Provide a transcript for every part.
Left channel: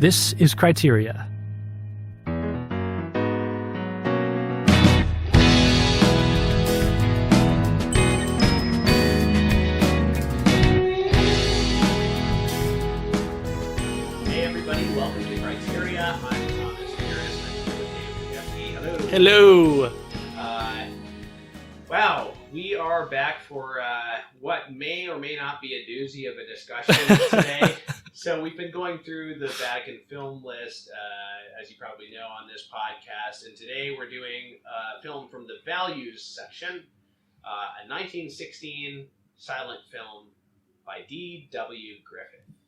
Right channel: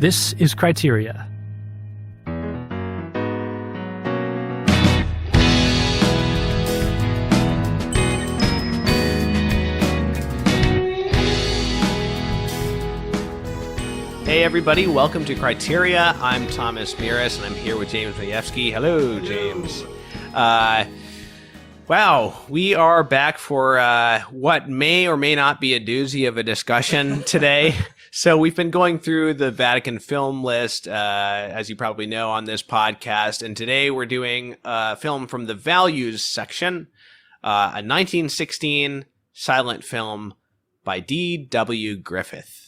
This is Criteria. Hey everybody, welcome to Criteria. I'm Thomas Miras, and I'm here with James Rayevsky. Hello. Hello. Wow, we are back for what may or may not be a doozy of a discussion today. So we've been going through the Vatican film list, as you probably know, on this podcast. And today we're doing a film from the values section, a 1916 silent film by D.W. Griffith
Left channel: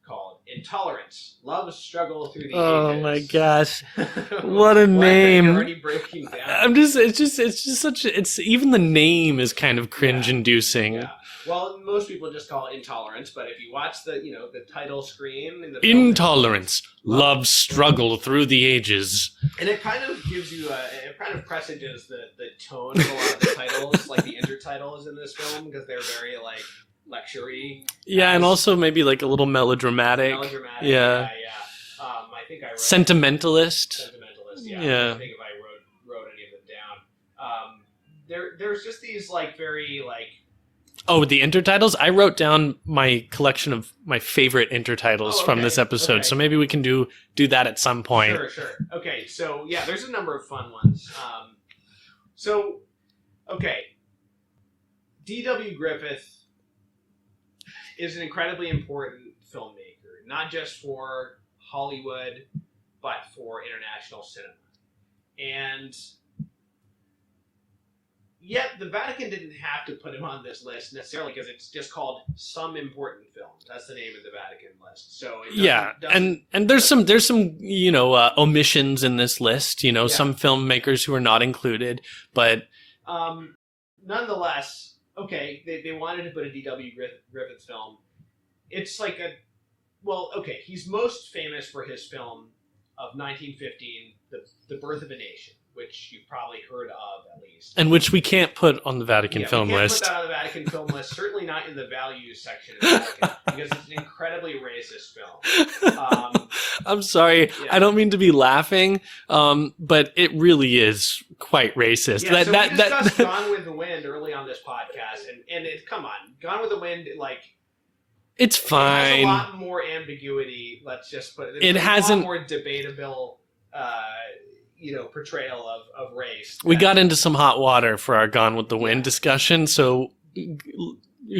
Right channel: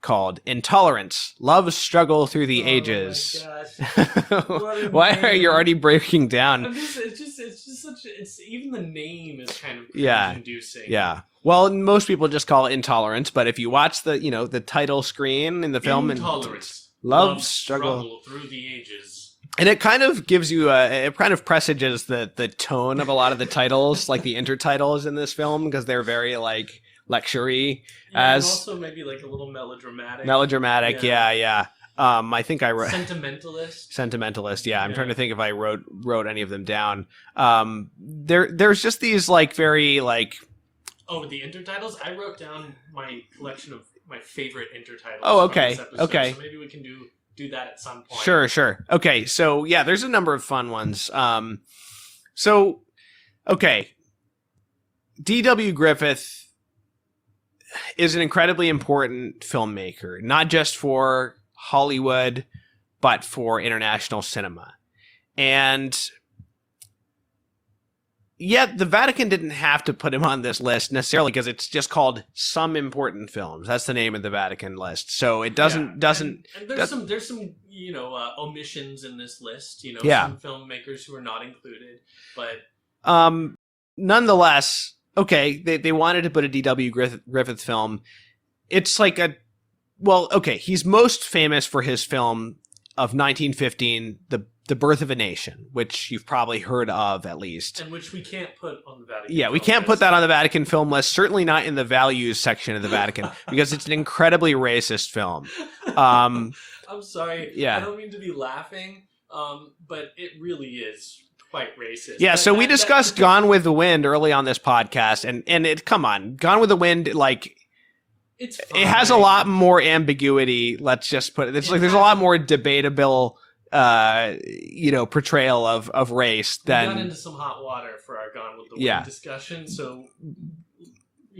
called Intolerance, Love's Struggle Through the Ages. Oh my gosh. What a Why name. are you already breaking down? It's just such it's even the name is kind of cringe inducing. Yeah. Well, most people just call it Intolerance, but if you watch the title screen in the film, Intolerance, Love's Struggle Through the Ages. And it kind of gives you it kind of presages the tone of a lot of the titles, like the intertitles in this film, because they're very like lecture-y. Yeah, and also maybe like a little melodramatic. Yeah. I think I wrote Sentimentalist, yeah. I'm trying to think if I wrote any of them down. There's just these like very like... Oh, the intertitles? I wrote down my collection of my favorite intertitles from this episode, so maybe we can do that at some point. Sure. Okay, so yeah, there's a number of fun ones. D.W. Griffith is an incredibly important filmmaker, not just for Hollywood, but for international cinema. And yet the Vatican didn't have to put him on this list necessarily because it's just called Some Important Films. That's the name of the Vatican list. So it doesn't and there's some omissions in this list, some filmmakers who are not included, but nonetheless, okay, they wanted to put a D.W. Griffith film. It's like he's most famous for his film of 1915, The Birth of a Nation, which you've probably heard of at least. And which we can't put on the Vatican film list. Yeah, we can't put that on the Vatican film list, certainly not in the values section of the Vatican, because it's an incredibly racist film. I'm sorry, I don't mean to be laughing, but it really is quite racist. Yeah, we discussed Gone with the Wind early on this podcast, and come on, Gone with the Wind, like... It's fine. It has a lot more ambiguity, let's just put it. There's a lot more debatable portrayal of race. We got into some hot water for our Gone with the Wind discussion, so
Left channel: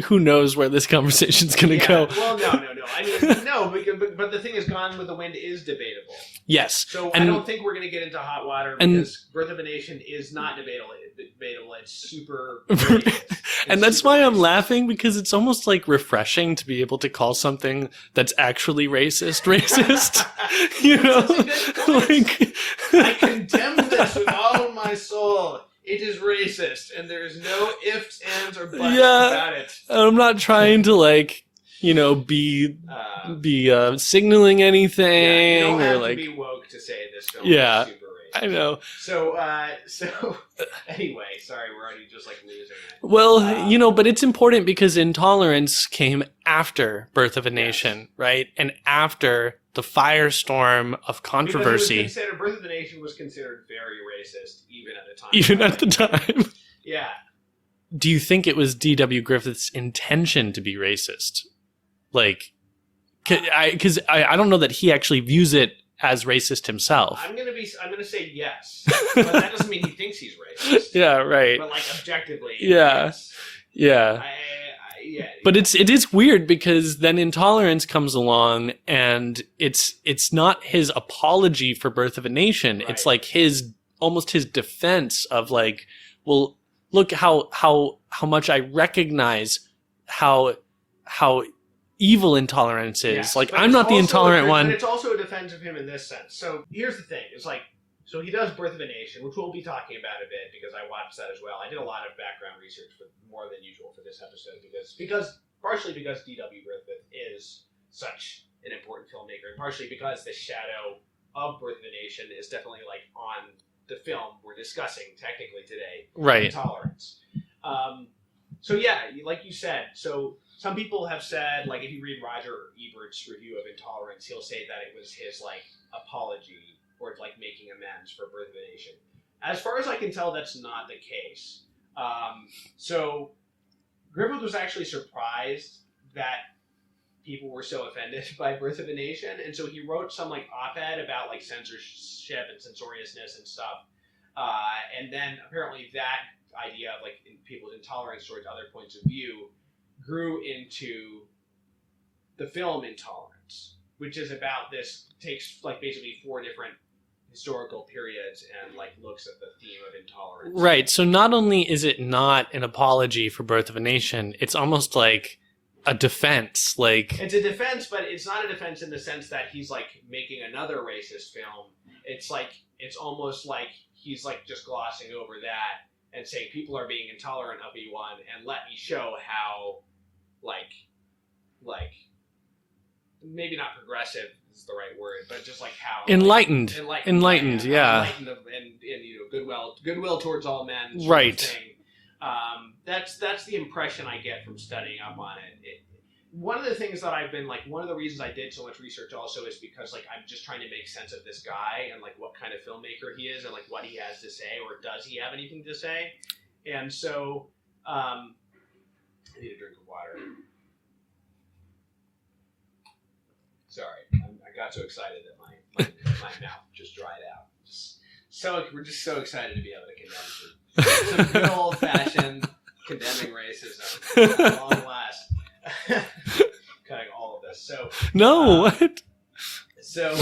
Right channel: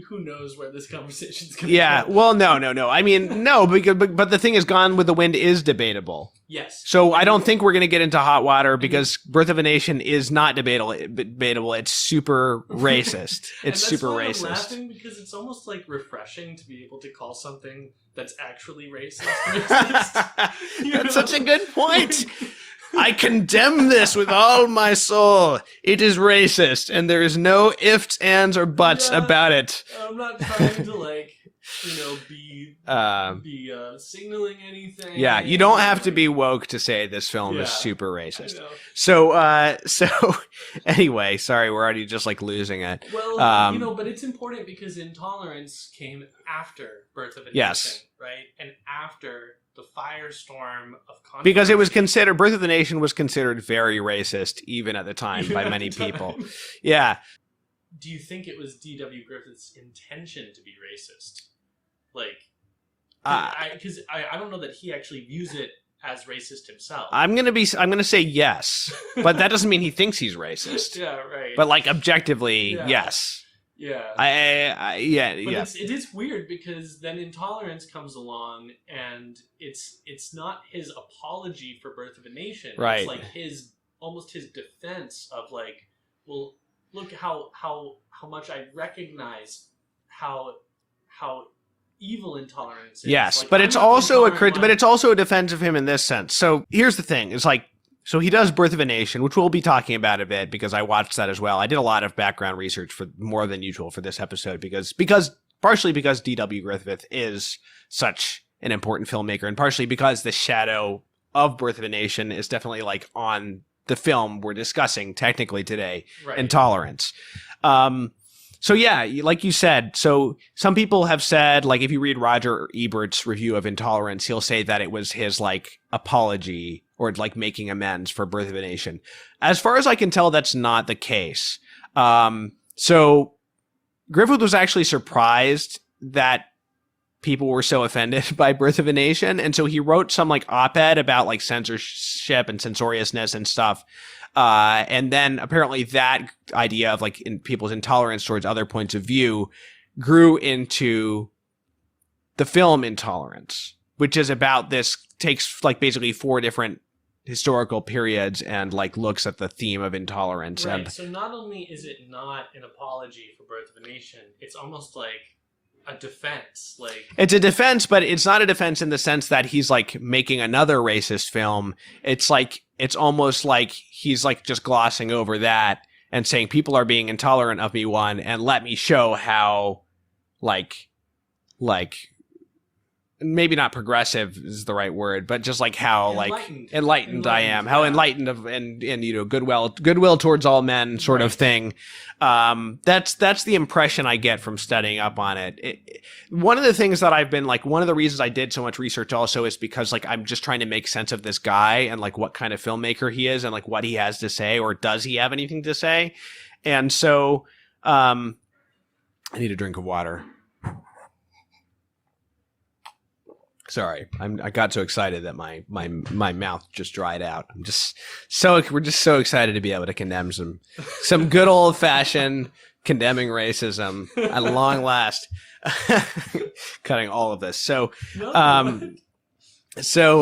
who knows where this conversation's going to go. Well, no. I mean, no, but the thing is, Gone with the Wind is debatable. Yes. So I don't think we're going to get into hot water because Birth of a Nation is not debatable. It's super racist. And that's why I'm laughing, because it's almost like refreshing to be able to call something that's actually racist. That's such a good point. I condemn this with all my soul. It is racist, and there is no ifs, ands, or buts about it. I'm not trying to be signaling anything. Yeah, you don't have to be woke to say this film is super racist. I know. So anyway, sorry, we're already just like losing it. Well, but it's important because Intolerance came after Birth of a Nation, right? And after the firestorm of controversy. Because it was considered, Birth of the Nation was considered very racist even at the time by many people. Yeah. Do you think it was D.W. Griffith's intention to be racist? Because I don't know that he actually views it as racist himself. I'm gonna say yes, but that doesn't mean he thinks he's racist. Yeah, right. But like objectively, yes. Yeah. But it is weird because then Intolerance comes along and it's not his apology for Birth of a Nation. Right. It's like almost his defense of like, well, look how much I recognize how evil Intolerance is. Yes, like, but I'm it's not the also intolerant one. But it's also a defense of him in this sense. So here's the thing: it's like, so he does Birth of a Nation, which we'll be talking about a bit because I watched that as well. I did a lot of background research for more than usual for this episode because partially because D.W. Griffith is such an important filmmaker, and partially because the shadow of Birth of a Nation is definitely like on the film we're discussing technically today, right? Intolerance. So yeah, like you said, so some people have said, like if you read Roger Ebert's review of Intolerance, he'll say that it was his like apology or like making amends for Birth of a Nation. As far as I can tell, that's not the case. So Griffith was actually surprised that people were so offended by Birth of a Nation, and so he wrote some like op-ed about like censorship and censoriousness and stuff. And then apparently that idea of like in people's intolerance towards other points of view grew into the film Intolerance, which is about this, takes like basically 4 different historical periods and like looks at the theme of intolerance. Right. So not only is it not an apology for Birth of a Nation, it's almost like a defense. Like, it's a defense, but it's not a defense in the sense that he's like making another racist film. It's like, it's almost like he's like just glossing over that and saying people are being intolerant of me, one, and let me show how like maybe not progressive is the right word, but just like how enlightened I am, how enlightened of and you know, goodwill towards all men sort of thing. That's the impression I get from studying up on it. One of the things that I've been like, one of the reasons I did so much research also is because like I'm just trying to make sense of this guy and like what kind of filmmaker he is and like what he has to say, or does he have anything to say? And so I need a drink of water. Sorry, I got so excited that my mouth just dried out. We're just so excited to be able to condemn some good old fashioned condemning racism at long last. Cutting all of this. So what? So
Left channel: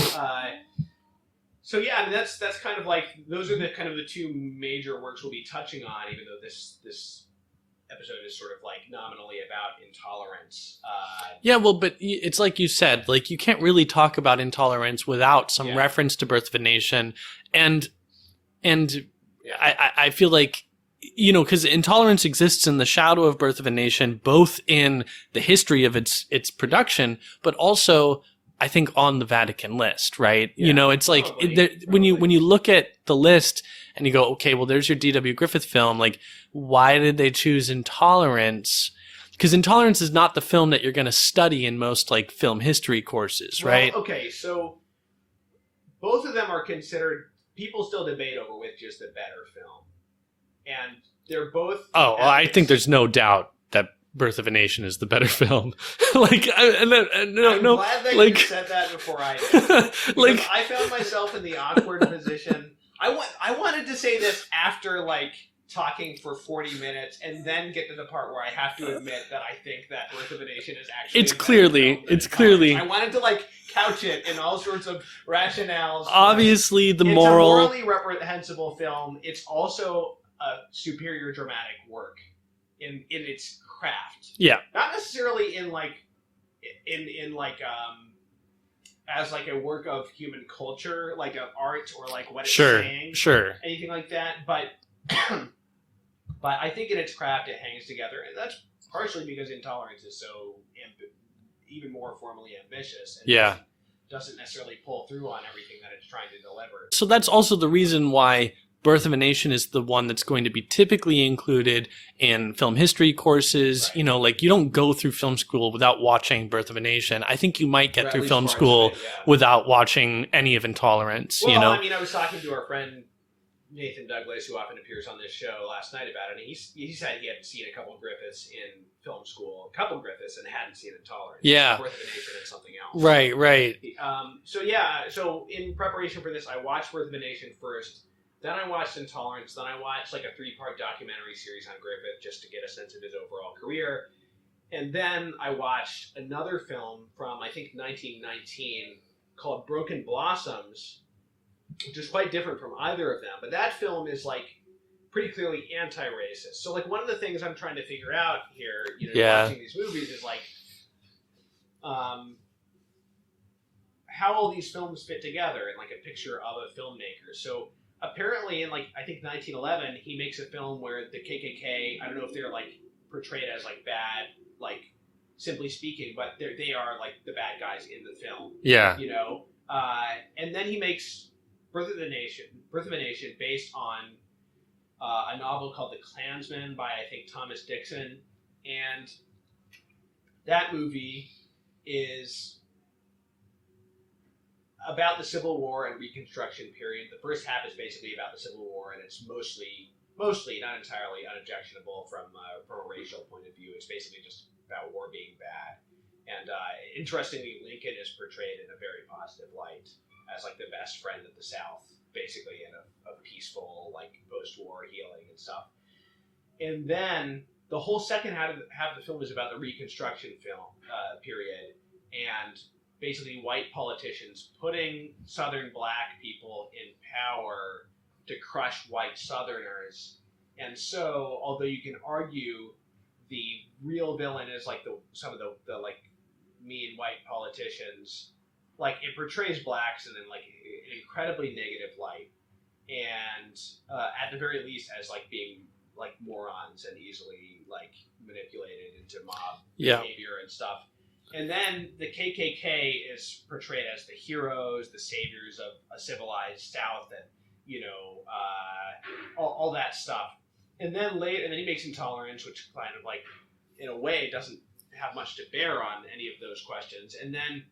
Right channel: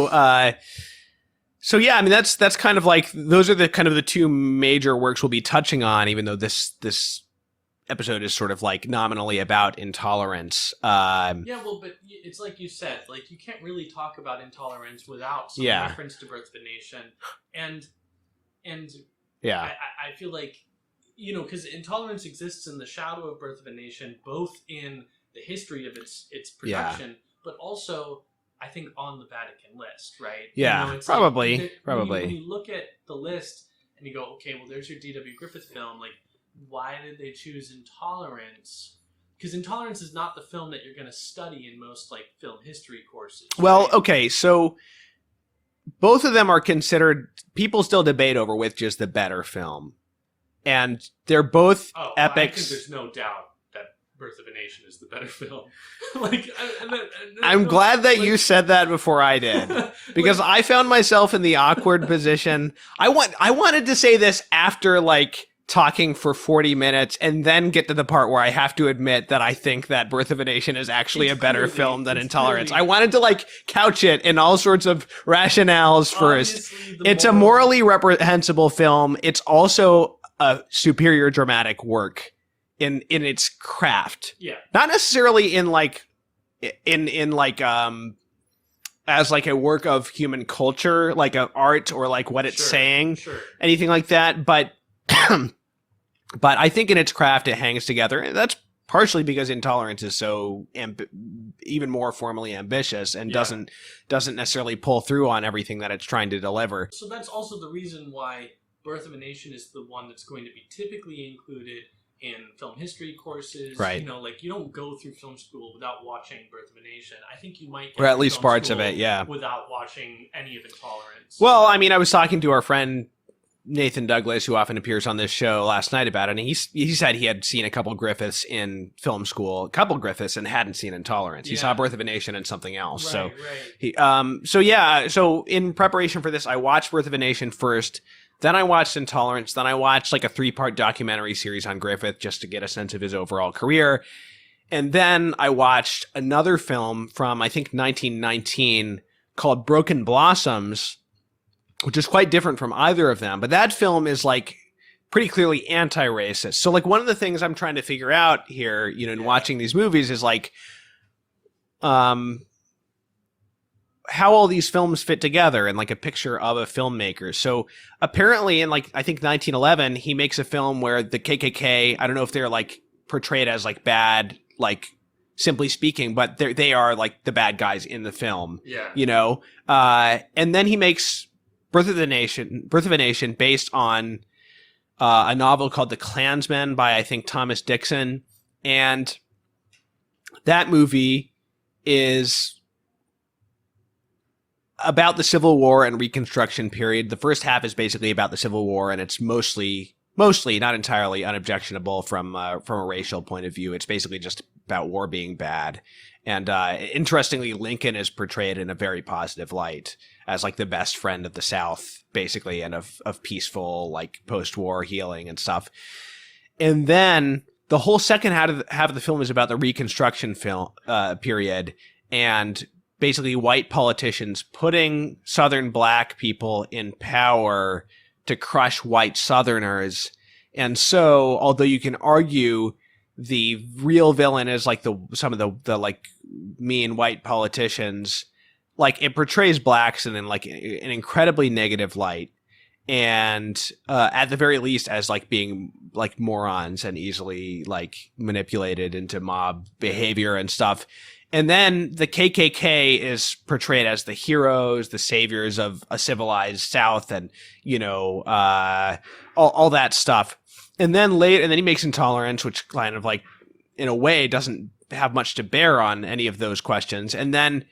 yeah, I mean that's kind of like, those are the kind of the 2 major works we'll be touching on, even though this episode is sort of like nominally about intolerance. Yeah, well, but it's like you said, like you can't really talk about intolerance without some reference to Birth of a Nation, and yeah, I feel like, you know, because intolerance exists in the shadow of Birth of a Nation, both in the history of its production, but also I think on the Vatican list, right? Yeah, you know, it's probably. Like when you look at the list and you go, okay, well, there's your D.W. Griffith film. Like, why did they choose Intolerance? Because Intolerance is not the film that you're going to study in most like film history courses. Well, right? Okay, so both of them are considered. People still debate over which is the better film, and they're both. Oh, I think there's no doubt that Birth of a Nation is the better film. Like, I'm glad that you said that before I did, because like, I found myself in the awkward position. I wanted to say this after like talking for 40 minutes and then get to the part where I have to admit that I think that Birth of a Nation is actually a better film than Intolerance. I wanted to like couch it in all sorts of rationales. Obviously, it's a morally reprehensible film. It's also a superior dramatic work in its craft. Yeah. Not necessarily in like as like a work of human culture, like an art or like what it's saying. Sure. Anything like that. But but I think in its craft it hangs together. And that's partially because Intolerance is so even more formally ambitious and doesn't necessarily pull through on everything that it's trying to deliver. So that's also the reason why Birth of a Nation is the one that's going to be typically included in film history courses. Right. You know, like you don't go through film school without watching Birth of a Nation. I think you might get through film school without watching any of Intolerance. Well, you know? I mean, I was talking to our friend Nathan Douglas, who often appears on this show, last night about it, and he said he had seen a couple Griffiths in film school, and hadn't seen Intolerance. He saw Birth of a Nation and something else. Right, so, right. So in preparation for this, I watched Birth of a Nation first. Then I watched Intolerance. Then I watched like a 3-part documentary series on Griffith just to get a sense of his overall career. And then I watched another film from, I think, 1919 called Broken Blossoms, which is quite different from either of them. But that film is like pretty clearly anti-racist. So like one of the things I'm trying to figure out here, you know, watching these movies is like, how all these films fit together and like a picture of a filmmaker. So apparently in like, I think 1911, he makes a film where the KKK, I don't know if they're like portrayed as like bad, like simply speaking, but they are like the bad guys in the film. Yeah. You know? And then he makes Birth of a Nation based on a novel called The Klansman by, I think, Thomas Dixon. And that movie is about the Civil War and Reconstruction period. The first half is basically about the Civil War, and it's mostly, not entirely, unobjectionable from a racial point of view. It's basically just about war being bad. And interestingly, Lincoln is portrayed in a very positive light as like the best friend of the South, basically, and of peaceful, like, post-war healing and stuff. And then the whole second half of the film is about the Reconstruction period, and basically white politicians putting Southern black people in power to crush white Southerners. And so, although you can argue the real villain is like some of the like mean white politicians, like, it portrays blacks in like an incredibly negative light, and at the very least as like being like morons and easily like manipulated into mob behavior and stuff. And then the KKK is portrayed as the heroes, the saviors of a civilized South, and all that stuff. And then he makes Intolerance, which kind of like, in a way, doesn't have much to bear on any of those questions. And then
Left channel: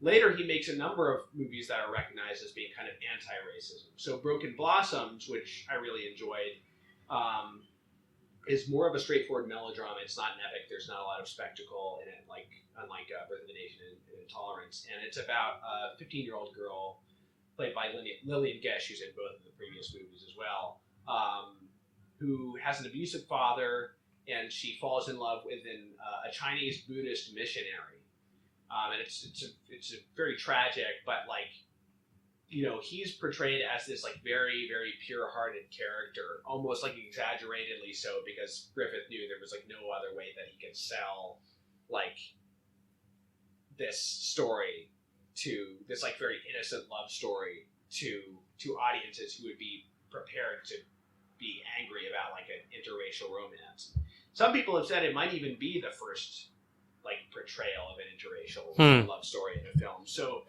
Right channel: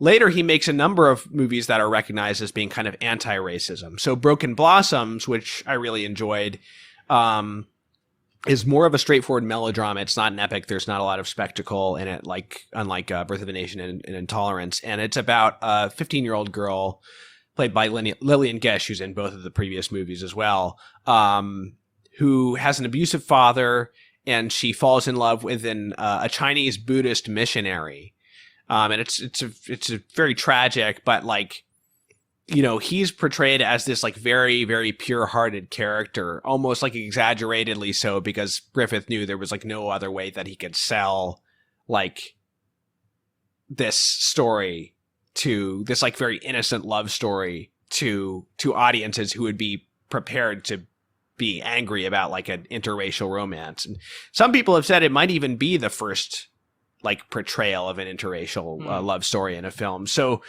later he makes a number of movies that are recognized as being kind of anti-racism. So Broken Blossoms, which I really enjoyed, is more of a straightforward melodrama. It's not an epic. There's not a lot of spectacle in it, unlike Birth of a Nation and Intolerance. And it's about a 15-year-old girl played by Lillian Gish, who's in both of the previous movies as well, who has an abusive father, and she falls in love with a Chinese Buddhist missionary. And it's a very tragic, but like, he's portrayed as this like very, very pure-hearted character, almost like exaggeratedly so, because Griffith knew there was like no other way that he could sell like this story, to this like very innocent love story to audiences who would be prepared to be angry about like an interracial romance. And some people have said it might even be the first like portrayal of an interracial love story in a film. So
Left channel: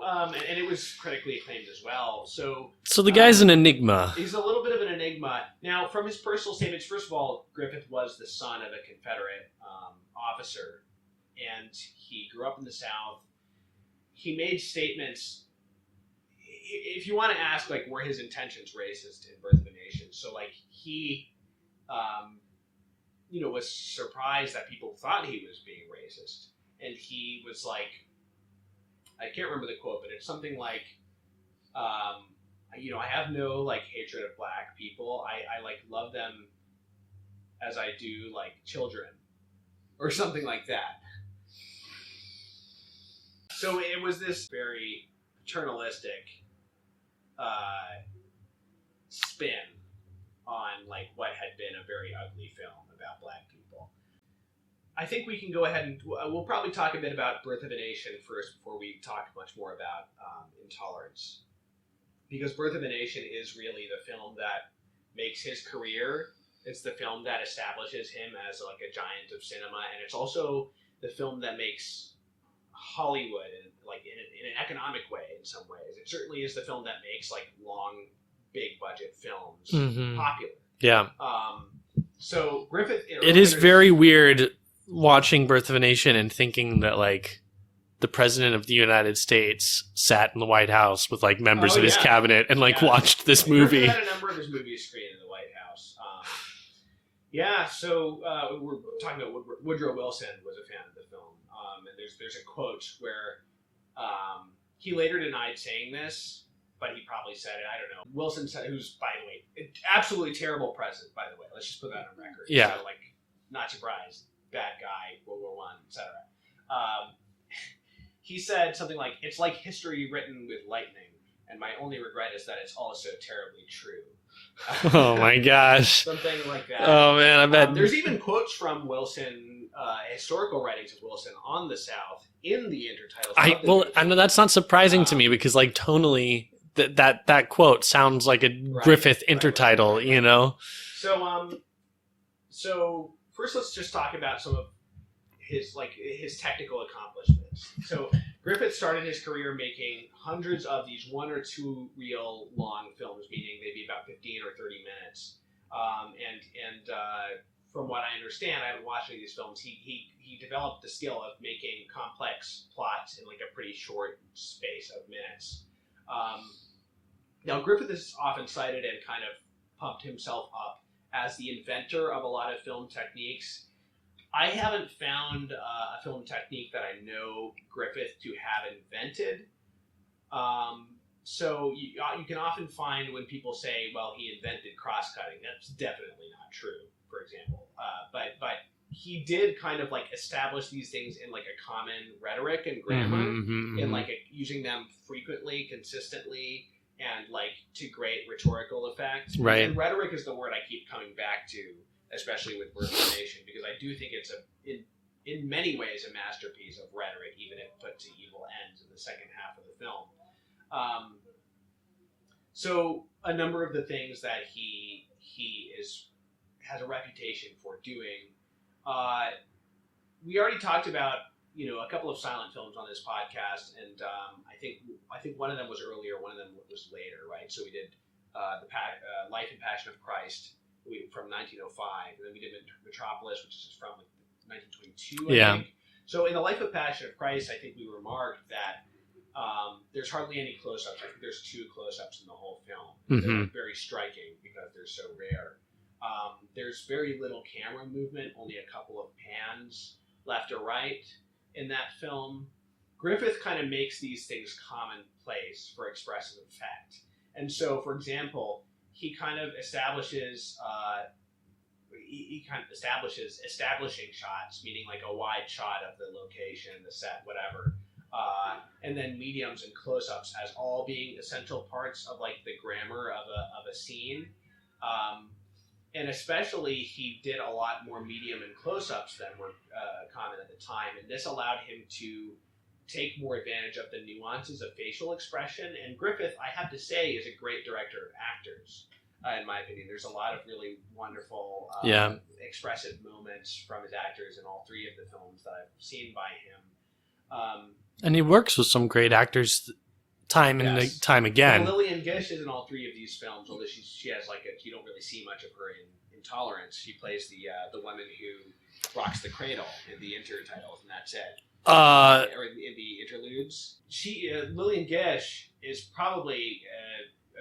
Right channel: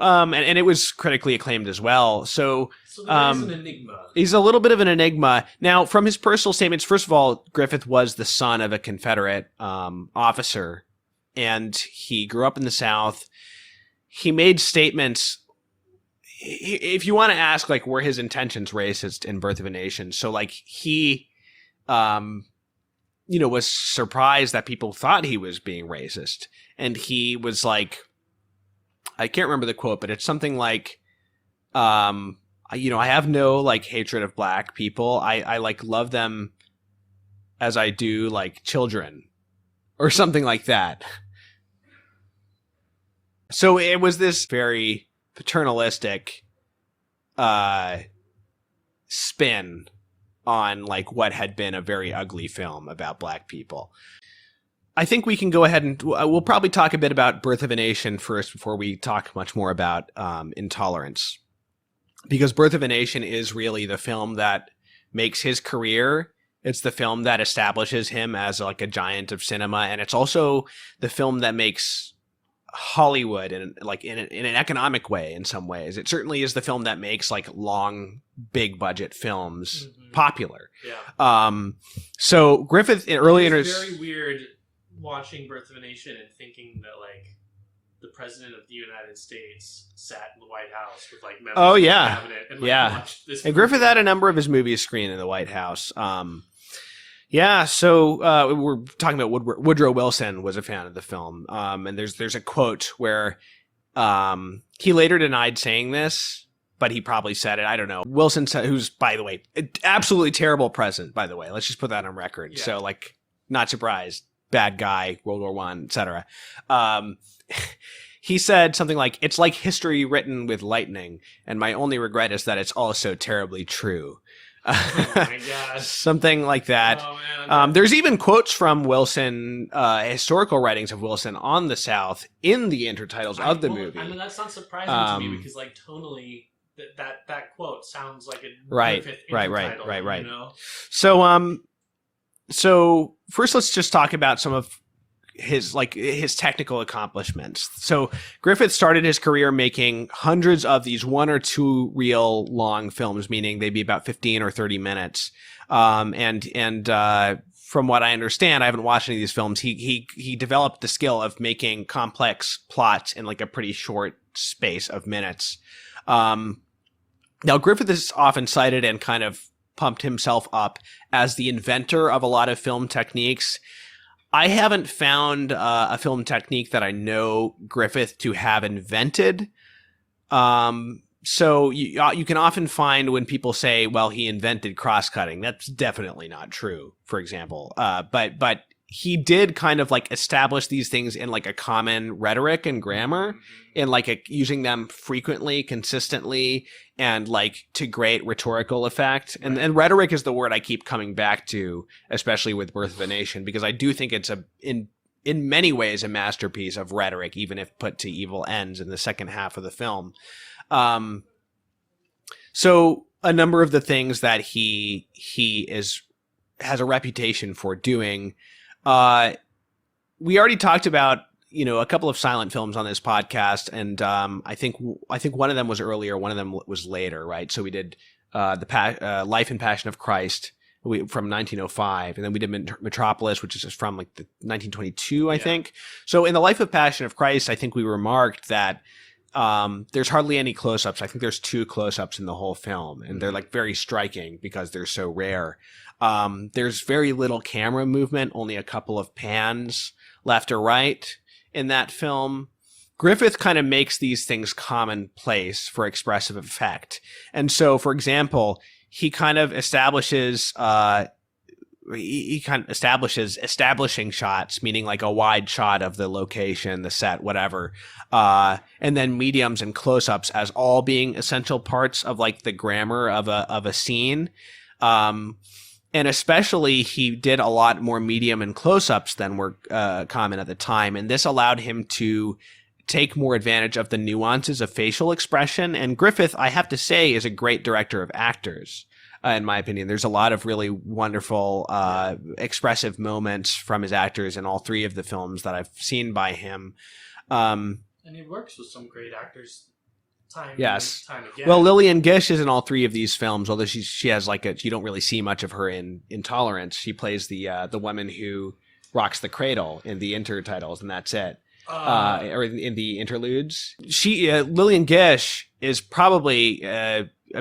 and it was critically acclaimed as well. So the guy's an enigma. He's a little bit of an enigma. Now, from his personal statements, first of all, Griffith was the son of a Confederate officer, and he grew up in the South. He made statements. If you want to ask, like, were his intentions racist in Birth of a Nation? So, like, he, was surprised that people thought he was being racist. And he was like, I can't remember the quote, but it's something like, I have no, like, hatred of black people. I like, love them as I do, like, children. Or something like that. So it was this very paternalistic spin on like what had been a very ugly film about black people. I think we can go ahead and we'll probably talk a bit about Birth of a Nation first before we talk much more about Intolerance, because Birth of a Nation is really the film that makes his career. It's the film that establishes him as like a giant of cinema, and it's also the film that makes Hollywood in an economic way in some ways. It certainly is the film that makes like long, big budget films popular. Yeah. So Griffith, it is very weird watching Birth of a Nation and thinking that like the president of the United States sat in the White House with like members of his cabinet and like watched this movie. Griffith had a number of his movies screened in the White House. So we're talking about Woodrow Wilson was a fan of the film. And there's a quote where he later denied saying this, but he probably said it. I don't know. Wilson, who's, by the way, absolutely terrible president, by the way. Let's just put that on record. Yeah. So, like, not surprised. Bad guy, World War I, etc. He said something like, "It's like history written with lightning, and my only regret is that it's also terribly true." Oh my gosh. Something like that. Oh man, there's even quotes from Wilson, historical writings of Wilson on the South in the intertitles of the movie. I know that's not surprising to me, because like tonally that quote sounds like a Griffith intertitle, right. You know? So first let's just talk about some of his technical accomplishments. So Griffith started his career making hundreds of these 1 or 2 reel long films, meaning they'd be about 15 or 30 minutes. And from what I understand, I haven't watched any of these films. He developed the skill of making complex plots in like a pretty short space of minutes. Now, Griffith is often cited and kind of pumped himself up as the inventor of a lot of film techniques. I haven't found a film technique that I know Griffith to have invented. So you can often find when people say, well, he invented cross-cutting. That's definitely not true, for example. But he did kind of like establish these things in like a common rhetoric and grammar, and like using them frequently, consistently, and like to great rhetorical effect. Right. And rhetoric is the word I keep coming back to, especially with Birth of a Nation, because I do think it's in many ways a masterpiece of rhetoric, even if put to evil ends in the second half of the film. So a number of the things that he has a reputation for doing, we already talked about, a couple of silent films on this podcast, and I think one of them was earlier, one of them was later, right? So we did the Life and Passion of Christ from 1905, and then we did Metropolis, which is from like the 1922, I think. So in the Life of Passion of Christ, I think we remarked that there's hardly any close-ups. I think there's 2 close-ups in the whole film, and they're like very striking because they're so rare. There's very little camera movement, only a couple of pans left or right in that film. Griffith kind of makes these things commonplace for expressive effect. And so, for example, he kind of establishes establishing shots, meaning like a wide shot of the location, the set, whatever, and then mediums and close-ups as all being essential parts of like the grammar of a scene. And especially he did a lot more medium and close-ups than were common at the time, and this allowed him to take more advantage of the nuances of facial expression. And Griffith, I have to say, is a great director of actors. In my opinion, there's a lot of really wonderful, expressive moments from his actors in all 3 of the films that I've seen by him. And he works with some great actors time and time again. Well, Lillian Gish is in all 3 of these films, although she has you don't really see much of her in Intolerance. She plays the woman who rocks the cradle in the intertitles, and that's it. Or in the interludes. Lillian Gish is probably...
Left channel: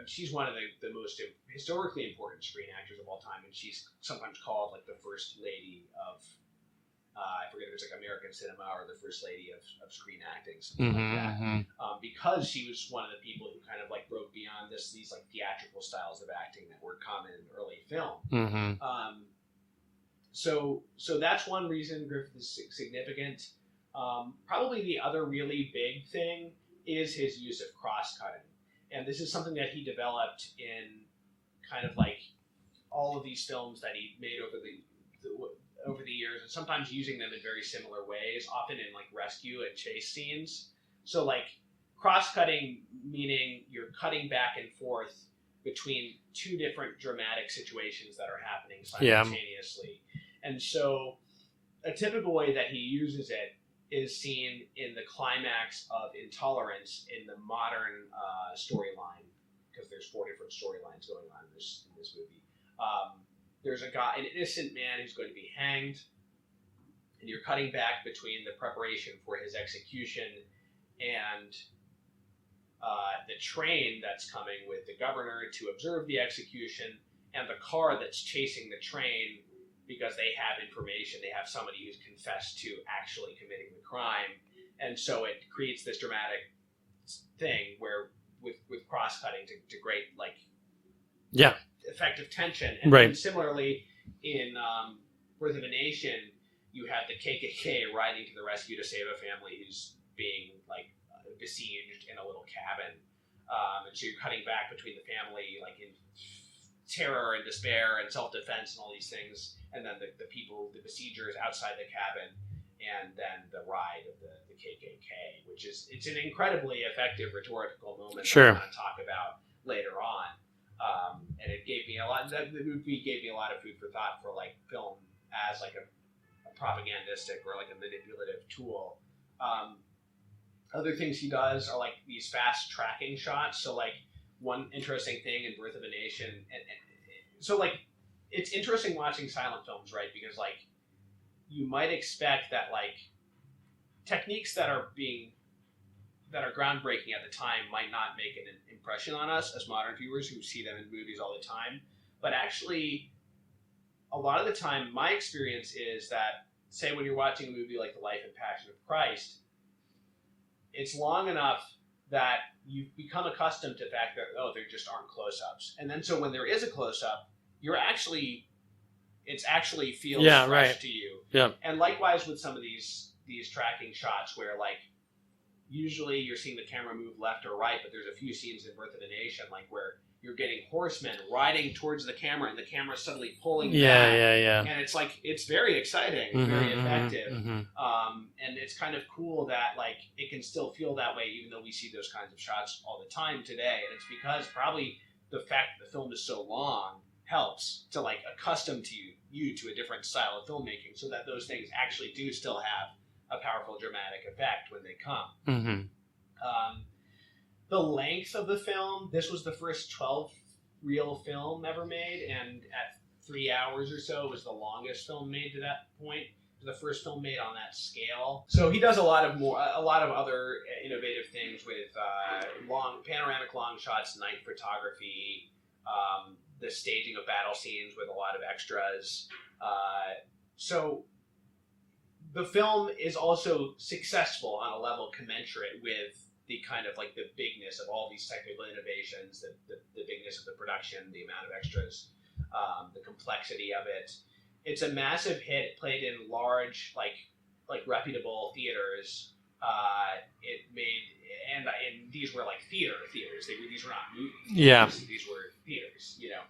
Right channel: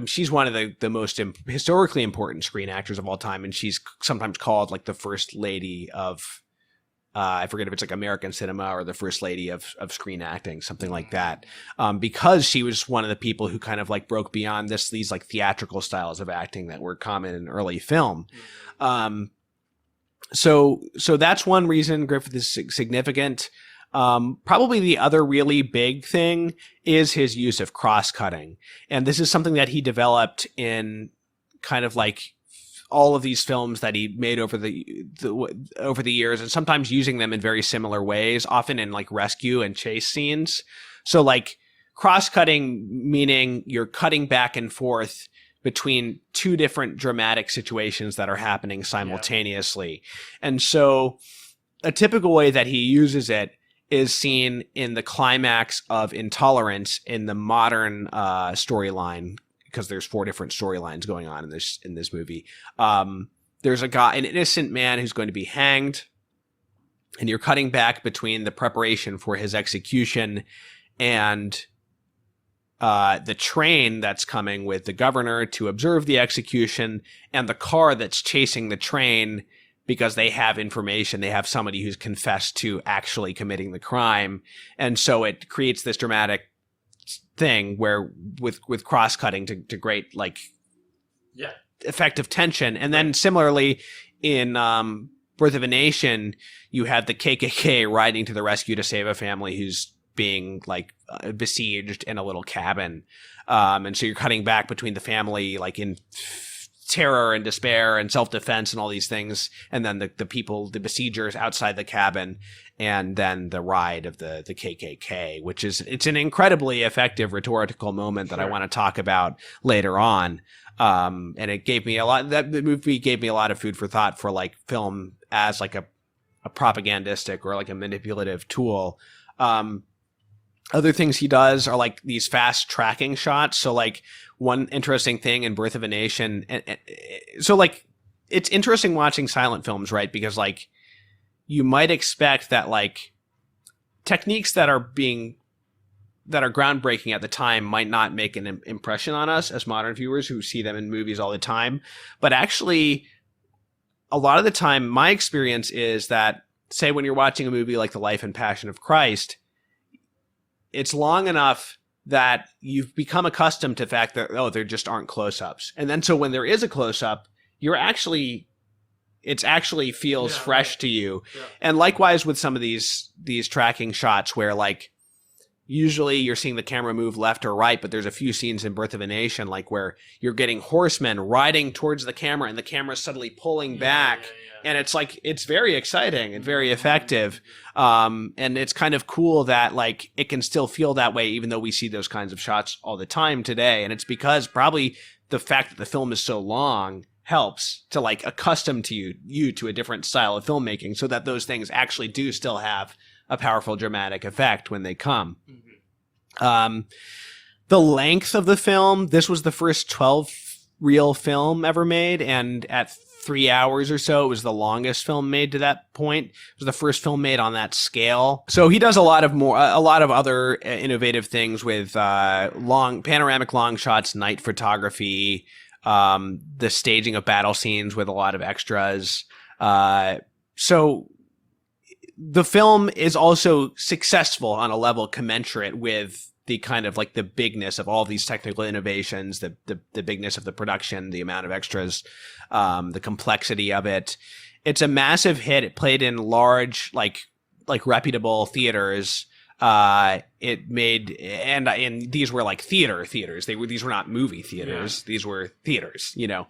she's one of the most historically important screen actors of all time, and she's sometimes called like the first lady of, I forget if it's like American cinema or the first lady of screen acting, something like that, because she was one of the people who kind of like broke beyond these like theatrical styles of acting that were common in early film. So that's one reason Griffith is significant. Probably the other really big thing is his use of cross-cutting. And this is something that he developed in kind of like all of these films that he made over the years, and sometimes using them in very similar ways, often in like rescue and chase scenes. So like cross-cutting, meaning you're cutting back and forth between 2 different dramatic situations that are happening simultaneously. And so a typical way that he uses it is seen in the climax of Intolerance in the modern storyline, because there's 4 different storylines going on in this movie. There's an innocent man who's going to be hanged, and you're cutting back between the preparation for his execution and the train that's coming with the governor to observe the execution, and the car that's chasing the train because they have information, they have somebody who's confessed to actually committing the crime. And so it creates this dramatic thing where with cross-cutting to great like effective tension. And then similarly in Birth of a Nation, you have the KKK riding to the rescue to save a family who's being like besieged in a little cabin. And so you're cutting back between the family like in terror and despair and self-defense and all these things, and then the besiegers outside the cabin, and then the ride of the KKK, which it's an incredibly effective rhetorical moment that I want to talk about later on. And it gave me the movie gave me a lot of food for thought for like film as like a propagandistic or like a manipulative tool. Other things he does are like these fast tracking shots. So like one interesting thing in Birth of a Nation, so like it's interesting watching silent films, right? Because like you might expect that like techniques that are groundbreaking at the time might not make an impression on us as modern viewers who see them in movies all the time. But actually, a lot of the time, my experience is that, say, when you're watching a movie like The Life and Passion of Christ, it's long enough that you've become accustomed to the fact that, oh, there just aren't close-ups. And then so when there is a close-up, it actually feels fresh to you. Yeah. And likewise with some of these tracking shots where like usually you're seeing the camera move left or right, but there's a few scenes in Birth of a Nation like where you're getting horsemen riding towards the camera and the camera's suddenly pulling back. And it's like, it's very exciting and very effective. And it's kind of cool that like it can still feel that way even though we see those kinds of shots all the time today. And it's because probably the fact that the film is so long helps to like accustom to you to a different style of filmmaking so that those things actually do still have a powerful dramatic effect when they come. The length of the film, this was the first 12-reel film ever made, and at 3 hours or so, it was the longest film made to that point. It was the first film made on that scale. So he does a lot of other innovative things with panoramic long shots, night photography, the staging of battle scenes with a lot of extras. So the film is also successful on a level commensurate with the kind of like the bigness of all these technical innovations, the bigness of the production, the amount of extras, the complexity of it. It's a massive hit. It played in large, like reputable theaters. It made, and these were like theaters. These were not movie theaters. Yeah. These were theaters, you know.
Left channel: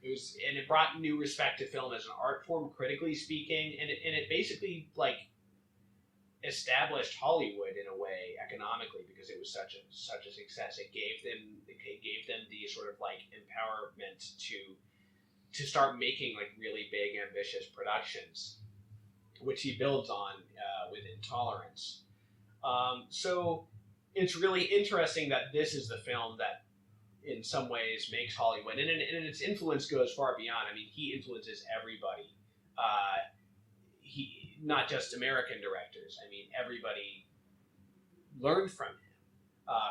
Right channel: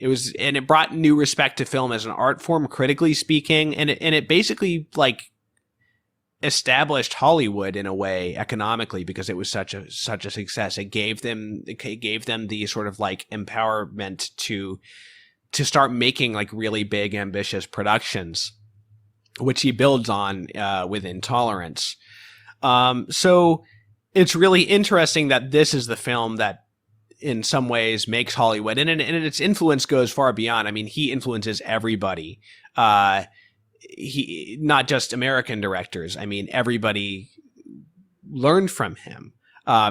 It brought new respect to film as an art form, critically speaking, and it basically like established Hollywood in a way economically because it was such a success. It gave them the sort of like empowerment to start making like really big, ambitious productions, which he builds on with Intolerance. So it's really interesting that this is the film that in some ways makes Hollywood, and its influence goes far beyond. I mean, he influences everybody. He not just American directors. I mean, everybody learned from him.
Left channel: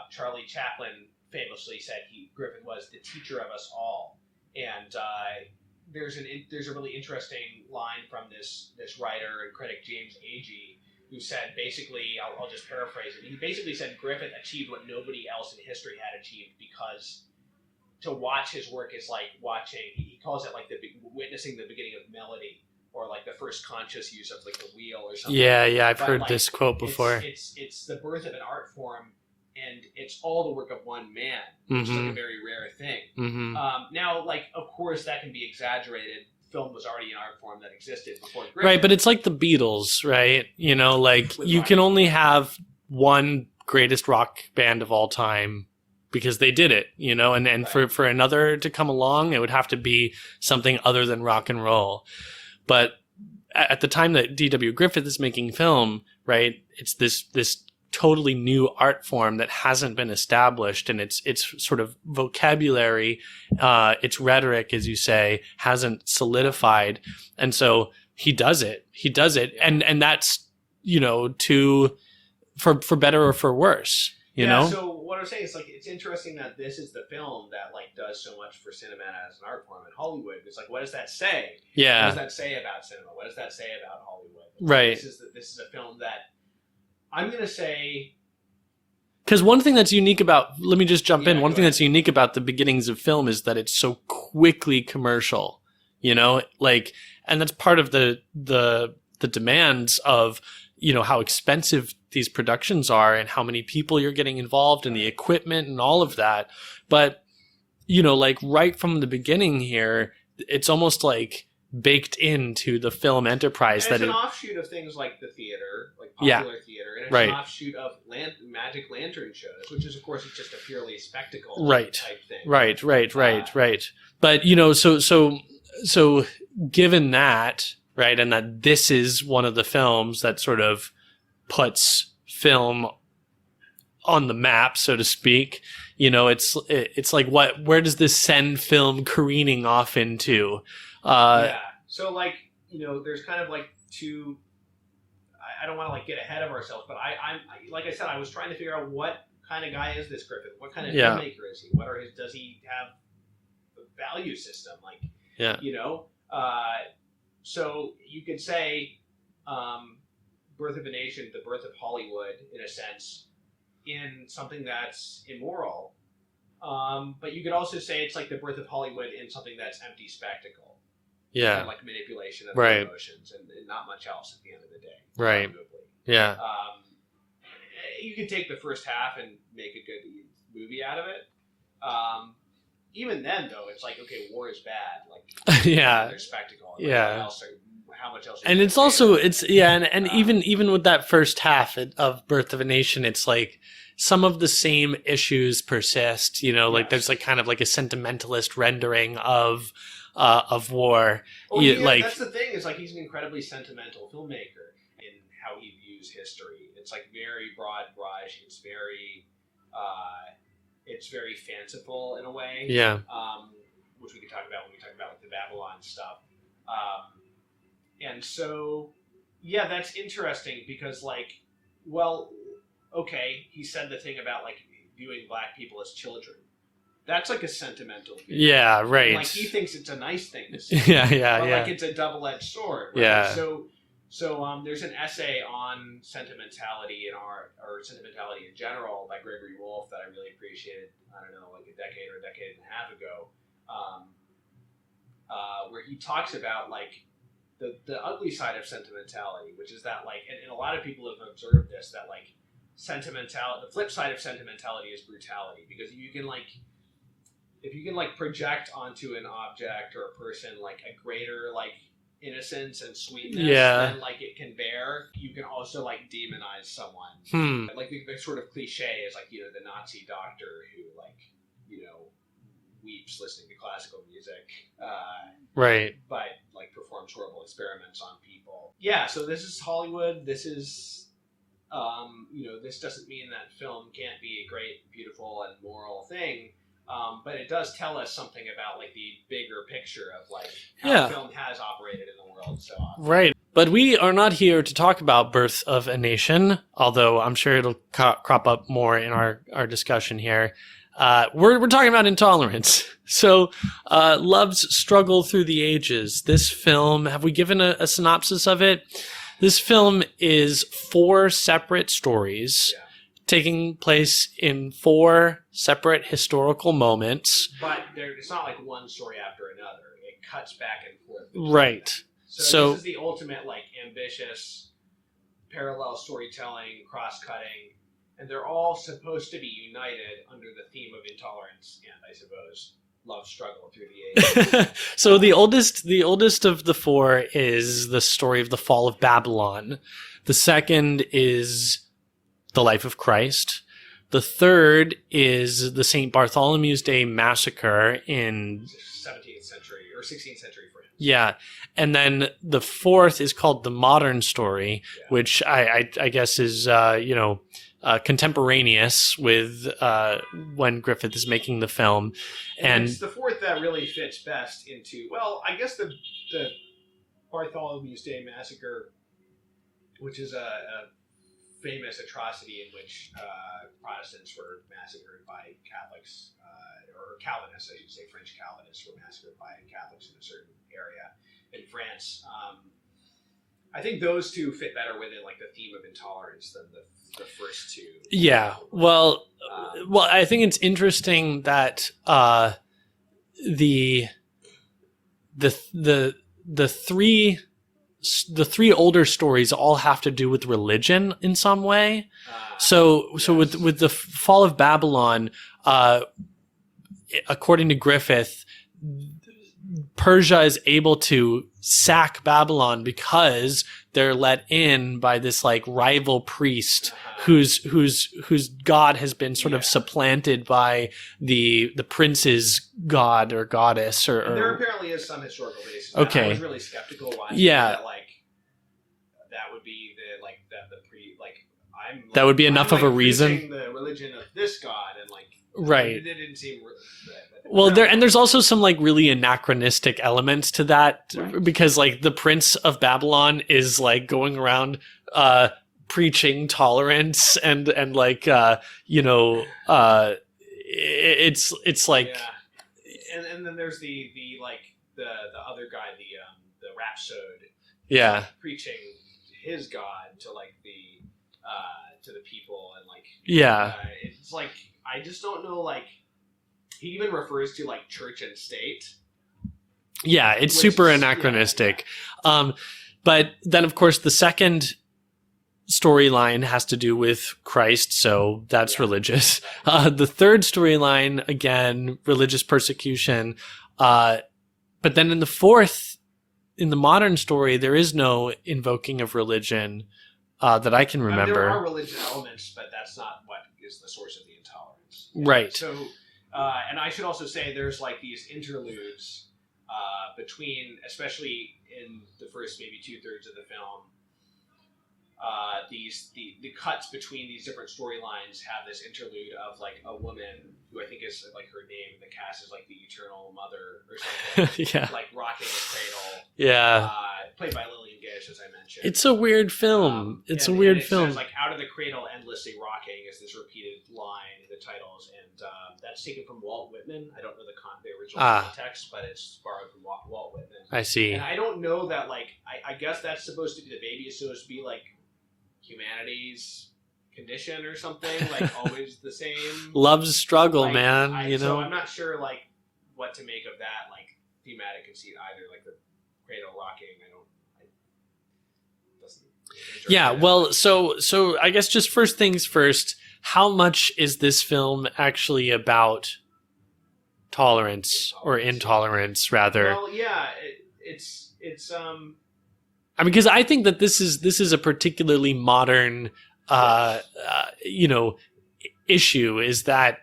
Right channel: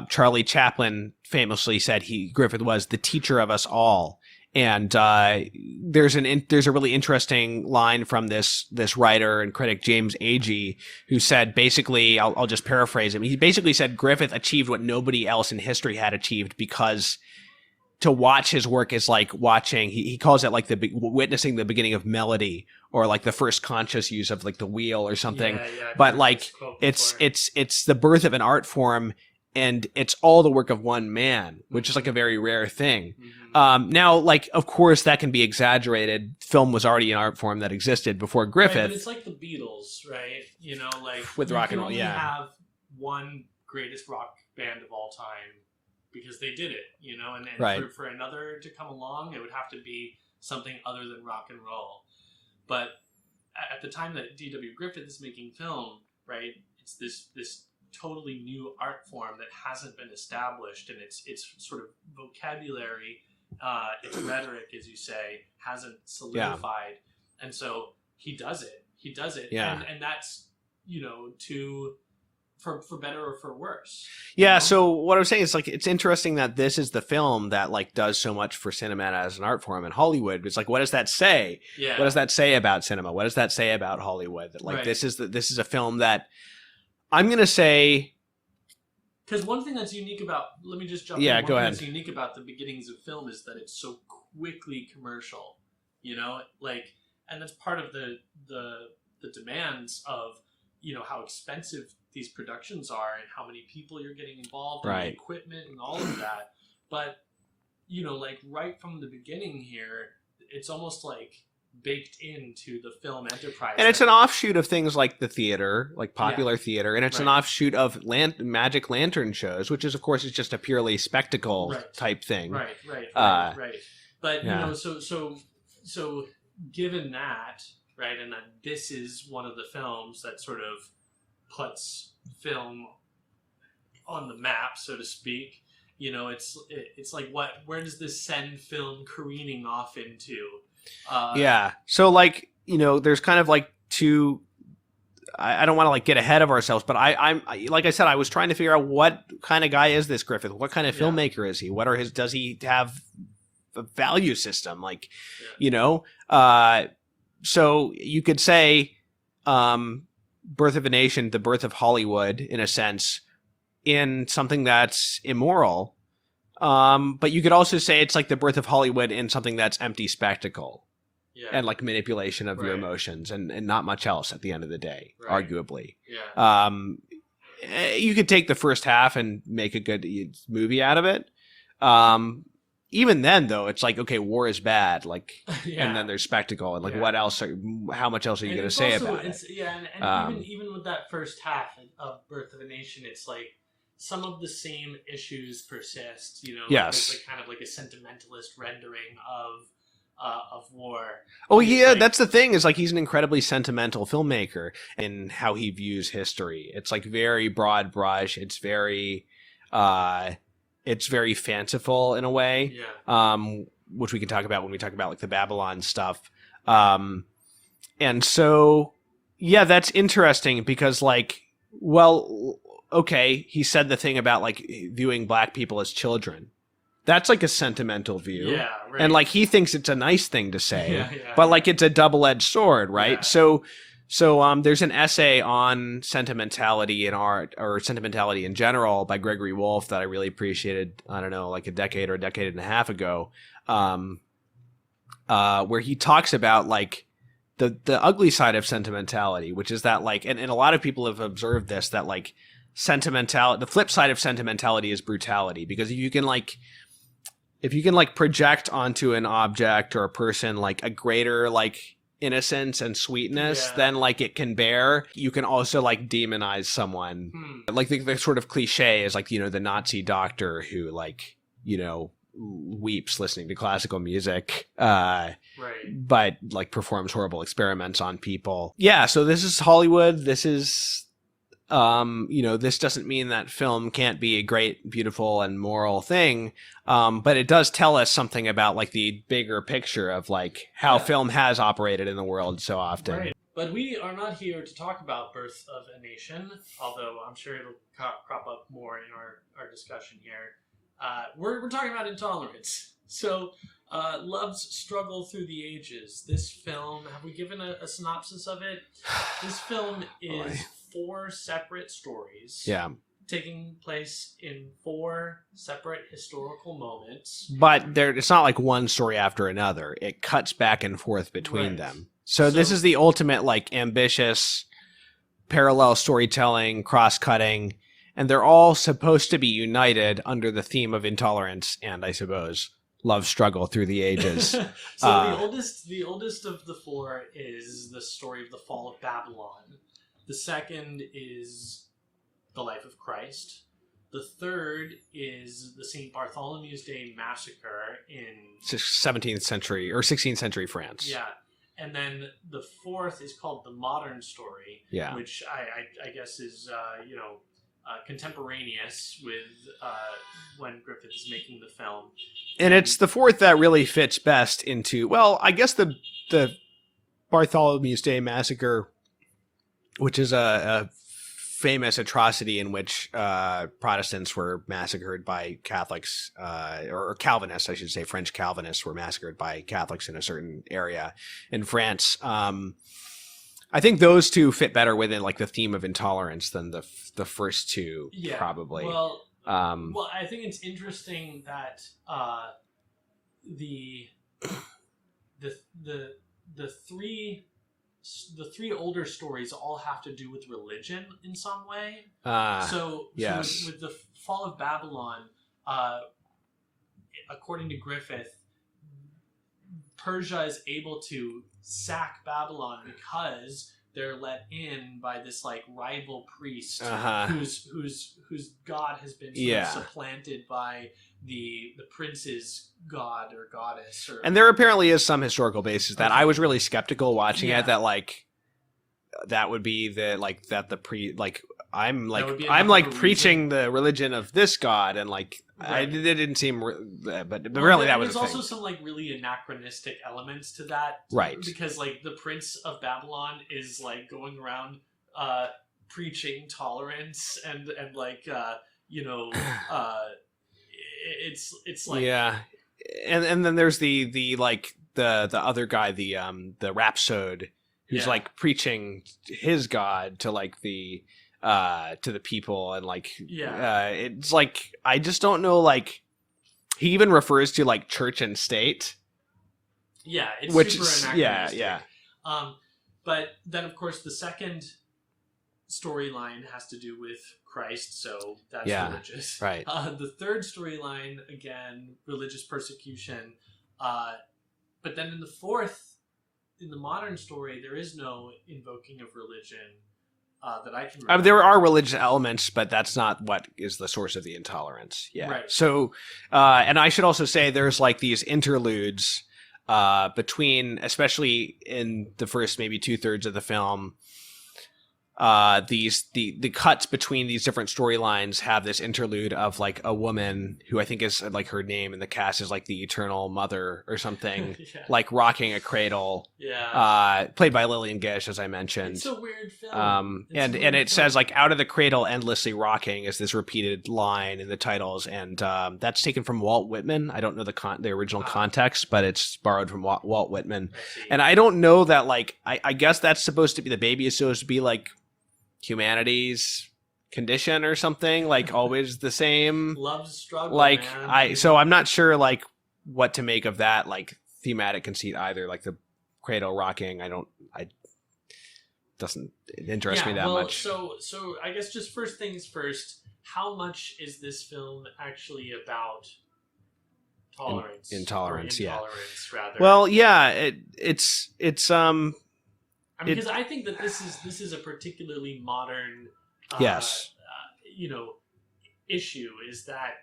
Charlie Chaplin famously said Griffith was the teacher of us all. And there's a really interesting line from this writer and critic James Agee, who said basically, I'll just paraphrase him. He basically said Griffith achieved what nobody else in history had achieved because to watch his work is like watching. He calls it like witnessing the beginning of melody, or like the first conscious use of like the wheel or something. Yeah, I've heard this quote before. It's the birth of an art form. And it's all the work of one man, which is like a very rare thing. Now, like, of course, that can be exaggerated. Film was already an art form that existed before Griffith. Right, but it's like the Beatles, right? You know, like you can only have one greatest rock band of all time because they did it, you know? And right. for another to come along, it would have to be something other than rock and roll. But at the time that D.W. Griffith is making film, right, it's this totally new art form that hasn't been established, and its sort of vocabulary, its rhetoric, as you say, hasn't solidified. And so he does it. And that's, you know, for better or for worse. You know? So what I'm saying is, like, it's interesting that this is the film that like does so much for cinema as an art form in Hollywood. It's like, what does that say? Yeah. What does that say about cinema? What does that say about Hollywood? Like, right. This is a film that I'm going to say, because one thing that's unique about, let me just jump in. One thing that's unique about the beginnings of film is that it's so quickly commercial, you know, like, and that's part of the demands of, you know, how expensive these productions are and how many people you're getting involved in the equipment and all of that. But, you know, like right from the beginning here, it's almost like baked into the film enterprise. And it's an offshoot of things like the theater, like popular theater, and it's an offshoot of magic lantern shows, which is, of course, is just a purely spectacle type thing. Right. But, you know, so given that, right, and that this is one of the films that sort of puts film on the map, so to speak. You know, it's like, where does this send film careening off into? So like, you know, there's kind of like two. I don't want to like get ahead of ourselves, but I'm like I said, I was trying to figure out what kind of guy is this Griffith? What kind of filmmaker is he? What are does he have a value system? Like, you know, so you could say, Birth of a Nation, the birth of Hollywood, in a sense, in something that's immoral. But you could also say it's like the birth of Hollywood in something that's empty spectacle. Yeah. And like manipulation of the emotions and not much else at the end of the day, arguably. Yeah. You could take the first half and make a good movie out of it. Even then, though, it's like, okay, war is bad. Like, and then there's spectacle. And like, what else? How much else are you going to say? And it's also, even with that first half of Birth of a Nation, it's like some of the same issues persist. You know, like there's like kind of like a sentimentalist rendering of war. Oh yeah, like, that's the thing, is like he's an incredibly sentimental filmmaker in how he views history. It's like very broad brush. It's very fanciful in a way. Yeah. Which we can talk about when we talk about like the Babylon stuff. And so that's interesting because like, well, okay, he said the thing about like viewing black people as children. That's like a sentimental view. Yeah, right. And like he thinks it's a nice thing to say. But like it's a double-edged sword, right? Yeah. So there's an essay on sentimentality in art, or sentimentality in general, by Gregory Wolfe that I really appreciated, I don't know, like a decade and a half ago, where he talks about like the ugly side of sentimentality, which is that like, and a lot of people have observed this, that like the flip side of sentimentality is brutality, because if you can project onto an object or a person like a greater like innocence and sweetness than like it can bear, you can also like demonize someone. Like the sort of cliche is like, you know, the Nazi doctor who like, you know, weeps listening to classical music, but like performs horrible experiments on people. So this is Hollywood. This is you know, this doesn't mean that film can't be a great, beautiful, and moral thing, but it does tell us something about like the bigger picture of like how film has operated in the world so often. Right. But we are not here to talk about Birth of a Nation, although I'm sure it'll crop up more in our discussion here. We're talking about Intolerance. So, Love's Struggle Through the Ages. This film, have we given a synopsis of it? This film is 4 separate stories. Yeah. Taking place in 4 separate historical moments. But it's not like one story after another. It cuts back and forth between them. So this is the ultimate like ambitious parallel storytelling, cross-cutting, and they're all supposed to be united under the theme of intolerance and, I suppose, love struggle through the ages. So the oldest of the 4 is the story of the fall of Babylon. The second is the life of Christ. The third is the St. Bartholomew's Day Massacre in 17th century or 16th century France. Yeah. And then the fourth is called the modern story, which I guess is, contemporaneous with when Griffith is making the film. And it's the fourth that really fits best into, well, I guess the Bartholomew's Day Massacre, which is a famous atrocity in which Protestants were massacred by Catholics, or Calvinists, I should say, French Calvinists were massacred by Catholics in a certain area in France. I think those two fit better within like the theme of intolerance than the first two. Yeah. Probably. Well, I think it's interesting that the three older stories all have to do with religion in some way. So with the fall of Babylon, according to Griffith, Persia is able to sack Babylon because they're let in by this like rival priest whose god has been sort of supplanted by the prince's god or goddess. And there apparently is some historical basis that I was really skeptical watching it, that like that would be the like that the I'm like, that would be enough I'm like of a reason. preaching the religion of this god, and like, right, it didn't seem. But well, really there's also some like really anachronistic elements to that, right? Because like the Prince of Babylon is like going around preaching tolerance and like it's like and then there's the like the other guy, the rhapsode, who's like preaching his god to like to the people, and like it's like, I just don't know, like he even refers to like church and state. Yeah, it's super anachronistic. But then of course the second storyline has to do with Christ, so that's religious. Right. The third storyline, again, religious persecution. But then in the fourth, in the modern story, there is no invoking of religion that I can remember. There are religious elements, but that's not what is the source of the intolerance. Yeah. Right. So, and I should also say there's like these interludes between, especially in the first maybe 2/3 of the film, the cuts between these different storylines have this interlude of like a woman who I think is like, her name in the cast is like the Eternal Mother or something, like rocking a cradle, played by Lillian Gish, as I mentioned. It's a weird film. And it says like, out of the cradle endlessly rocking is this repeated line in the titles, and that's taken from Walt Whitman. I don't know the original context, but it's borrowed from Walt Whitman. I see. And I don't know that, like, I guess that's supposed to be, the baby is supposed to be like humanity's condition or something, like always the same love's struggle, like, man. So I'm not sure like what to make of that like thematic conceit either, like the cradle rocking. Doesn't interest me that much. So I guess just first things first, how much is this film actually about tolerance or intolerance rather? Well, it's I mean, because I think that this is a particularly modern, issue, is that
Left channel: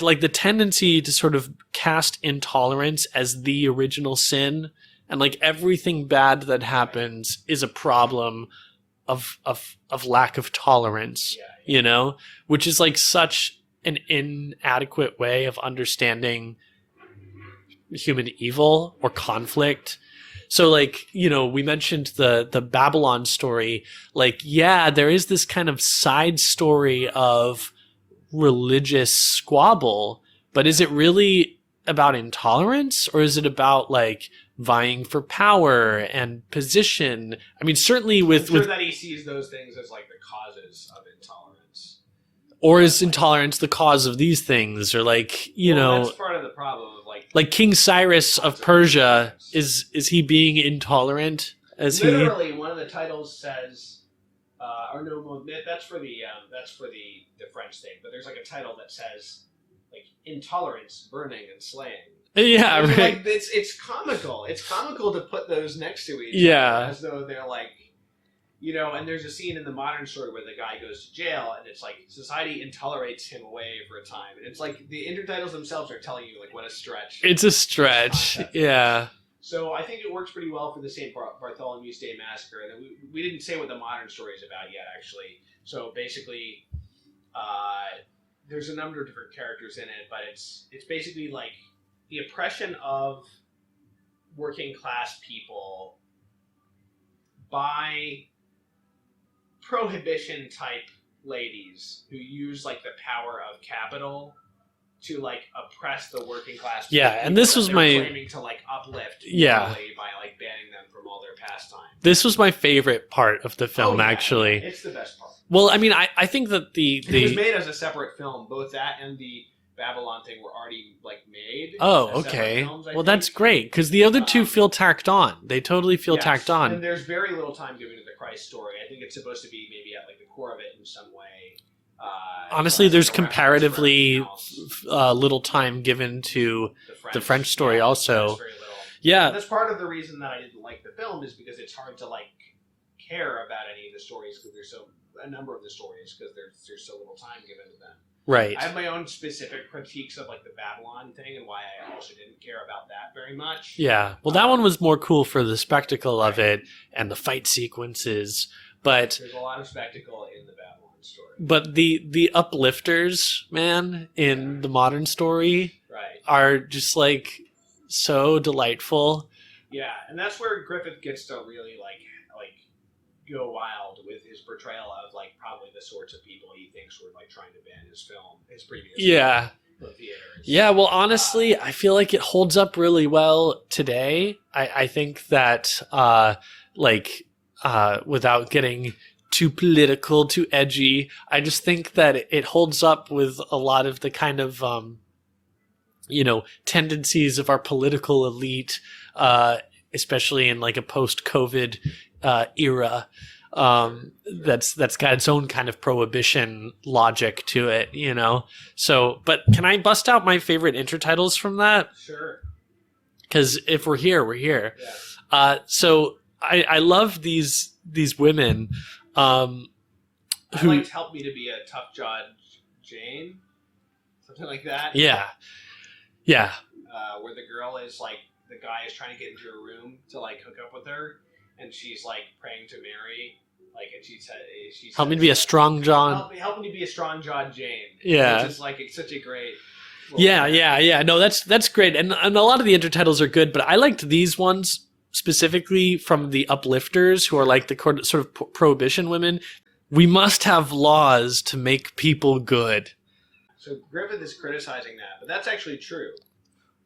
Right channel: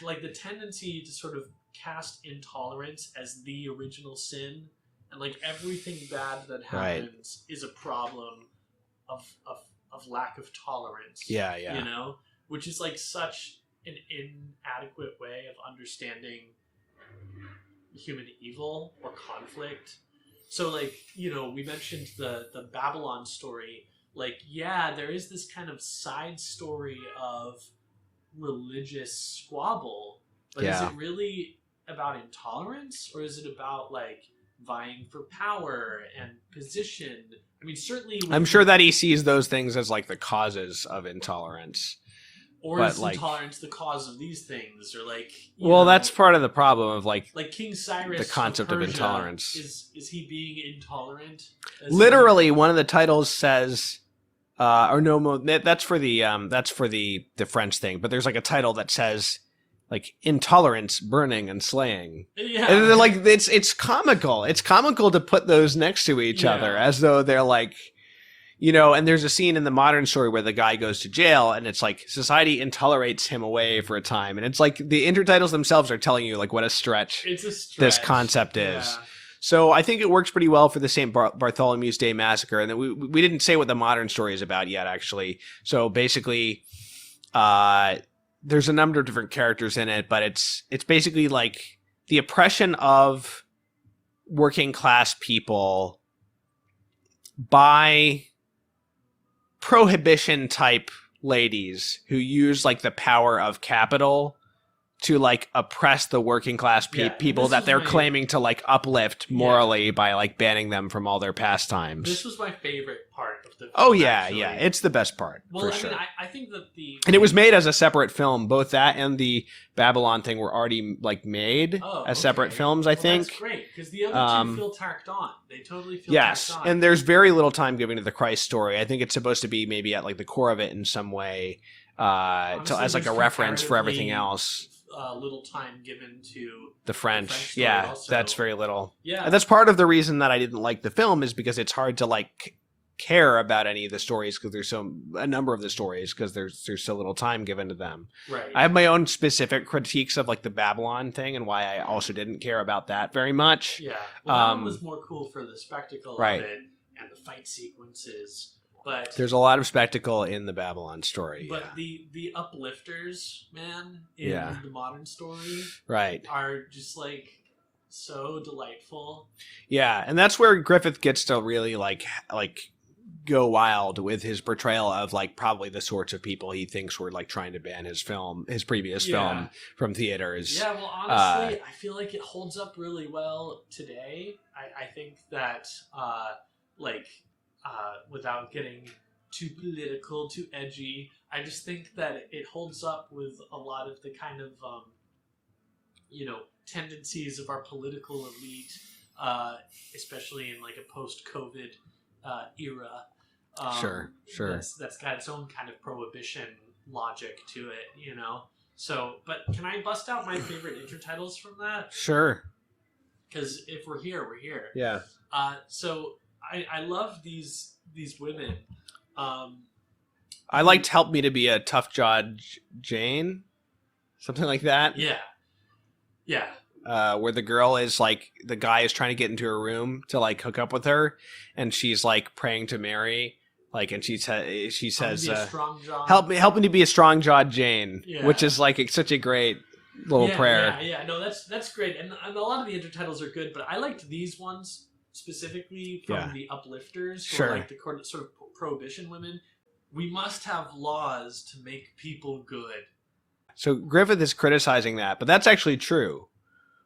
like the tendency to sort of cast intolerance as the original sin, and like everything bad that happens is a problem of lack of tolerance. Which is like such an inadequate way of understanding human evil or conflict. So like, we mentioned the Babylon story, like, there is this kind of side story of religious squabble, but is it really about intolerance, or is it about like vying for power and position? I mean, certainly I'm sure that he sees those things as like the causes of intolerance. Or is intolerance the cause of these things? Or like, that's part of the problem of like King Cyrus of Persia, is he being intolerant? Literally, one of the titles says, that's for the French thing. But there's like a title that says like intolerance, burning, and slaying. Yeah, and they're like, it's comical. It's comical to put those next to each other as though they're like. And there's a scene in the modern story where the guy goes to jail, and it's like society intolerates him away for a time. And it's like the intertitles themselves are telling you like what a stretch. It's a stretch. This concept is. So I think it works pretty well for the St. Bartholomew's Day Massacre. And then we didn't say what the modern story is about yet, actually. So basically, there's a number of different characters in it, but it's basically like the oppression of working class people by prohibition type ladies who use like the power of capital to like oppress the working class people that they're claiming to like uplift morally by like banning them from all their pastimes. This was my favorite part of the film, actually. It's the best part. Well, I mean, I think that and it was made as a separate film. Both that and the Babylon thing were already like made as separate films, I think. Well, that's great, because the other two feel tacked on. They totally feel tacked on. And there's very little time given to the Christ story. I think it's supposed to be maybe at like the core of it in some way. Honestly, there's comparatively little time given to the French story also. That's very little. Yeah. That's part of the reason that I didn't like the film, is because it's hard to like care about any of the stories, because there's a number of the stories, because there's so little time given to them. Right. I have my own specific critiques of like the Babylon thing and why I also didn't care about that very much. Yeah. Well, that one was more cool for the spectacle of it and the fight sequences. But there's a lot of spectacle in the Babylon story. But the uplifters, man, in the modern story, are just like so delightful. Yeah, and that's where Griffith gets to really like go wild with his portrayal of like probably the sorts of people he thinks were like trying to ban his previous film from theaters. Yeah, well, honestly, I feel like it holds up really well today. I think that without getting too political, too edgy, I just think that it holds up with a lot of the kind of tendencies of our political elite, especially in like a post-COVID era. Sure. That's got its own kind of prohibition logic to it, So, but can I bust out my favorite intertitles from that? Sure. Because if we're here, we're here. Yeah. So I love these women. I liked "Help Me to Be a Tough Jawed Jane," something like that. Yeah. Where the girl is like, the guy is trying to get into her room to like hook up with her, and she's like praying to Mary, like, and she says, "Help me to be a strong John. Help me to be a strong jawed Jane." Yeah, which is like such a great little prayer. Yeah. No, that's great, and a lot of the intertitles are good, but I liked these ones specifically from the uplifters, who are like the sort of prohibition women. We must have laws to make people good. So Griffith is criticizing that, but that's actually true.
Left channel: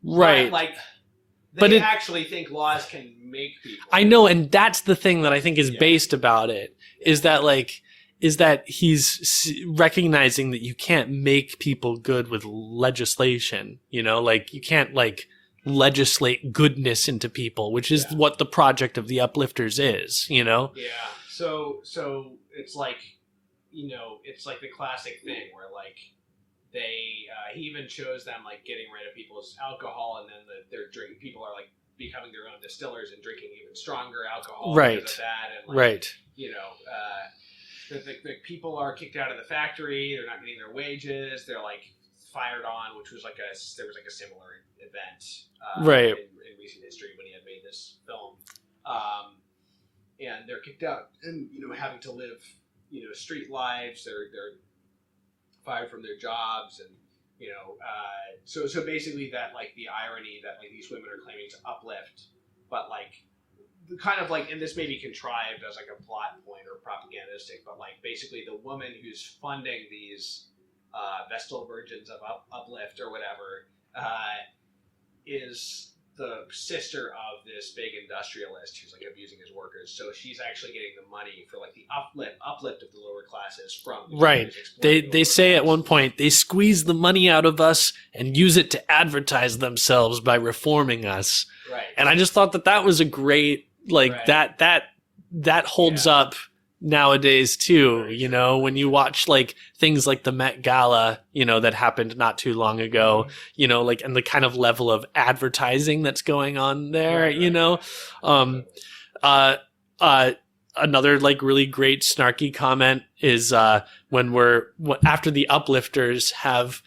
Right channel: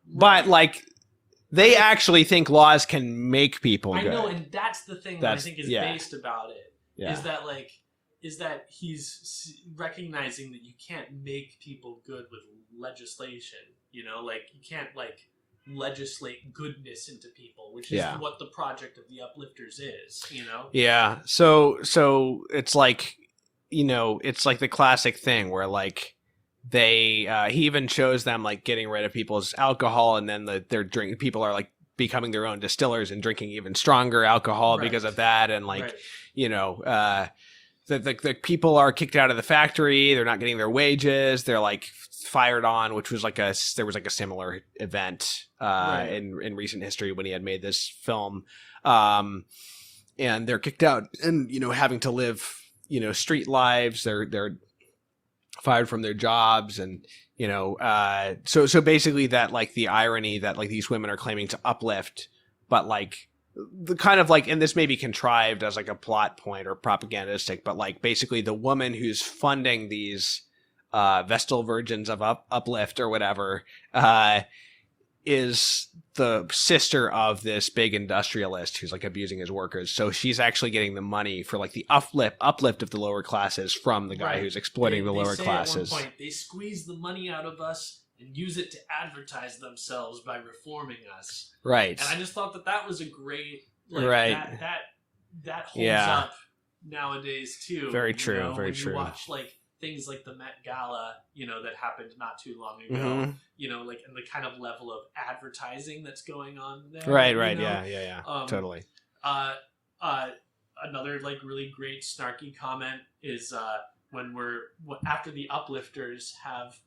Right. But, like, they actually think laws can make people good. I know, and that's the thing that I think is based about it, is that he's recognizing that you can't make people good with legislation, like you can't like legislate goodness into people, which is what the project of the uplifters is, Yeah. So it's like, it's like the classic thing where like he even shows them like getting rid of people's alcohol, and then people are like becoming their own distillers and drinking even stronger alcohol because of that, and like the people are kicked out of the factory, they're not getting their wages, they're like fired on, which was like there was like a similar event in recent history when he had made this film, and they're kicked out and having to live street lives. They're fired from their jobs, and so basically that like the irony that like these women are claiming to uplift, but like the kind of like, and this may be contrived as like a plot point or propagandistic, but like basically the woman who's funding these Vestal Virgins of Uplift or whatever is the sister of this big industrialist who's like abusing his workers. So she's actually getting the money for like the uplift of the lower classes from the guy who's exploiting the lower classes. They say at one point, they squeeze the money out of us and use it to advertise themselves by reforming us. Right. And I just thought that was a great, like that holds up nowadays too. Very true, when you watch like things like the Met Gala, that happened not too long ago, like, and the kind of level of advertising that's going on there, totally. Another like really great snarky comment is when after the uplifters have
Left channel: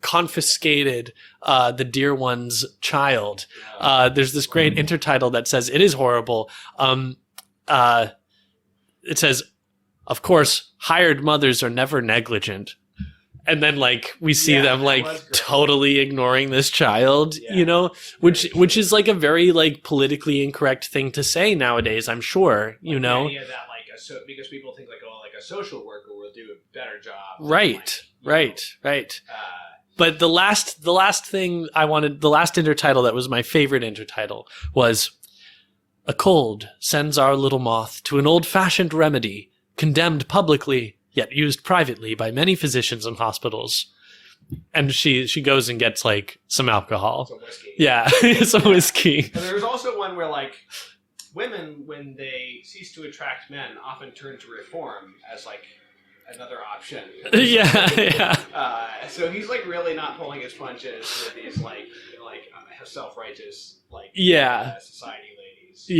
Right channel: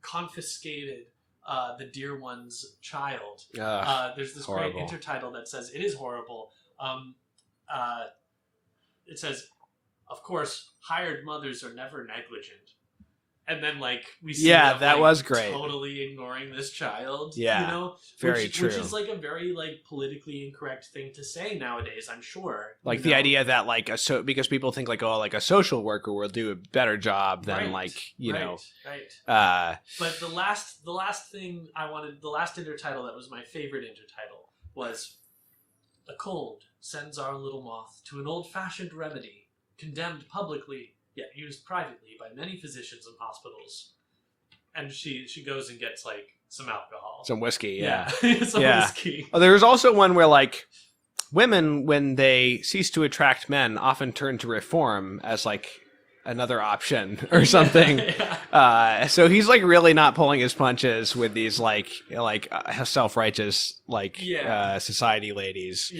confiscated the dear one's child, there's this great intertitle that says, "It is horrible." It says, "Of course, hired mothers are never negligent." And then like we see them like totally ignoring this child, which is like a very like politically incorrect thing to say nowadays, I'm sure. Like the idea that like because people think like, oh, like a social worker will do a better job than right. But the last intertitle that was my favorite intertitle was, "A cold sends our little moth to an old-fashioned remedy, condemned publicly, yet used privately by many physicians and hospitals." And she goes and gets like some alcohol. Some whiskey. Yeah, some whiskey. There's also one where like women, when they cease to attract men, often turn to reform as like another option or something. So he's like really not pulling his punches with these like self-righteous like society ladies.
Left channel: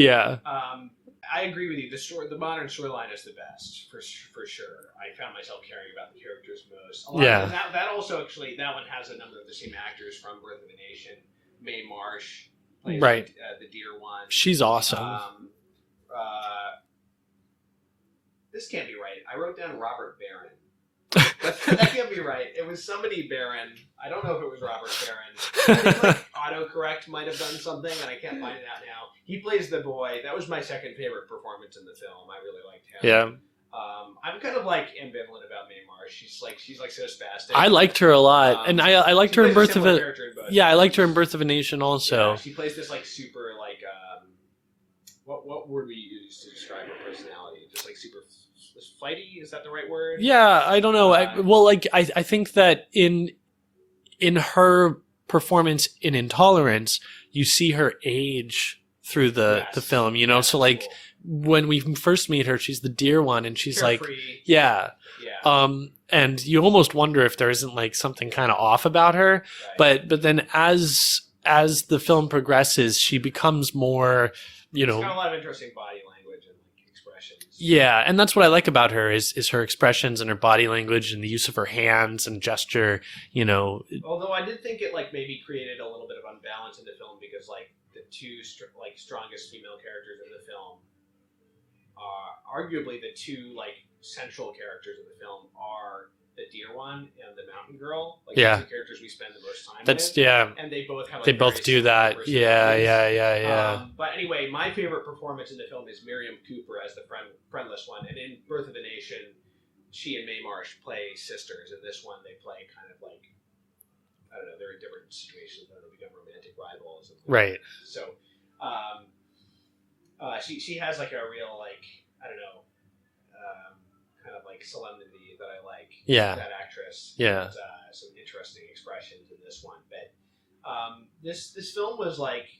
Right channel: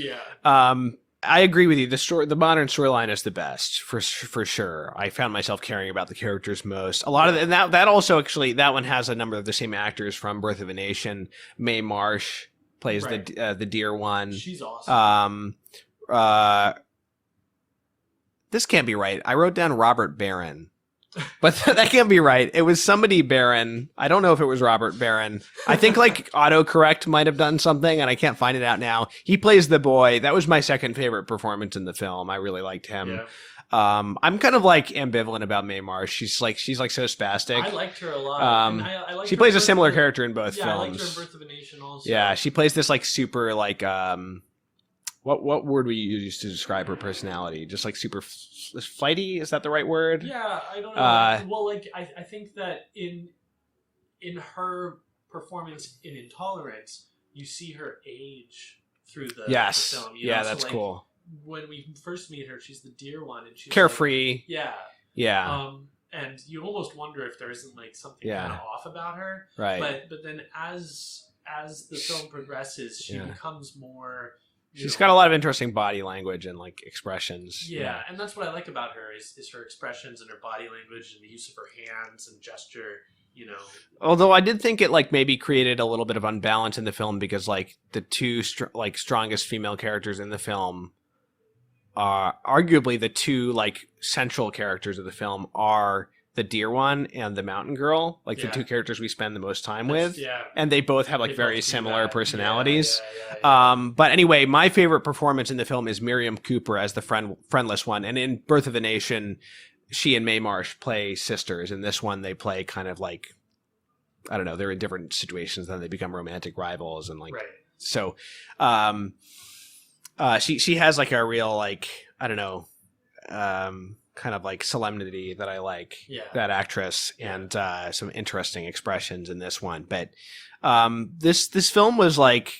I agree with you. The modern storyline is the best for sure. I found myself caring about the characters most. A lot of, and that also actually, that one has a number of the same actors from Birth of a Nation. Mae Marsh plays the dear one. She's awesome. this can't be right. I wrote down Robert Barron. But that can't be right. It was somebody Barron. I don't know if it was Robert Barron. I think like autocorrect might have done something, and I can't find it out now. He plays the boy. That was my second favorite performance in the film. I really liked him. Yeah. I'm kind of like ambivalent about Mae Marsh. She's like so spastic. I liked her a lot, and I liked she her. She plays a similar character in both. Yeah, films. I liked her in Birth of a Nation also. Yeah, she plays this like super like what word we use to describe her personality? Just like super flighty? Is that the right word? Yeah, I don't know. I think that in her performance in Intolerance, you see her age through the film. You know, so like cool. When we first meet her, she's the dear one, and she's carefree. Like, yeah. And you almost wonder if there isn't like something kind of off about her. Right. But then as the film progresses, she becomes more. She's got a lot of interesting body language and like expressions. Yeah, and that's what I like about her is her expressions and her body language and the use of her hands and gesture, you know. Although I did think it like maybe created a little bit of unbalance in the film because like the two strongest female characters in the film are arguably the two like central characters of the film are the deer one and the mountain girl, like the two characters we spend the most time with. Yeah. And they both have like very similar personalities. Yeah. But anyway, my favorite performance in the film is Miriam Cooper as the friendless one. And in Birth of a Nation, she and Mae Marsh play sisters. In this one, they play kind of like, I don't know, they're in different situations, then they become romantic rivals. And like, right. So she has like a real, like, I don't know, kind of like solemnity that I like. That actress. And some interesting expressions in this one. But this film was like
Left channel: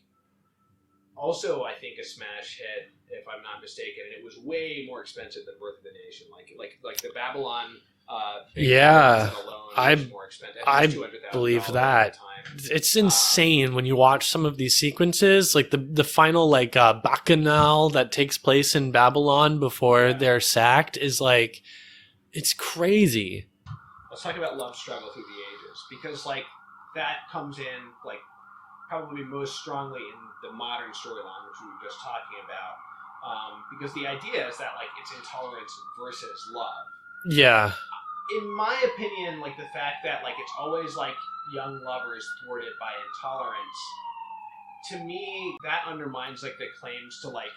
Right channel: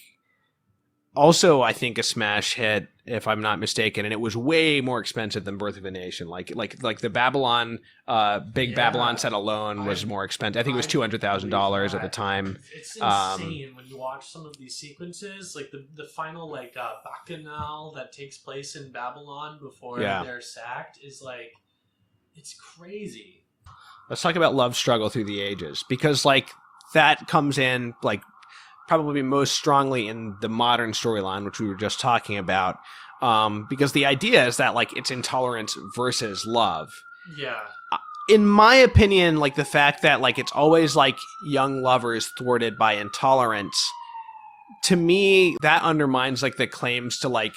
also I think a smash hit, if I'm not mistaken, and it was way more expensive than Birth of a Nation. Like the Babylon Babylon set alone was more expensive. I think it was $200,000 at the time. It's insane when you watch some of these sequences, like the final like bacchanal that takes place in Babylon before they're sacked is like, it's crazy. Let's talk about love struggle through the ages, because like that comes in like probably most strongly in the modern storyline, which we were just talking about, because the idea is that like it's intolerance versus love. Yeah. In my opinion, like the fact that like it's always like young lovers thwarted by intolerance, to me that undermines like the claims to like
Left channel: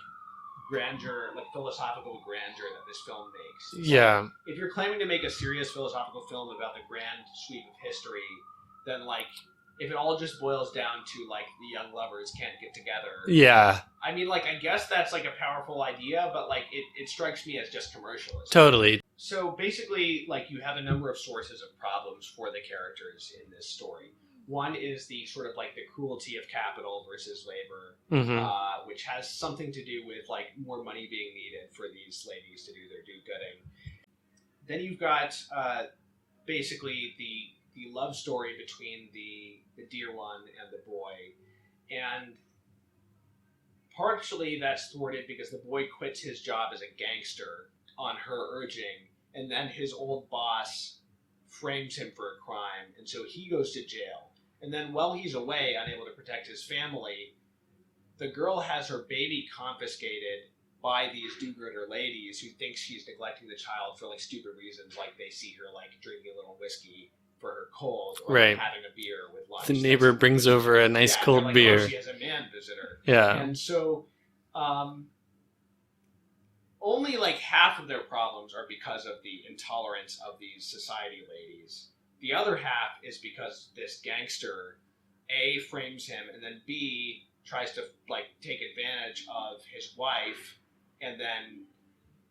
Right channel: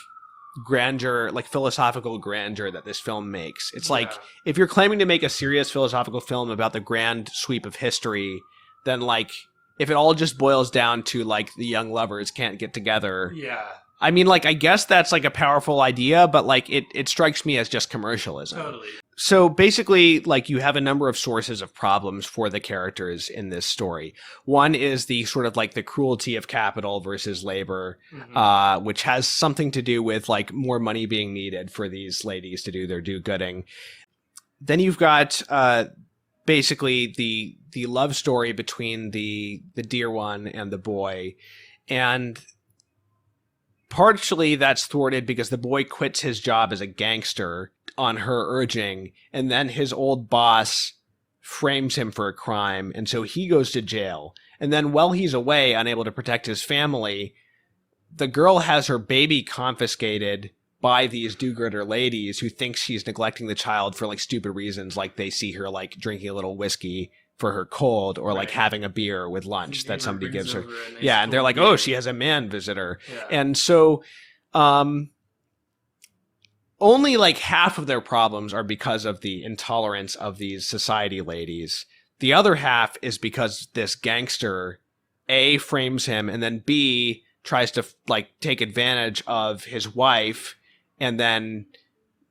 grandeur, like philosophical grandeur that this film makes. It's like if you're claiming to make a serious philosophical film about the grand sweep of history, then like if it all just boils down to like the young lovers can't get together. Yeah. I mean, like, I guess that's like a powerful idea, but like it strikes me as just commercialism. Totally. So basically, like, you have a number of sources of problems for the characters in this story. One is the sort of like the cruelty of capital versus labor, which has something to do with like more money being needed for these ladies to do their do-gooding. Then you've got basically the love story between the dear one and the boy, and partially that's thwarted because the boy quits his job as a gangster on her urging, and then his old boss frames him for a crime, and so he goes to jail. And then while he's away, unable to protect his family, the girl has her baby confiscated by these do-gooder ladies who think she's neglecting the child for like stupid reasons, like they see her like drinking a little whiskey for her cold, or like having a beer with lunch. The neighbor brings over a nice cold and they're like, beer. oh, she has a man visitor. Yeah. And so only like half of their problems are because of the intolerance of these society ladies. The other half is because this gangster A, frames him, and then B, tries to like take advantage of his wife, and then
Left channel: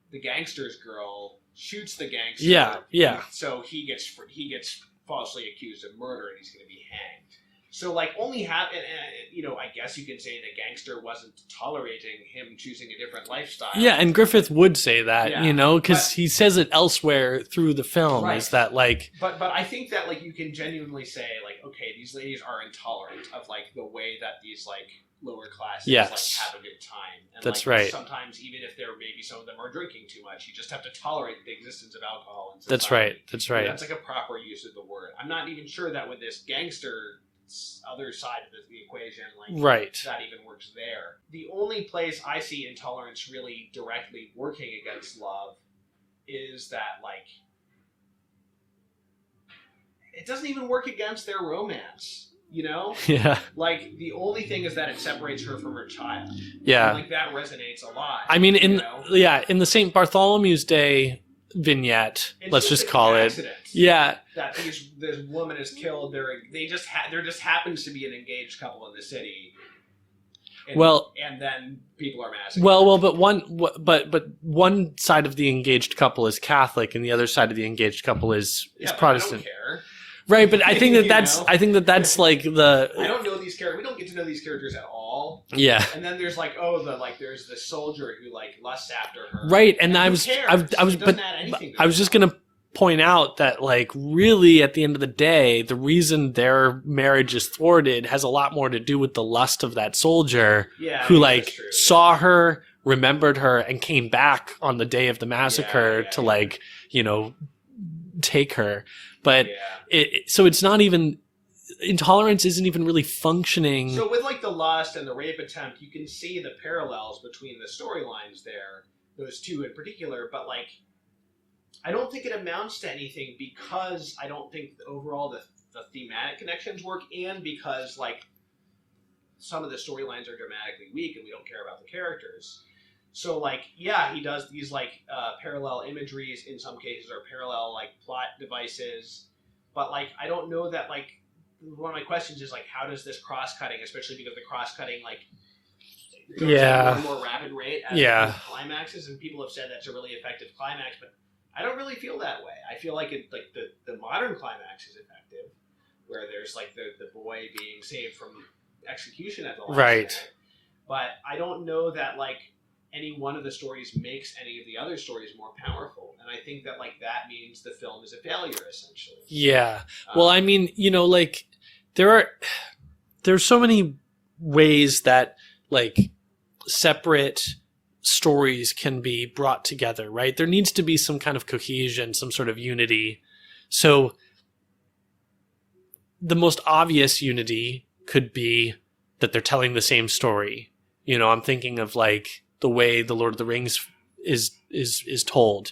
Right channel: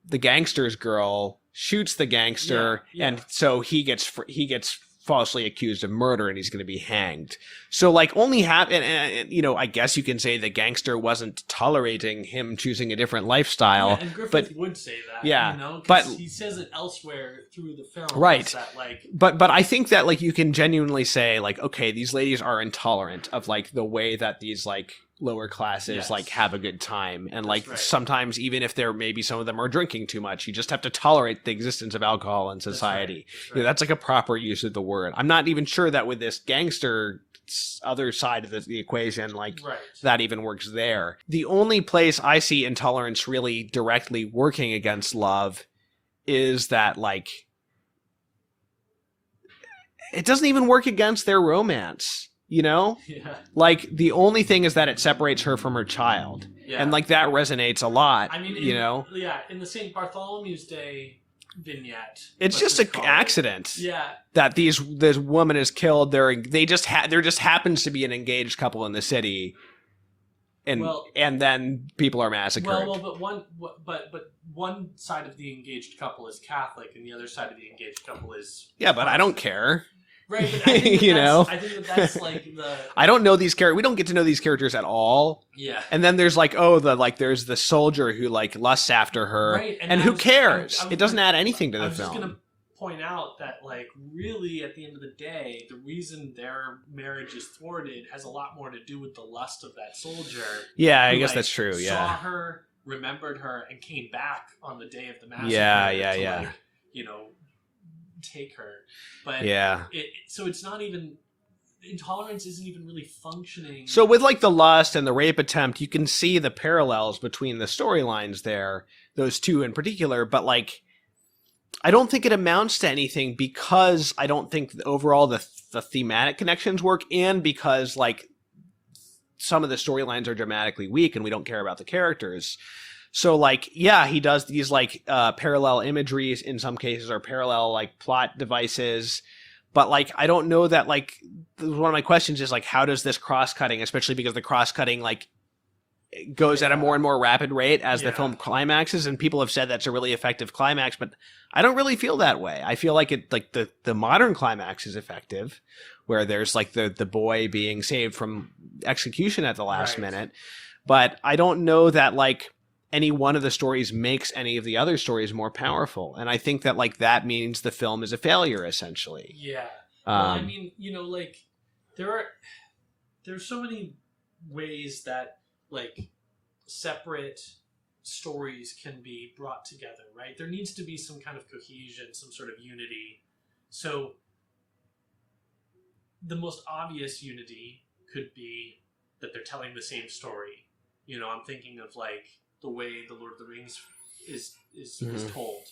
the gangster's girl shoots the gangster. And so he gets falsely accused of murder, and he's going to be hanged. So like only half, and you know, I guess you can say the gangster wasn't tolerating him choosing a different lifestyle. Yeah, and Griffith would say that, you know, because he says it elsewhere through the film. Right. That like, but I think that like you can genuinely say like, okay, these ladies are intolerant of like the way that these like lower classes like have a good time, and That's like sometimes even if they're maybe some of them are drinking too much, you just have to tolerate the existence of alcohol in society. That's right. Yeah, that's like a proper use of the word. I'm not even sure that with this gangster other side of the equation, like that even works there. The only place I see intolerance really directly working against love is that like it doesn't even work against their romance, you know? Yeah. Like the only thing is that it separates her from her child. Yeah. And like that resonates a lot. I mean, in in the St. Bartholomew's Day vignette, it's let's just an call accident. Yeah. That this woman is killed. There just happens to be an engaged couple in the city. And then people are massacred. But one side of the engaged couple is Catholic, and the other side of the engaged couple is but Protestant. I don't care. Right, but I think that's like the. I don't know these characters. We don't get to know these characters at all. Yeah, and then there's like there's the soldier who like lusts after her. Right, and who cares? It doesn't add anything to. I was just gonna point out that like really at the end of the day, the reason their marriage is thwarted has a lot more to do with the lust of that soldier. Yeah, who I guess that's true. Saw her, remembered her, and came back on the day of the massacre to like take her. But so it's not even intolerance isn't even really functioning. So with like the lust and the rape attempt, you can see the parallels between the storylines there, those two in particular. But like, I don't think it amounts to anything because I don't think overall the thematic connections work, and because like some of the storylines are dramatically weak and we don't care about the characters. So like, he does these like parallel imageries in some cases, or parallel like plot devices. But like, I don't know that like, one of my questions is like, how does this cross-cutting, especially because the cross-cutting like goes at a more and more rapid rate as the film climaxes, and people have said that's a really effective climax, but I don't really feel that way. I feel like it like the modern climax is effective, where there's like the boy being saved from execution at the last minute. But I don't know that like any one of the stories makes any of the other stories more powerful. And I think that like that means the film is a failure essentially. Yeah. Well, I mean, like there's so many ways that like separate stories can be brought together, right? There needs to be some kind of cohesion, some sort of unity. So the most obvious unity could be that they're telling the same story. I'm thinking of like the way the Lord of the Rings is told,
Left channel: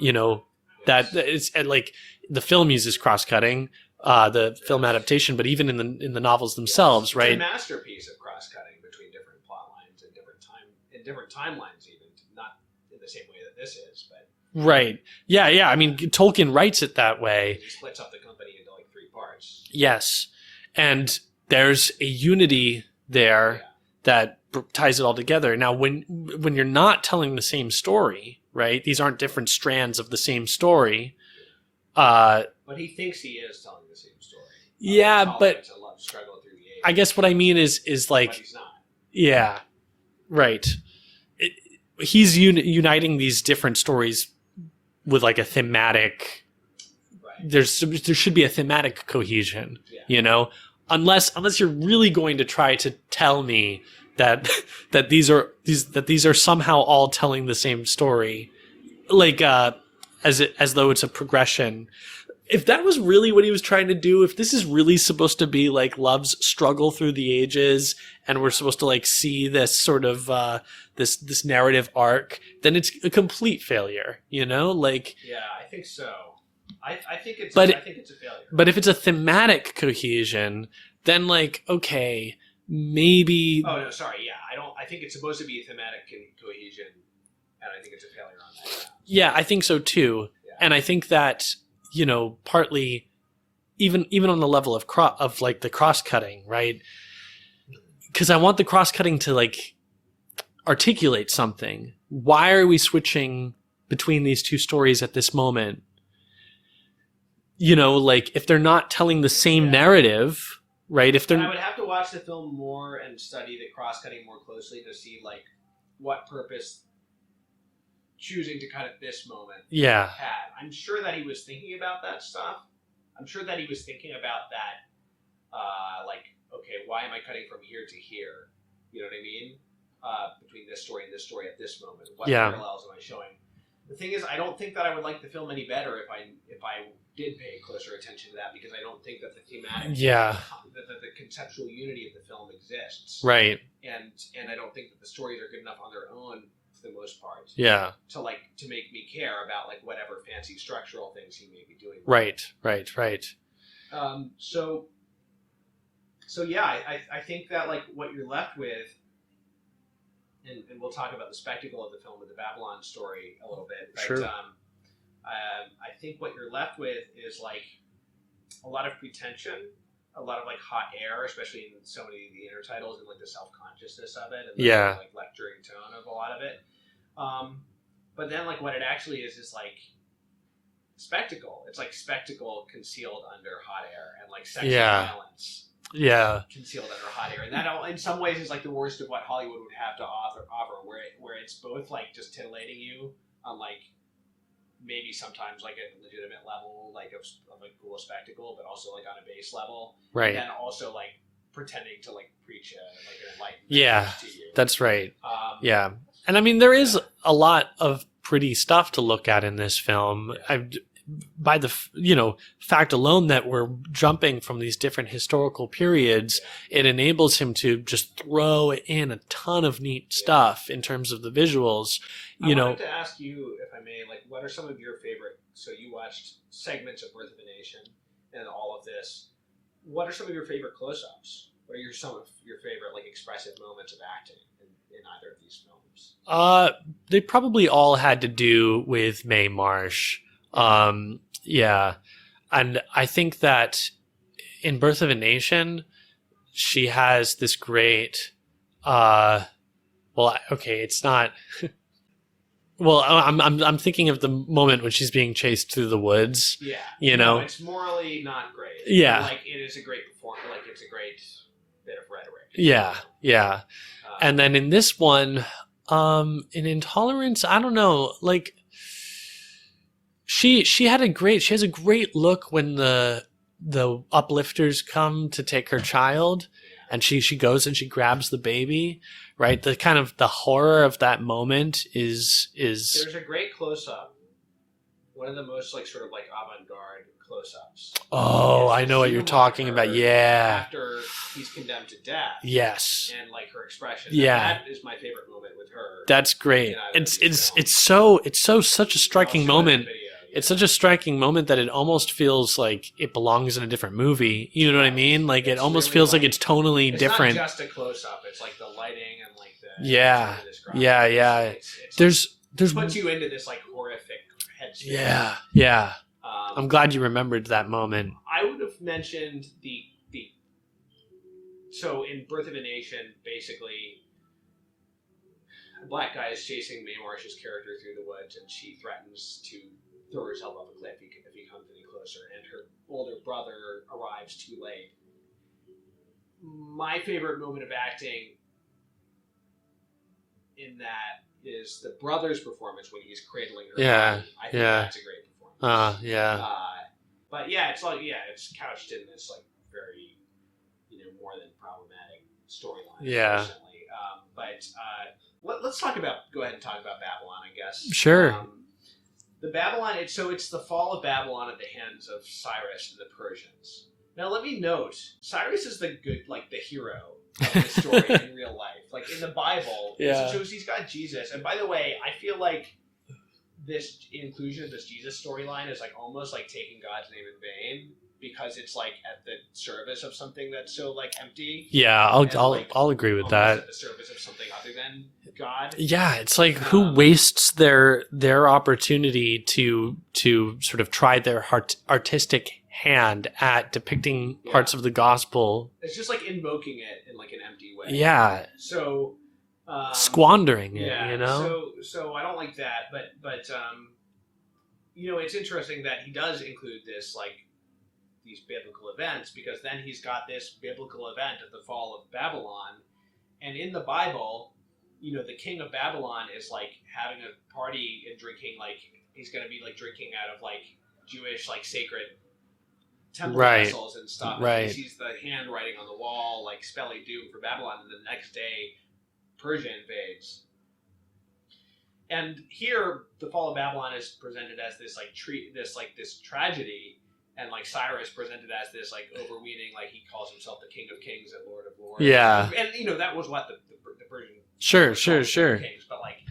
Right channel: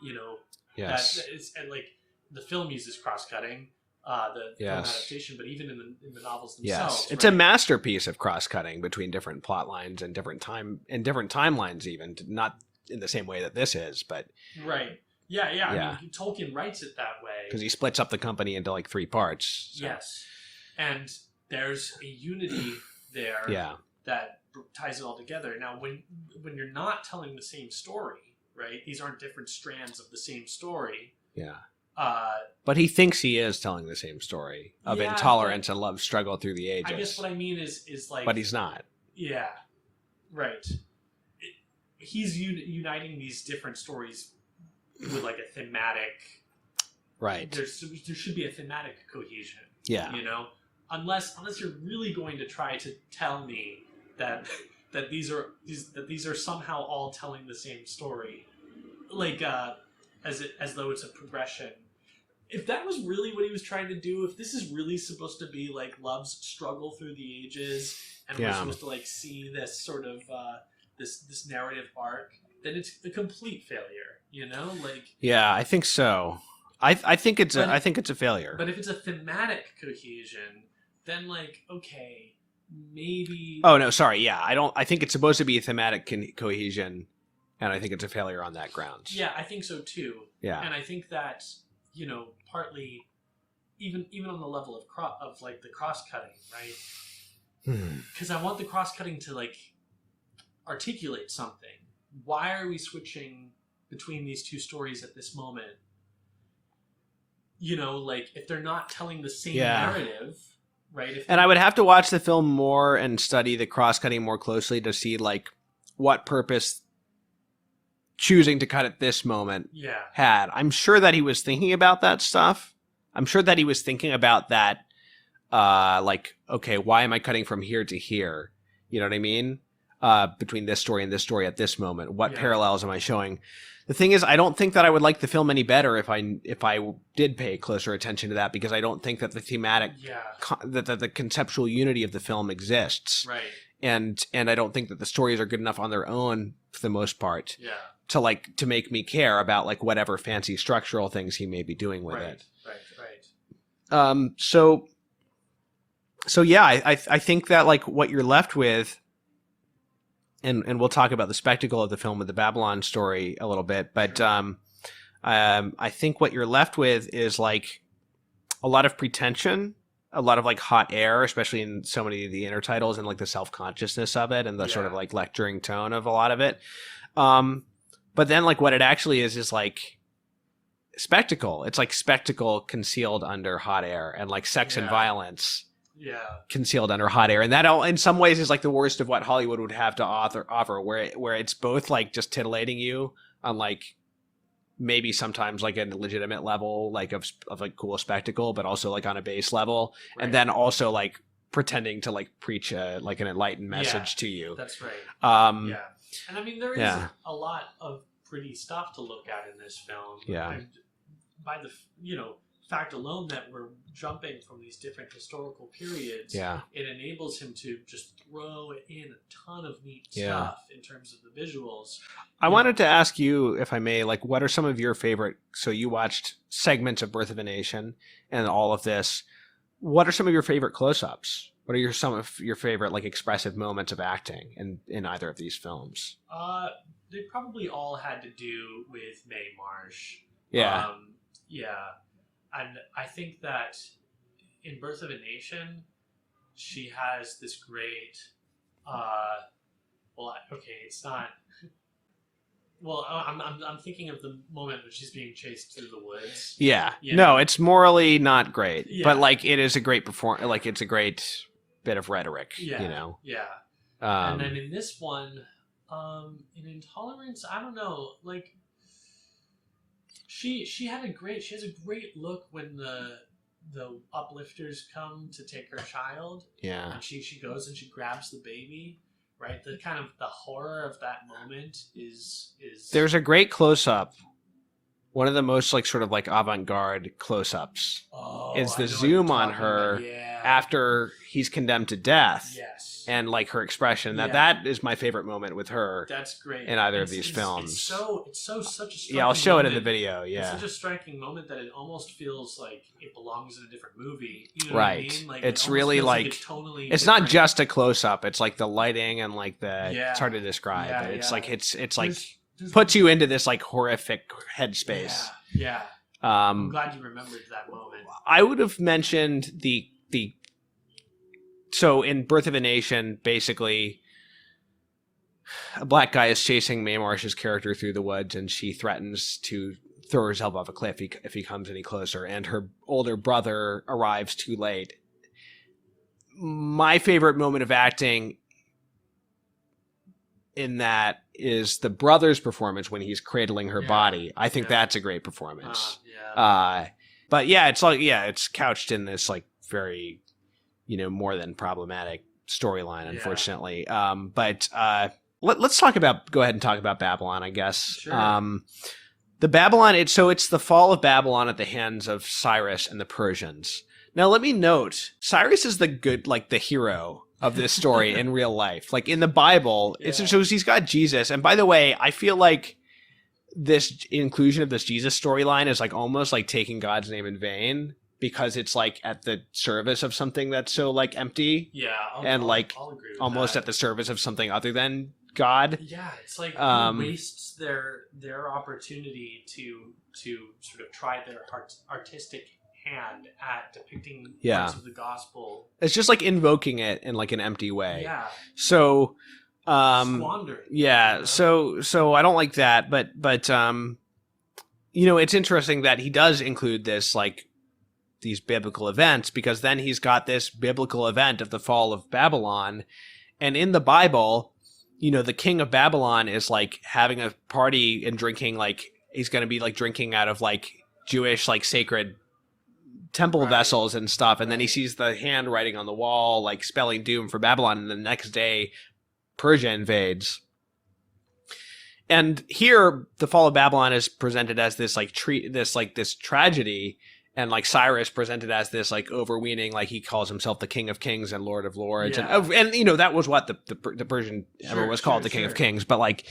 that it's like the film uses cross-cutting, the film adaptation, but even in the novels themselves, it's a masterpiece of cross-cutting between different plot lines and different timelines, even not in the same way that this is, but right. Yeah. I mean, Tolkien writes it that way because he splits up the company into like 3 parts. Yes, and there's a unity there that ties it all together. Now, when you're not telling the same story, right? These aren't different strands of the same story. Yeah. But he thinks he is telling the same story. Of intolerance and love struggle through the ages. I guess what I mean is like, but he's not. Yeah. Right. He's uniting these different stories with like a thematic. Right. There should be a thematic cohesion. Yeah. Unless you're really going to try to tell me that these are somehow all telling the same story, like as though it's a progression. If that was really what he was trying to do, if this is really supposed to be like love's struggle through the ages, and we're supposed to like see this sort of this narrative arc, then it's a complete failure. Like I think so. I think it's a failure. But if it's a thematic cohesion, then like okay, maybe. Oh no, sorry. Yeah, I think it's supposed to be a thematic cohesion, and I think it's a failure on that ground. Yeah, I think so too. Yeah, and I think that partly, even on the level of like the cross cutting, right? Because I want the cross cutting to like articulate something. Why are we switching between these two stories at this moment? Like if they're not telling the same narrative, right? And I would have to watch the film more and study the cross-cutting more closely to see like what purpose choosing to cut at this moment had. I'm sure that he was thinking about that stuff. I'm sure that he was thinking about that, like, okay, why am I cutting from here to here? You know what I mean? Between this story and this story at this moment. What parallels am I showing? The thing is, I don't think that I would like the film any better if I did pay closer attention to that, because I don't think that the thematic, that the conceptual unity of the film exists, right? And I don't think that the stories are good enough on their own for the most part. Yeah. To make me care about like whatever fancy structural things he may be doing with it. Right. So yeah, I think that like what you're left with, and we'll talk about the spectacle of the film with the Babylon story a little bit, but sure. I think what you're left with is like a lot of pretension, a lot of like hot air, especially in so many of the intertitles, and like the self-consciousness of it and the sort of like lecturing tone of a lot of it. But then like what it actually is like spectacle. It's like spectacle concealed under hot air, and like sex and violence concealed under hot air. And that in some ways is like the worst of what Hollywood would have to offer, where it's both like just titillating you on like maybe sometimes like a legitimate level like of like cool spectacle, but also like on a base level, and then also like pretending to like preach like an enlightened message to you. That's right. And I mean there is a lot of pretty stuff to look at in this film. By the fact alone that we're jumping from these different historical periods, it enables him to just throw in a ton of neat stuff in terms of the visuals. I wanted to ask you, if I may, like, what are some of your favorite? So you watched segments of Birth of a Nation and all of this. What are some of your favorite close-ups? What are some of your favorite like expressive moments of acting in either of these films? They probably all had to do with Mae Marsh. And I think that in Birth of a Nation, she has this great, it's not, well, I'm thinking of the moment when she's being chased through the woods. Yeah. No, it's morally not great. Yeah. But like, it is a great like, it's a great bit of rhetoric. Yeah. And then in this one, in Intolerance, I don't know, like, She has a great look when the uplifters come to take her child. Yeah. And she goes and she grabs the baby, right? The kind of the horror of that moment is there's a great close up. One of the most like sort of like avant-garde close-ups. Oh, I know what you're talking about. Yeah. After he's condemned to death. Yes. And like her expression. That is my favorite moment with her. That's great. In either of these films. It's such a striking moment. It in the video. Yeah. It's such a striking moment that it almost feels like it belongs in a different movie. You know what I mean? Like it almost really feels like it's tonally different. It's not just a close-up. It's like the lighting and like the it's hard to describe. Yeah, it's like it's puts you into this like horrific headspace. Yeah. I'm glad you remembered that moment. I would have mentioned so in Birth of a Nation, basically a black guy is chasing Mae Marsh's character through the woods, and she threatens to throw herself off a cliff if he comes any closer, and her older brother arrives too late. My favorite moment of acting in that is the brother's performance when he's cradling her body. I think that's a great performance. But yeah, it's like it's couched in this like very, more than problematic storyline, unfortunately. But let's go ahead and talk about Babylon, I guess. Sure. The Babylon, it's the fall of Babylon at the hands of Cyrus and the Persians. Now, let me note, Cyrus is the hero of this story in real life. Like in the Bible, it shows he's got Jesus. And by the way, I feel like this inclusion of this Jesus storyline is like almost like taking God's name in vain, because it's like at the service of something that's so like empty. Yeah, I'll agree with that. Almost at the service of something other than God. Yeah, it's like who wastes their opportunity to sort of try their artistic hand at depicting parts of the gospel. It's just like invoking it in like an empty way. Yeah. So squandering it, so I don't like that, but it's interesting that he does include this like these biblical events, because then he's got this biblical event of the fall of Babylon, and in the Bible, the king of Babylon is like having a party and drinking, like he's going to be like drinking out of like Jewish like sacred temple vessels and stuff, and then he sees the handwriting on the wall like spelling doom for Babylon, and the next day Persia invades. And here the fall of Babylon is presented as this like this tragedy, and like Cyrus presented as this like overweening, like he calls himself the King of Kings and Lord of Lords. Yeah. And you know, that was what the Persian was called, the King of Kings. But like,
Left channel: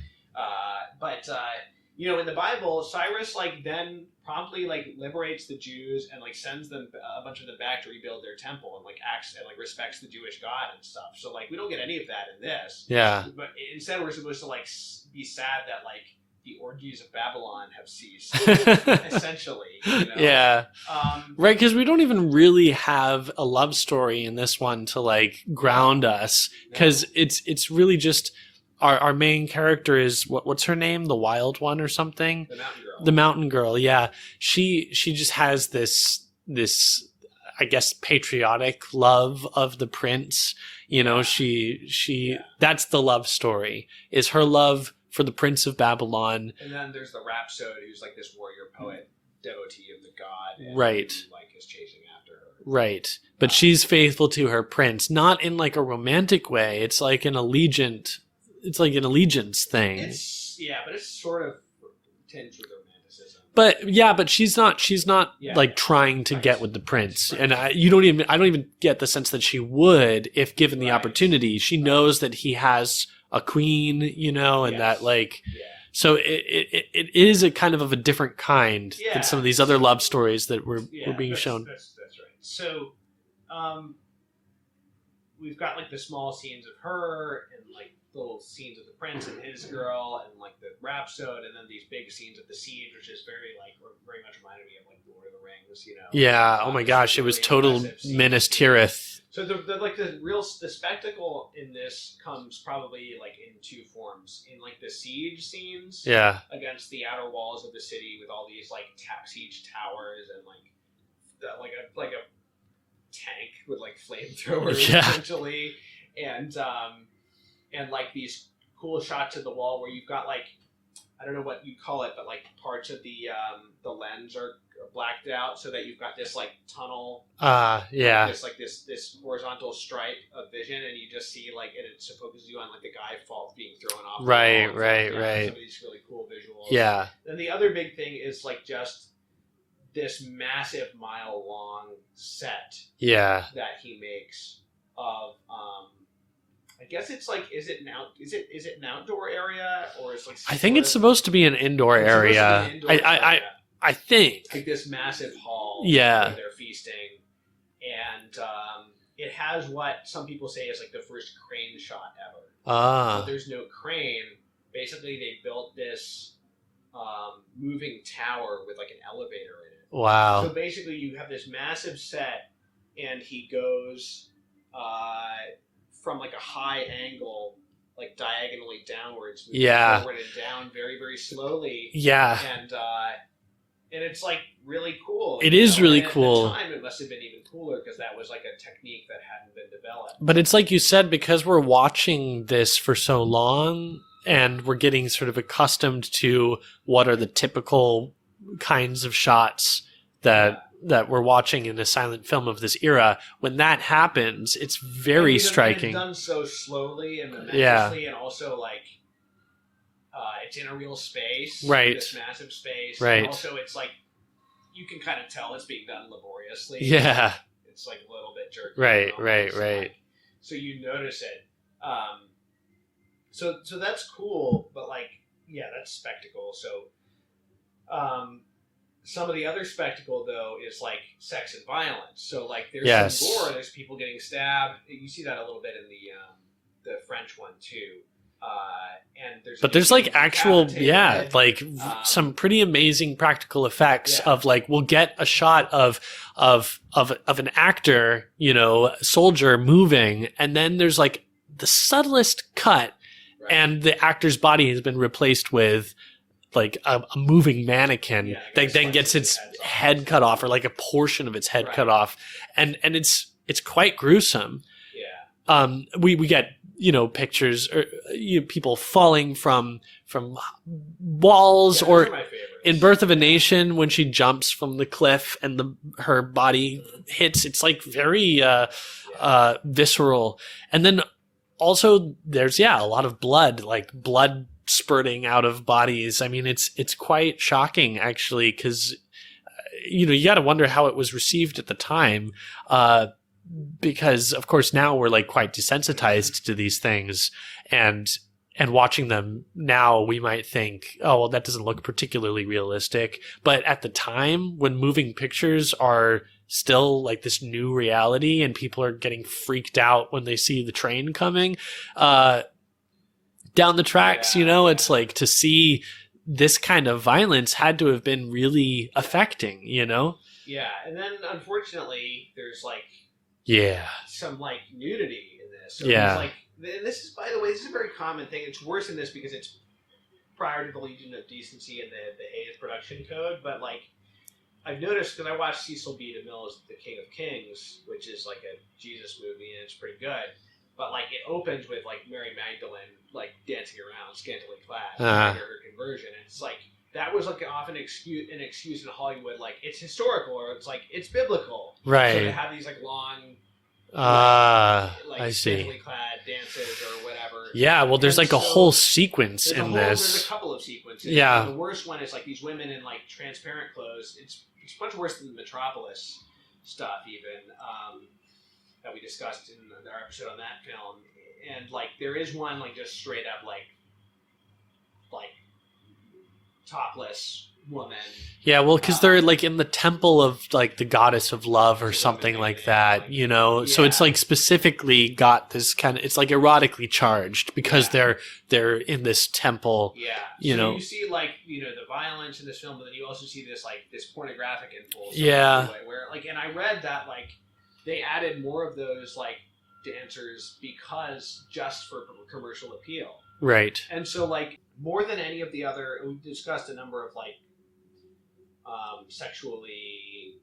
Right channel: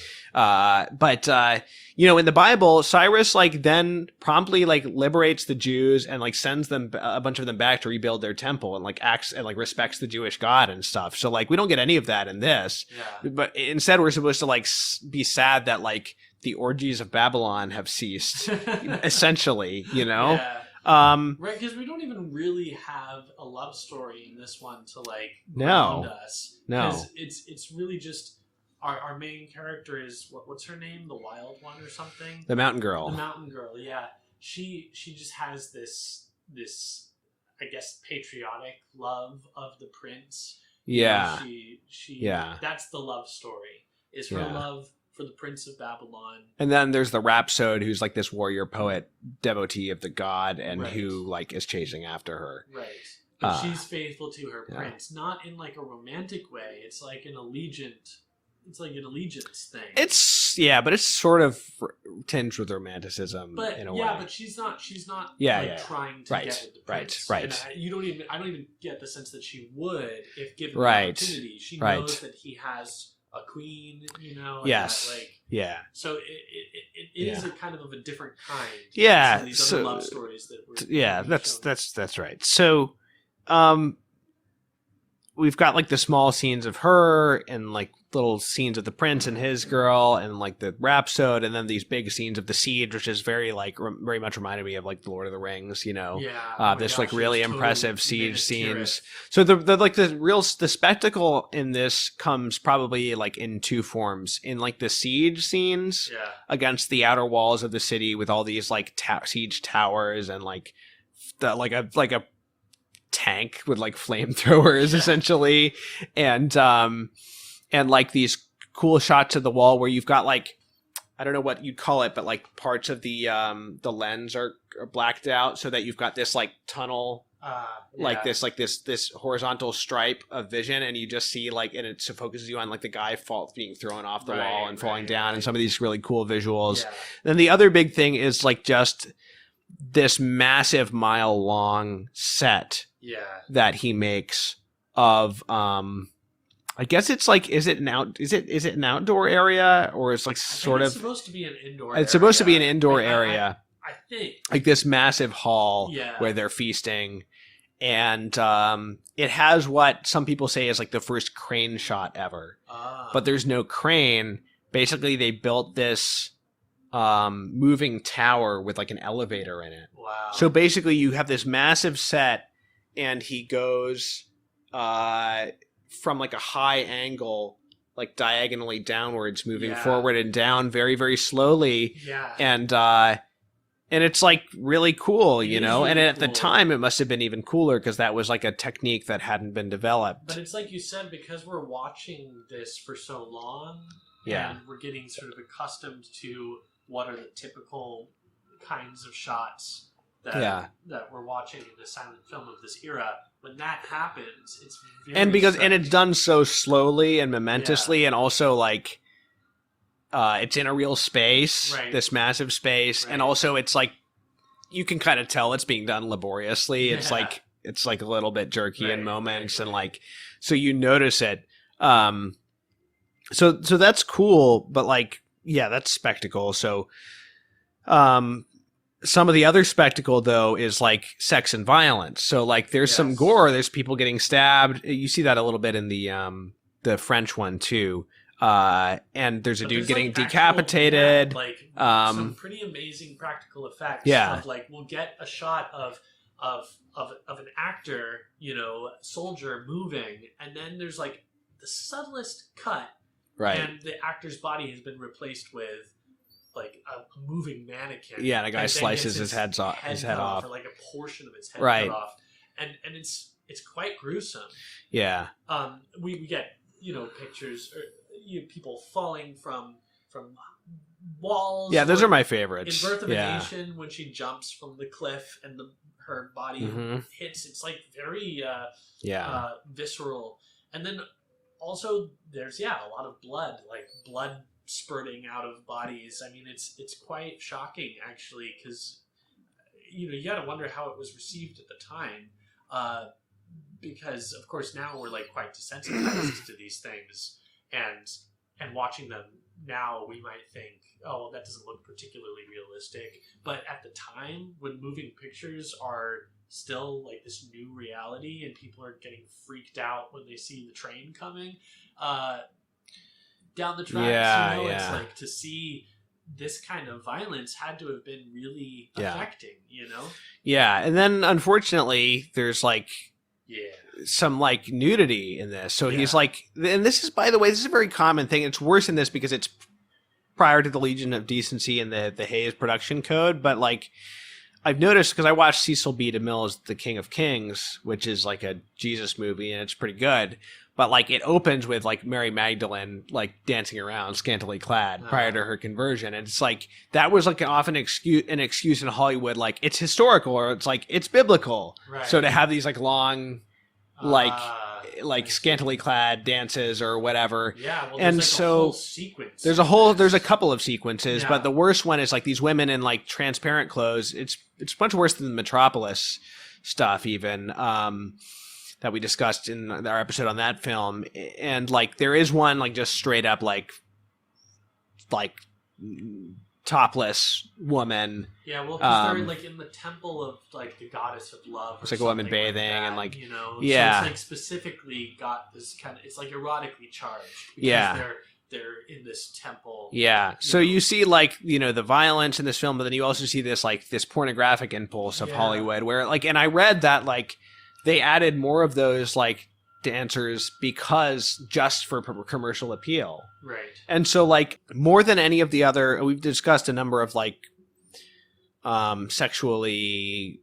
you know, in the Bible, Cyrus like then promptly like liberates the Jews and like sends them, a bunch of them, back to rebuild their temple, and like acts and like respects the Jewish God and stuff. So like we don't get any of that in this. Yeah. But instead we're supposed to like be sad that like the orgies of Babylon have ceased, essentially, you know? Yeah. Right, because we don't even really have a love story in this one to like ground us. Because it's really just our main character is what's her name? The Wild One or something? The Mountain Girl. The Mountain Girl, yeah. She just has this I guess patriotic love of the prince. You know, she that's the love story. Is her love for the Prince of Babylon. And then there's the Rhapsode, who's like this warrior poet devotee of the god, and who like is chasing after her. Right. But she's faithful to her prince, not in like a romantic way. It's like an allegiance thing. But it's sort of tinged with romanticism. But but she's not trying to get with the prince. Right. And I don't even get the sense that she would if given the opportunity. She knows that he has a queen, you know, and that like so it is a kind of a different kind than some of these other love stories that were being shown. That's right. So we've got like the small scenes of her and like little scenes of the prince and his girl and like the Rhapsode, and then these big scenes of the siege, which is very much reminded me of like the Lord of the Rings, you know. Oh my gosh, really it was total Minas Tirith. So the spectacle in this comes probably like in two forms: in like the siege scenes against the outer walls of the city with all these like siege towers and like a tank with like flamethrowers essentially, and like these cool shots of the wall where you've got like, I don't know what you'd call it, but like parts of the lens are blacked out so that you've got this like tunnel, this horizontal stripe of vision, and you just see like, and it focuses you on like the guy being thrown off the wall and falling down, and some of these really cool visuals. Then the other big thing is like just this massive mile-long set that he makes of I guess it's like, is it an outdoor area, or it's like I think it's supposed to be an indoor area. It's supposed to be an indoor area. I think like this massive hall where they're feasting, and it has what some people say is like the first crane shot ever. But there's no crane. Basically, they built this moving tower with like an elevator in it. Wow. So basically you have this massive set, and he goes from like a high angle, like diagonally downwards, moving forward and down very, very slowly. And it's like really cool. It is really cool. At the time, it must have been even cooler because that was like a technique that hadn't been developed. But it's like you said, because we're watching this for so long, and we're getting sort of accustomed to what are the typical kinds of shots that we're watching in a silent film of this era. When that happens, it's very striking. And it's done so slowly and momentously, and also like it's in a real space, this massive space, and also it's like you can kind of tell it's being done laboriously. It's like a little bit jerky in moments, and like so you notice it. So that's cool, but like, that's spectacle. So, some of the other spectacle though is like sex and violence. So like there's some gore, there's people getting stabbed. You see that a little bit in the French one too. And there's dude getting decapitated. Some pretty amazing practical effects of like, we'll get a shot of an actor, you know, soldier moving, and then there's like the subtlest cut. And the actor's body has been replaced with like a moving mannequin that then gets its head cut off, or like a portion of its head cut off, and it's quite gruesome. We get, you know, pictures or people falling from walls. Yeah, those are my favorites. In Birth of a Nation, when she jumps from the cliff and her body hits, it's like very visceral. And then also there's a lot of blood, like blood spurting out of bodies. I mean, it's quite shocking actually, because you got to wonder how it was received at the time, because of course now we're like quite desensitized to these things, and watching them now, we might think, oh, well, that doesn't look particularly realistic. But at the time, when moving pictures are still like this new reality and people are getting freaked out when they see the train coming down the tracks, it's like, to see this kind of violence had to have been really affecting, Yeah. And then unfortunately, there's like, some like nudity in this. So he's like, and this is, by the way, this is a very common thing. It's worse in this because it's prior to the Legion of Decency and the Hayes production code. But like, I've noticed, because I watched Cecil B. DeMille's The King of Kings, which is like a Jesus movie, and it's pretty good. But like, it opens with like Mary Magdalene like dancing around scantily clad prior to her conversion, and it's like that was like an excuse in Hollywood, like it's historical or it's like it's biblical, right? So to have these like long, scantily clad dances or whatever. Yeah, well, there's a whole sequence. There's a couple of sequences, but the worst one is like these women in like transparent clothes. It's much worse than the Metropolis stuff, even. That we discussed in our episode on that film. And like, there is one like just straight up like topless woman. Yeah, well, because they're like in the temple of like the goddess of love or something like that, like, So it's like specifically got this kind of, it's like erotically charged because they're in this temple. Yeah. So you see like, the violence in this film, but then you also see this like this pornographic impulse of Hollywood where like, and I read that like, they added more of those like dancers because just for commercial appeal. Right. And so like more than any of the other, we've discussed a number of like sexually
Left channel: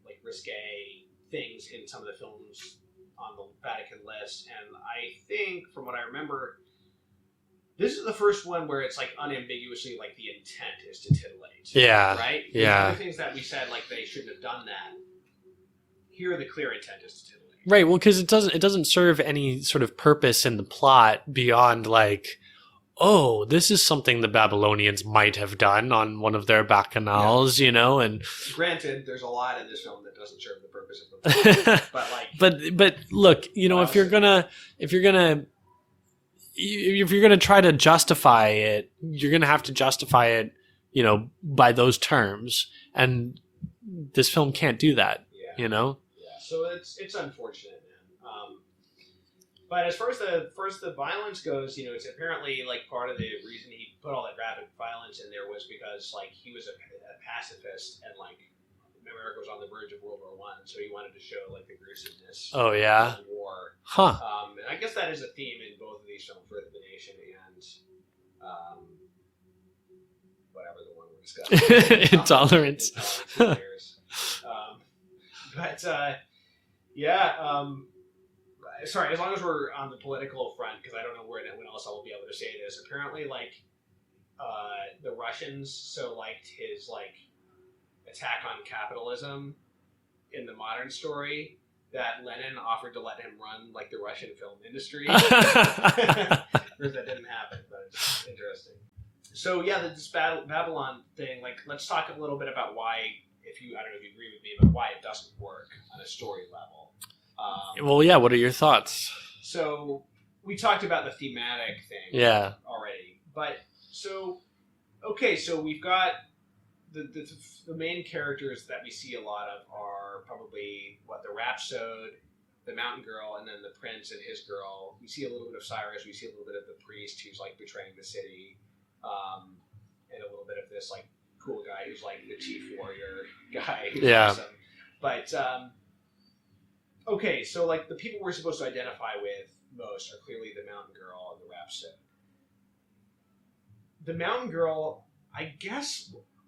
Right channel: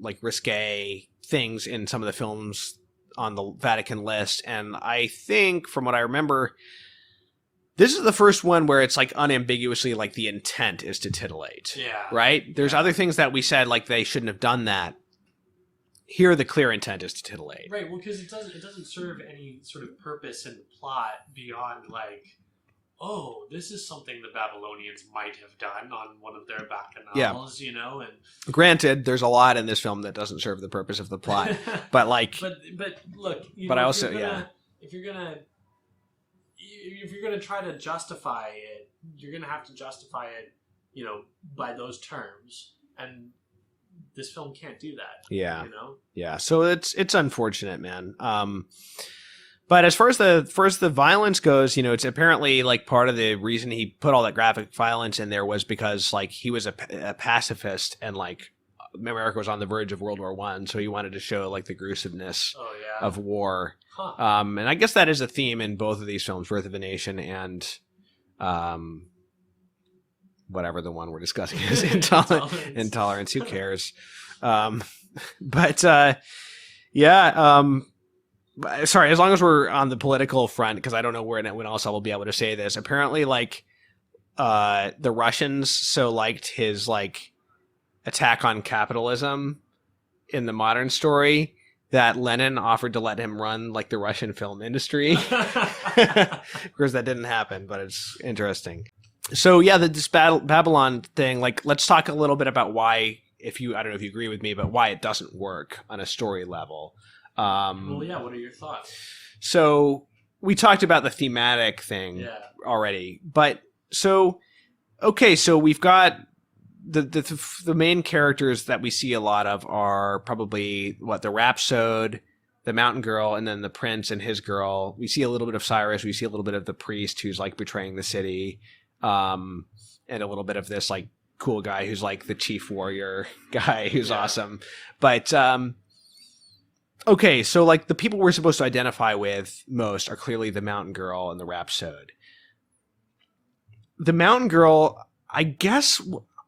like risque things in some of the films on the Vatican list. And I think from what I remember, this is the first one where it's like unambiguously like the intent is to titillate. Yeah. Right? There's other things that we said like they shouldn't have done that. Here, the clear intent is to titillate. Right. Well, because it doesn't serve any sort of purpose in the plot beyond like, oh, this is something the Babylonians might have done on one of their bacchanals, And granted, there's a lot in this film that doesn't serve the purpose of the plot, but like, but look, if you're gonna try to justify it, you're gonna have to justify it, by those terms, and this film can't do that. Yeah. So it's unfortunate, man. But as far as the violence goes, it's apparently like part of the reason he put all that graphic violence in there was because like he was a pacifist and like America was on the verge of World War I, so he wanted to show like the gruesomeness of war. And I guess that is a theme in both of these films, Birth of a Nation and whatever the one we're discussing is. Intolerance. Who cares? Sorry, as long as we're on the political front, because I don't know when else I will be able to say this. Apparently, like, the Russians so liked his like attack on capitalism in the modern story that Lenin offered to let him run like the Russian film industry. Of course, that didn't happen, but it's interesting. So yeah, this Babylon thing, like, let's talk a little bit about why, I don't know if you agree with me, but why it doesn't work on a story level. Well, yeah, what are your thoughts? So we talked about the thematic thing already, but so we've got the main characters that we see a lot of are probably the rhapsode, the mountain girl, and then the prince and his girl. We see a little bit of Cyrus, we see a little bit of the priest who's like betraying the city. And a little bit of this like cool guy who's like the chief warrior guy who's awesome. But okay, so like the people we're supposed to identify with most are clearly the mountain girl and the rhapsode. The mountain girl, I guess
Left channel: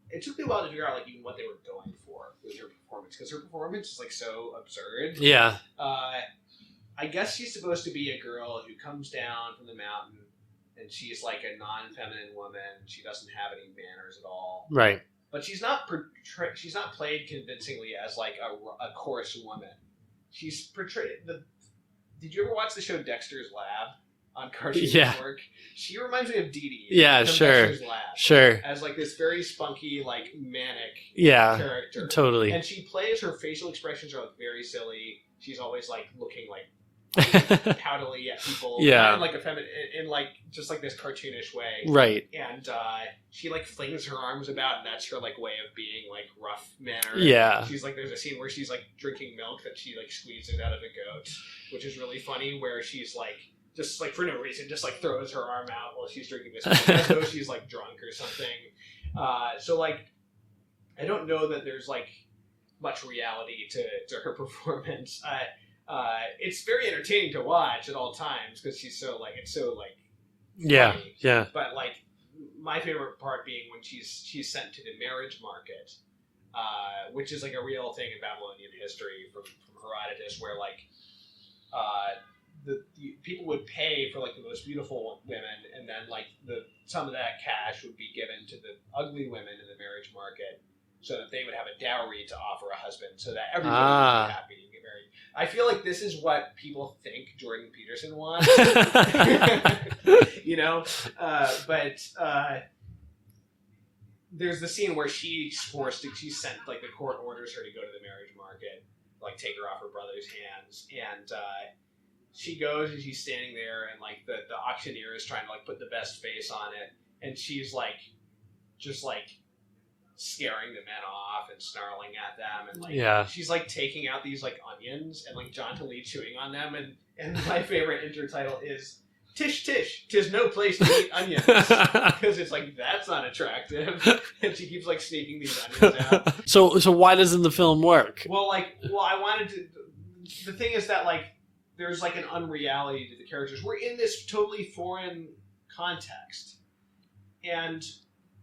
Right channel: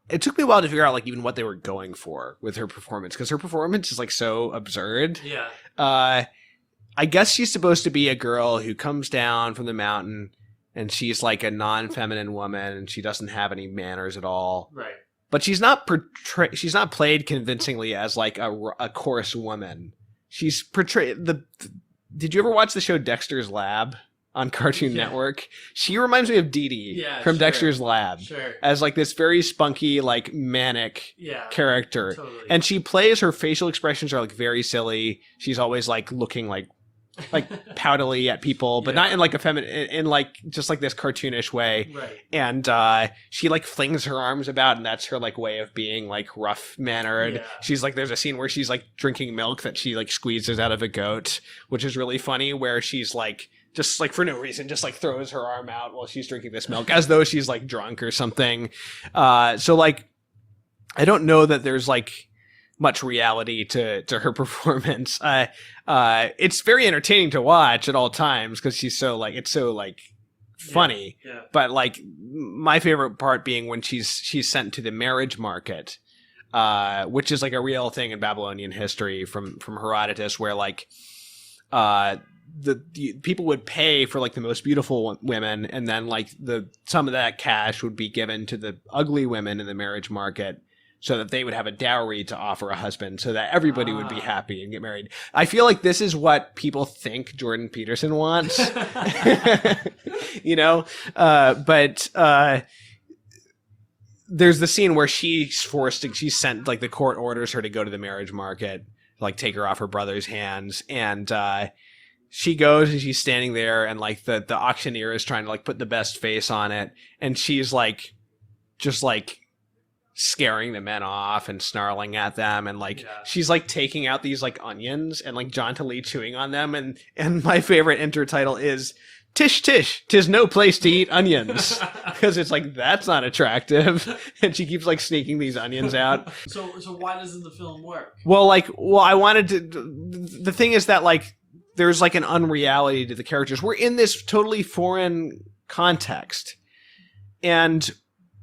it took me a while to figure out like even what they were going for with her performance, because her performance is like so absurd. Yeah. I guess she's supposed to be a girl who comes down from the mountain and she's like a non-feminine woman and she doesn't have any manners at all. Right. But she's not played convincingly as like a coarse woman. She's portrayed did you ever watch the show Dexter's Lab? on Cartoon Network. She reminds me of Dee Dee from sure. Dexter's Lab. Sure. As like this very spunky, like manic character. Totally. And she plays, her facial expressions are like very silly. She's always like looking like poutily at people, but not in like a feminine, in like just like this cartoonish way. Right. And she like flings her arms about, and that's her like way of being like rough mannered. Yeah. She's like, there's a scene where she's like drinking milk that she like squeezes out of a goat, which is really funny, where she's like, just like for no reason, just like throws her arm out while she's drinking this milk as though she's like drunk or something. So like, I don't know that there's like much reality to her performance. It's very entertaining to watch at all times because she's so like, it's so like funny. Yeah. But like my favorite part being when she's sent to the marriage market, which is like a real thing in Babylonian history from Herodotus, where like the people would pay for like the most beautiful women, and then like some of that cash would be given to the ugly women in the marriage market, so that they would have a dowry to offer a husband, so that everybody would be happy and get married. I feel like this is what people think Jordan Peterson wants, you know? But there's the scene where she's sent, like the court orders her to go to the marriage market, like take her off her brother's hands. And she goes and she's standing there, and like the auctioneer is trying to like put the best face on it. And she's like, just like, scaring the men off and snarling at them, and like she's like taking out these like onions and like jauntily chewing on them, and my favorite intertitle is "Tish tish, 'tis no place to eat onions," because it's like, that's not attractive, and she keeps like sneaking these onions out. So why doesn't the film work? Well, I wanted to. The thing is that like there's like an unreality to the characters. We're in this totally foreign context, and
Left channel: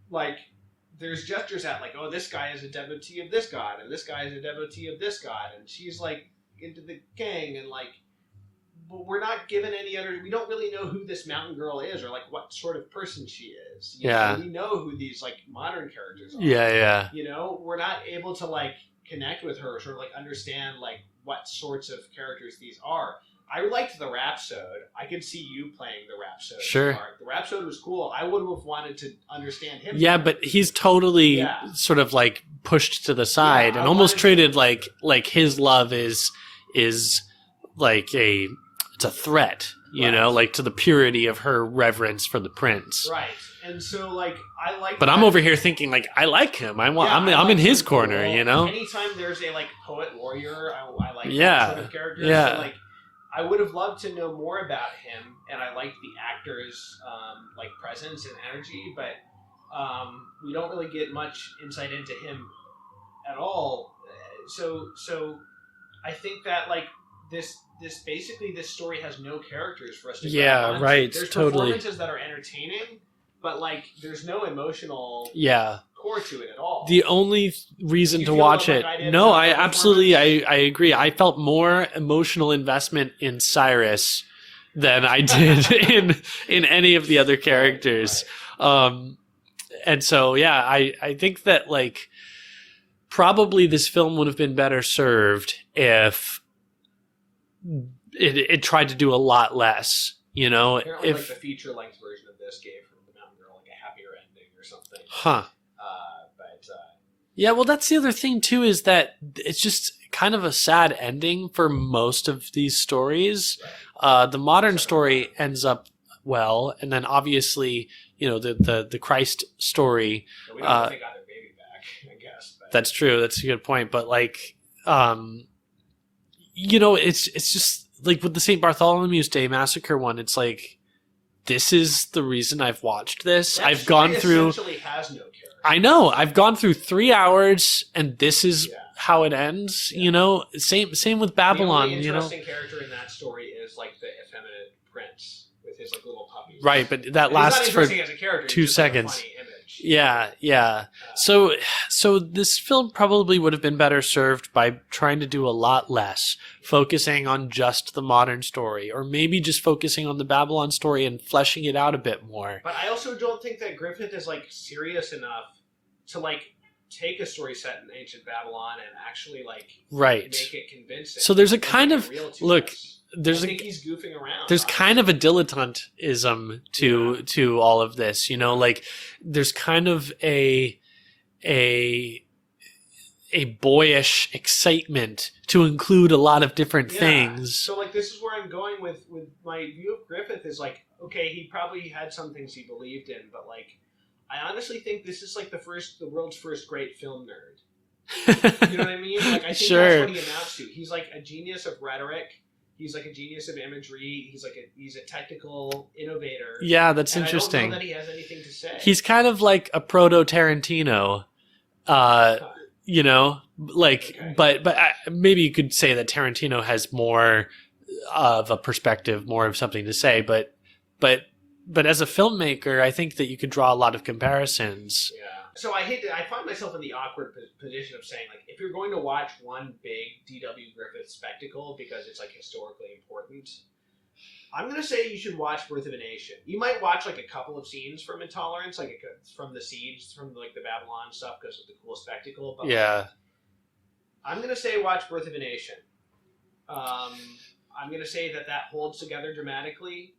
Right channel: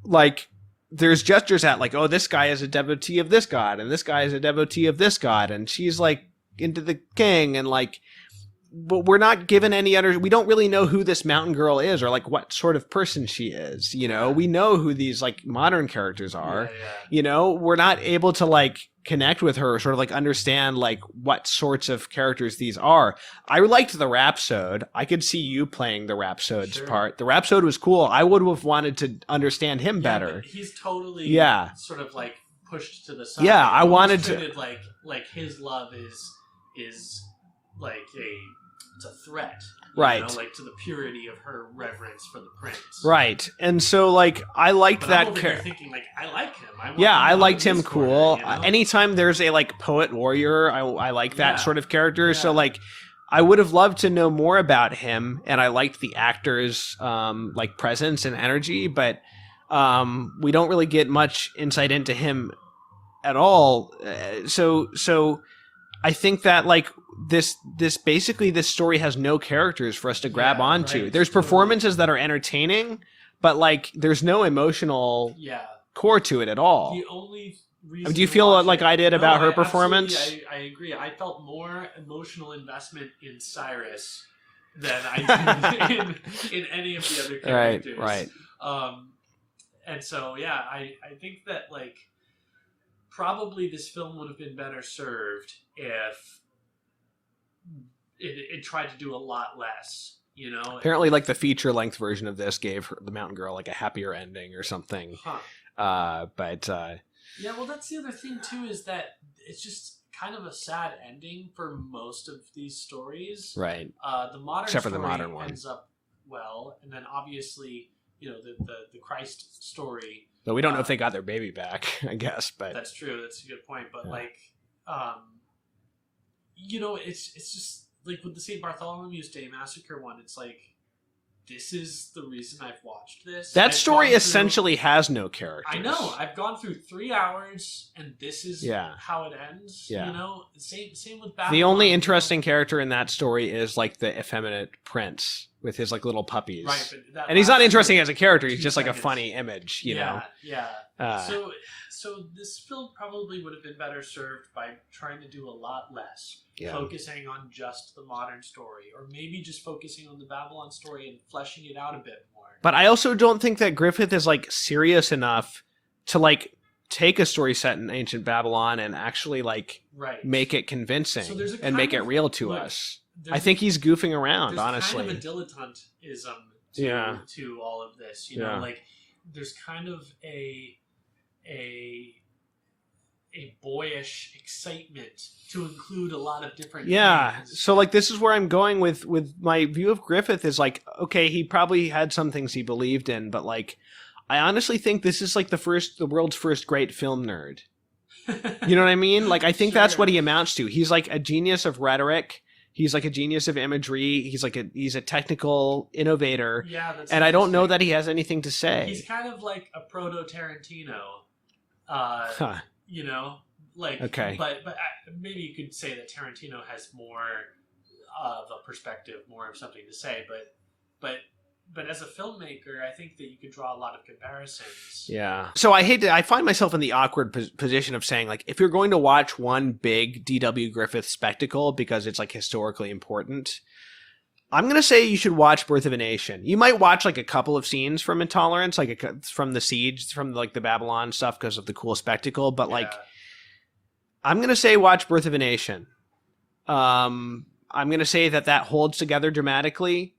like, there's gestures at like, oh, this guy is a devotee of this god, and this guy is a devotee of this god, and she's like into the king, and like, but we're not given any other. We don't really know who this mountain girl is, or like what sort of person she is. You know, we know who these like modern characters are. Yeah. You know, we're not able to like connect with her, or sort of like understand like what sorts of characters these are. I liked the Rhapsode. I could see you playing the Rhapsode's part. The Rhapsode was cool. I would have wanted to understand him better. But he's totally sort of like pushed to the side. Yeah, and almost treated like his love is like it's a threat. You know, like to the purity of her reverence for the prince. Right. And so, like, I like But that I'm over here thinking, like, I like him. I'm like in his corner, cool. you know? Anytime there's a, like, poet warrior, I like that sort of character. Yeah. So, like, I would have loved to know more about him, and I liked the actor's, like, presence and energy, but we don't really get much insight into him at all. So I think that, like, this story has no characters for us to grab onto. Right, there's performances that are entertaining, but like there's no emotional core to it at all. The only reason do you to feel watch like it, I did no, about her I performance? absolutely I agree. I felt more emotional investment in Cyrus than I did in any of the other characters. Right. And so I think that like probably this film would have been better served if it tried to do a lot less, you know. Apparently, like the feature-length version of this gave the mountain girl like a happier ending or something. But well, that's the other thing too, is that it's just kind of a sad ending for most of these stories. Right. The modern Except for story the modern one. ends up well, and then obviously, you know, the Christ story. No, we don't know if they got their baby back, I guess. But that's true. That's a good point. But like, you know, it's just like with the St. Bartholomew's Day Massacre one, it's like, this is the reason I've watched this. That story essentially has no character. I know. I've gone through 3 hours, and this is how it ends. Yeah. You know, same with Babylon. The only interesting character in that story is like the effeminate prince with his like little puppies. Right, but he's not interesting as a character. He's just 2 seconds. like a funny image. Yeah. So this film probably would have been better served by trying to do a lot less, focusing on just the modern story, or maybe just focusing on the Babylon story and fleshing it out a bit more. But I also don't think that Griffith is like serious enough to like take a story set in ancient Babylon and actually like make it convincing. So there's a kind make of it real to us. I think he's goofing around. There's honestly. kind of a dilettantism to all of this, you know, like there's kind of a boyish excitement to include a lot of different things. So like this is where I'm going with my view of Griffith is like, okay, he probably had some things he believed in, but like I honestly think this is like the world's first great film nerd. You know what I mean? Like I think that's what he amounts to. He's like a genius of rhetoric. He's like a genius of imagery. He's a technical innovator. Yeah, that's and interesting. I don't know that he has anything to say. He's kind of like a proto Tarantino. You know, like, but maybe you could say that Tarantino has more of a perspective, more of something to say, but as a filmmaker, I think that you could draw a lot of comparisons. Yeah. So I find myself in the awkward position of saying, like, if you're going to watch one big D.W. Griffith spectacle because it's like historically important, I'm going to say you should watch Birth of a Nation. You might watch like a couple of scenes from Intolerance, like from the siege, from like the Babylon stuff because of the cool spectacle. But like, I'm going to say watch Birth of a Nation. I'm going to say that holds together dramatically.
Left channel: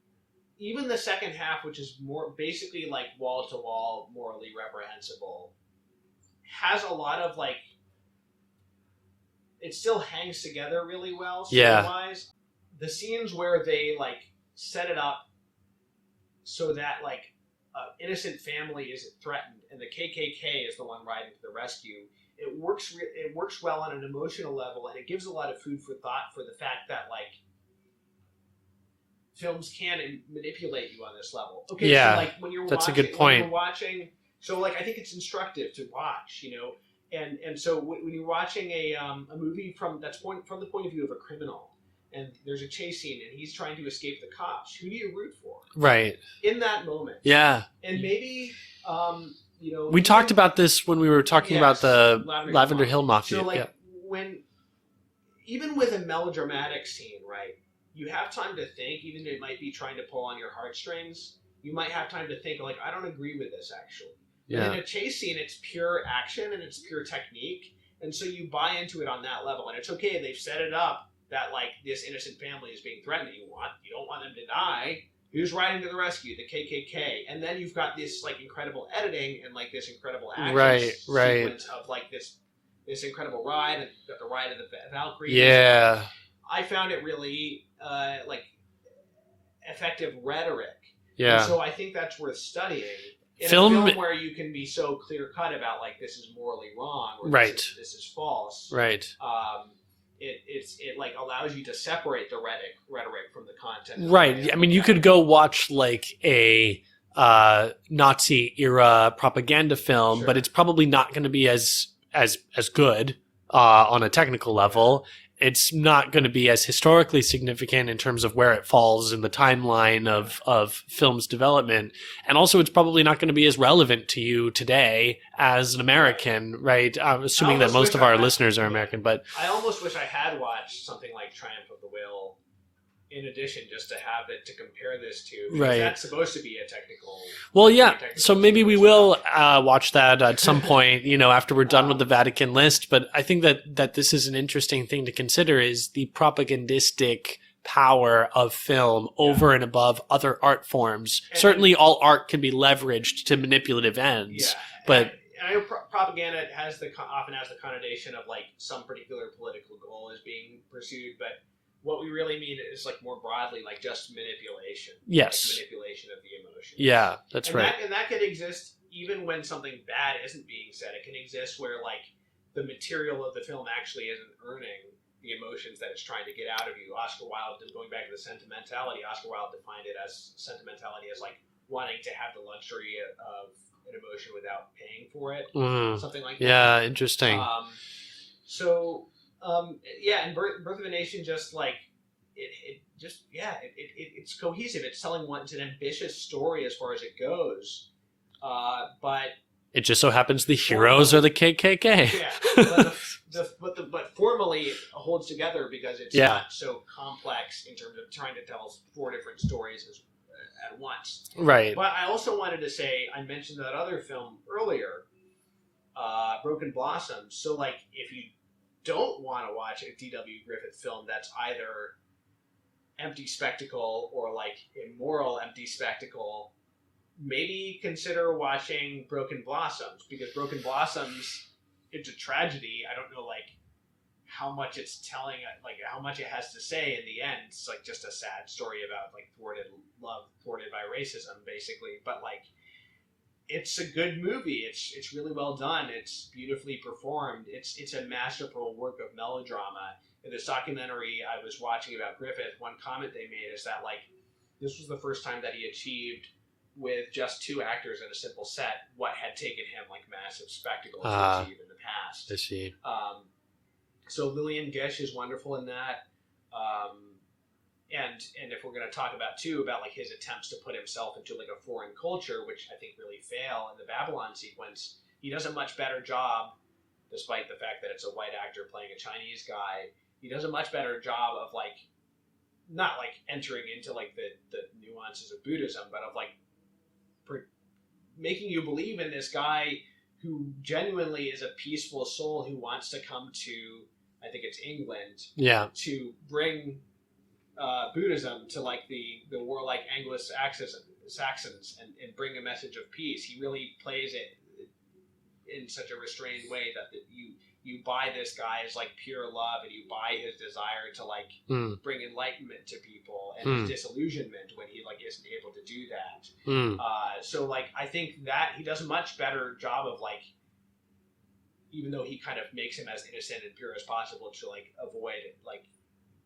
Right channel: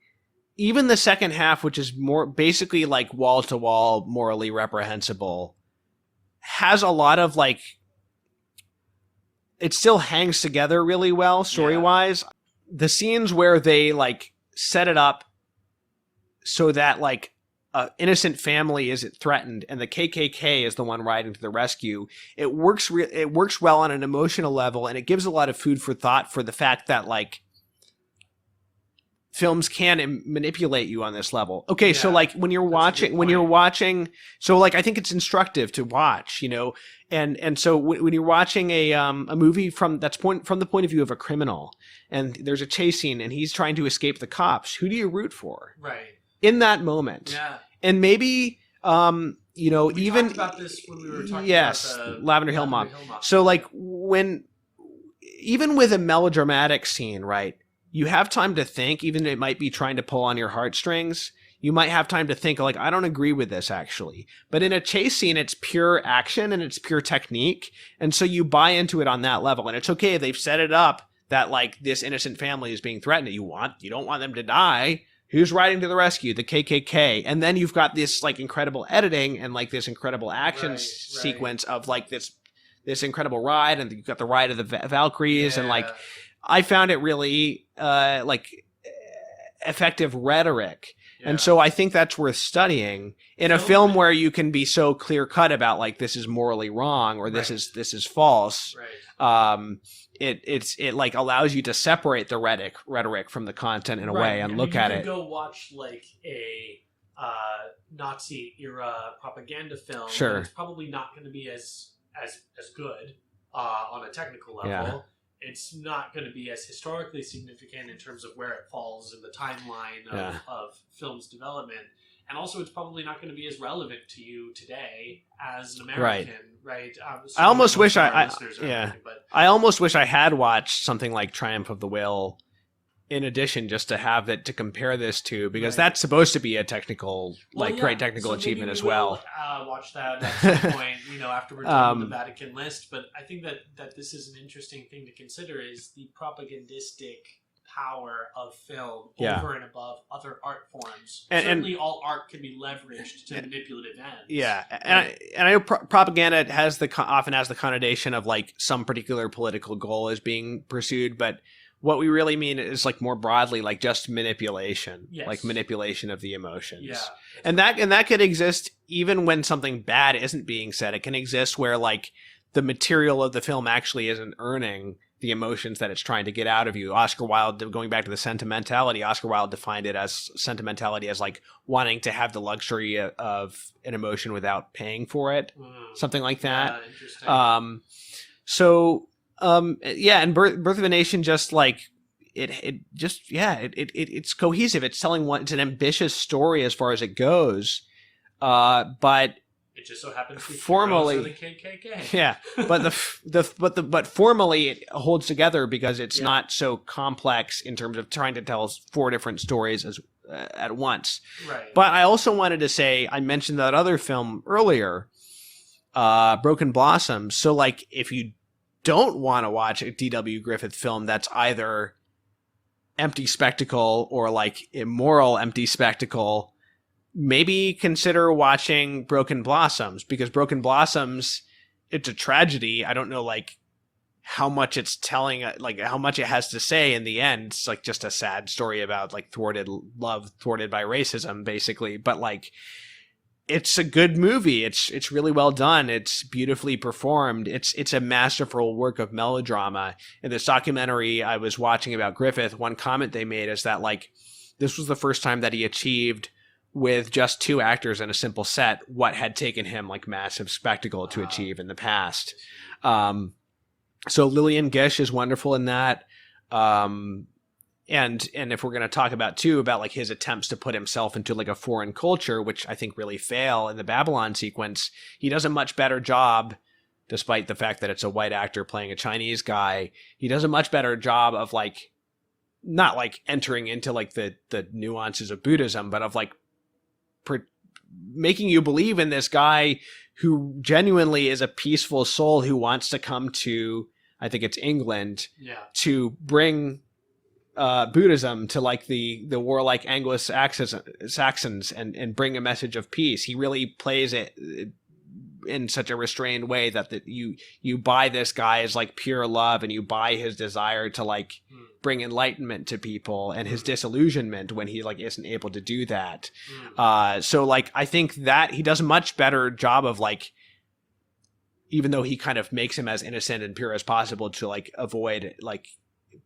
Even the second half, which is more basically like wall to wall, morally reprehensible, has a lot of like, it still hangs together really well story wise. The scenes where they like set it up so that like an innocent family is threatened and the KKK is the one riding to the rescue, it works well on an emotional level, and it gives a lot of food for thought for the fact that like films can manipulate you on this level. Okay, so like when you're watching, so like I think it's instructive to watch, you know, and so when you're watching a movie from the point of view of a criminal, and there's a chase scene and he's trying to escape the cops, who do you root for? Right. In that moment. Yeah. And maybe, you know, we talked about this when we were talking about the Lavender Hill Mafia. So like even with a melodramatic scene, right, you have time to think, even if it might be trying to pull on your heartstrings. You might have time to think like, I don't agree with this actually. But in a chase scene, it's pure action and it's pure technique. And so you buy into it on that level. And it's okay if they've set it up that like this innocent family is being threatened. You don't want them to die. Who's riding to the rescue? The KKK. And then you've got this like incredible editing and like this incredible action sequence of like this incredible ride, and you've got the ride of the Valkyries. And, like, I found it really like effective rhetoric. Yeah. And so I think that's worth studying in a film where you can be so clear cut about like this is morally wrong or this is false. Right. It like allows you to separate the rhetoric from the content in a way. I mean, you could go watch like a Nazi era propaganda film, but it's probably not going to be as good on a technical level. Yeah. It's not going to be as historically significant in terms of where it falls in the timeline of film's development. And also it's probably not going to be as relevant to you today as an American, right? Assuming that most of our listeners are American. But I almost wish I had watched something like Triumph of the Will in addition, just to have it to compare this to, because that's supposed to be a technical. Well, so maybe we will watch that at some point, you know, after we're done with the Vatican list. But I think that this is an interesting thing to consider, is the propagandistic power of film over and above other art forms. Certainly all art can be leveraged to manipulative ends. Yeah. But, and I know propaganda often has the connotation of like some particular political goal is being pursued, but what we really mean is like more broadly, like just manipulation, like manipulation of the emotions. Yeah, that's and right. that could exist even when something bad isn't being said. It can exist where like the material of the film actually isn't earning the emotions that it's trying to get out of you. Oscar Wilde, going back to the Sentimentality, Oscar Wilde defined it as sentimentality as like wanting to have the luxury of an emotion without paying for it, something like that. Yeah, interesting. And Birth of a Nation, just like it's cohesive. It's telling it's an ambitious story as far as it goes, but it just so happens the heroes are the KKK. Yeah, but formally it holds together because it's not so complex in terms of trying to tell 4 different stories at once. Right. But I also wanted to say, I mentioned that other film earlier. Broken Blossoms. So like if you don't want to watch a D.W. Griffith film that's either empty spectacle or like immoral empty spectacle, maybe consider watching Broken Blossoms, because Broken Blossoms, it's a tragedy. I don't know like how much it's telling, like how much it has to say in the end. It's like just a sad story about like thwarted love, thwarted by racism, basically. But like, it's a good movie. It's really well done. It's beautifully performed. It's a masterful work of melodrama. In this documentary I was watching about Griffith, one comment they made is that like this was the first time that he achieved, with just 2 actors and a simple set, what had taken him like massive spectacle to achieve in the past. So Lillian Gish is wonderful in that. And if we're going to talk about too, about like his attempts to put himself into like a foreign culture, which I think really fail in the Babylon sequence, he does a much better job, despite the fact that it's a white actor playing a Chinese guy. He does a much better job of like, not like entering into like the nuances of Buddhism, but of like making you believe in this guy who genuinely is a peaceful soul who wants to come to, I think it's England, to bring Buddhism to like the warlike Anglo-Saxons and bring a message of peace. He really plays it in such a restrained way that you buy this guy as like pure love, and you buy his desire to like bring enlightenment to people, and his disillusionment when he like isn't able to do that. So like I think that he does a much better job of like, even though he kind of makes him as innocent and pure as possible to like avoid like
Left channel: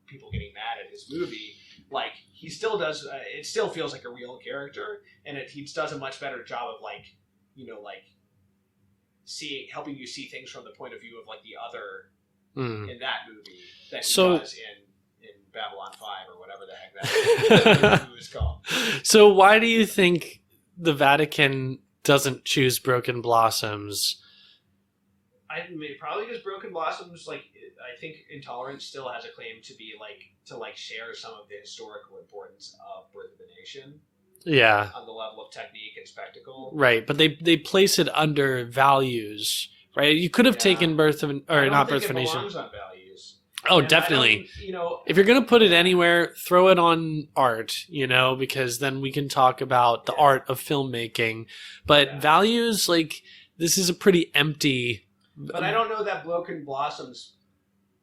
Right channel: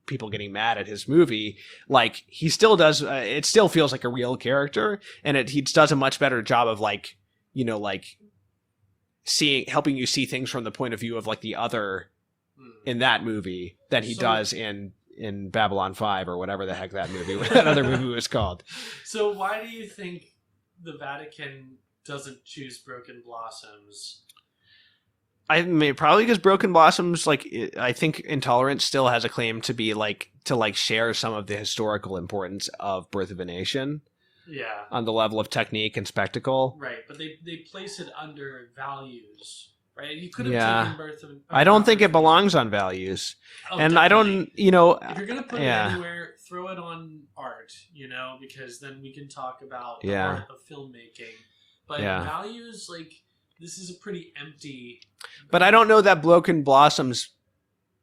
people getting mad at his movie, like he still does, it still feels like a real character, and he does a much better job of like, you know, like helping you see things from the point of view of like the other in that movie than he does in Babylon 5 or whatever the heck that other movie was called. So why do you think the Vatican doesn't choose Broken Blossoms? I mean, probably because Broken Blossoms, like, I think Intolerance still has a claim to be like, to like share some of the historical importance of Birth of a Nation. Yeah. On the level of technique and spectacle. Right. But they place it under values, right? You could have taken Birth of... I don't think it belongs on values. Oh, and definitely. I don't, you know... If you're going to put it anywhere, throw it on art, you know, because then we can talk about the art of filmmaking. But values, like, this is a pretty empty... But I don't know that Broken Blossoms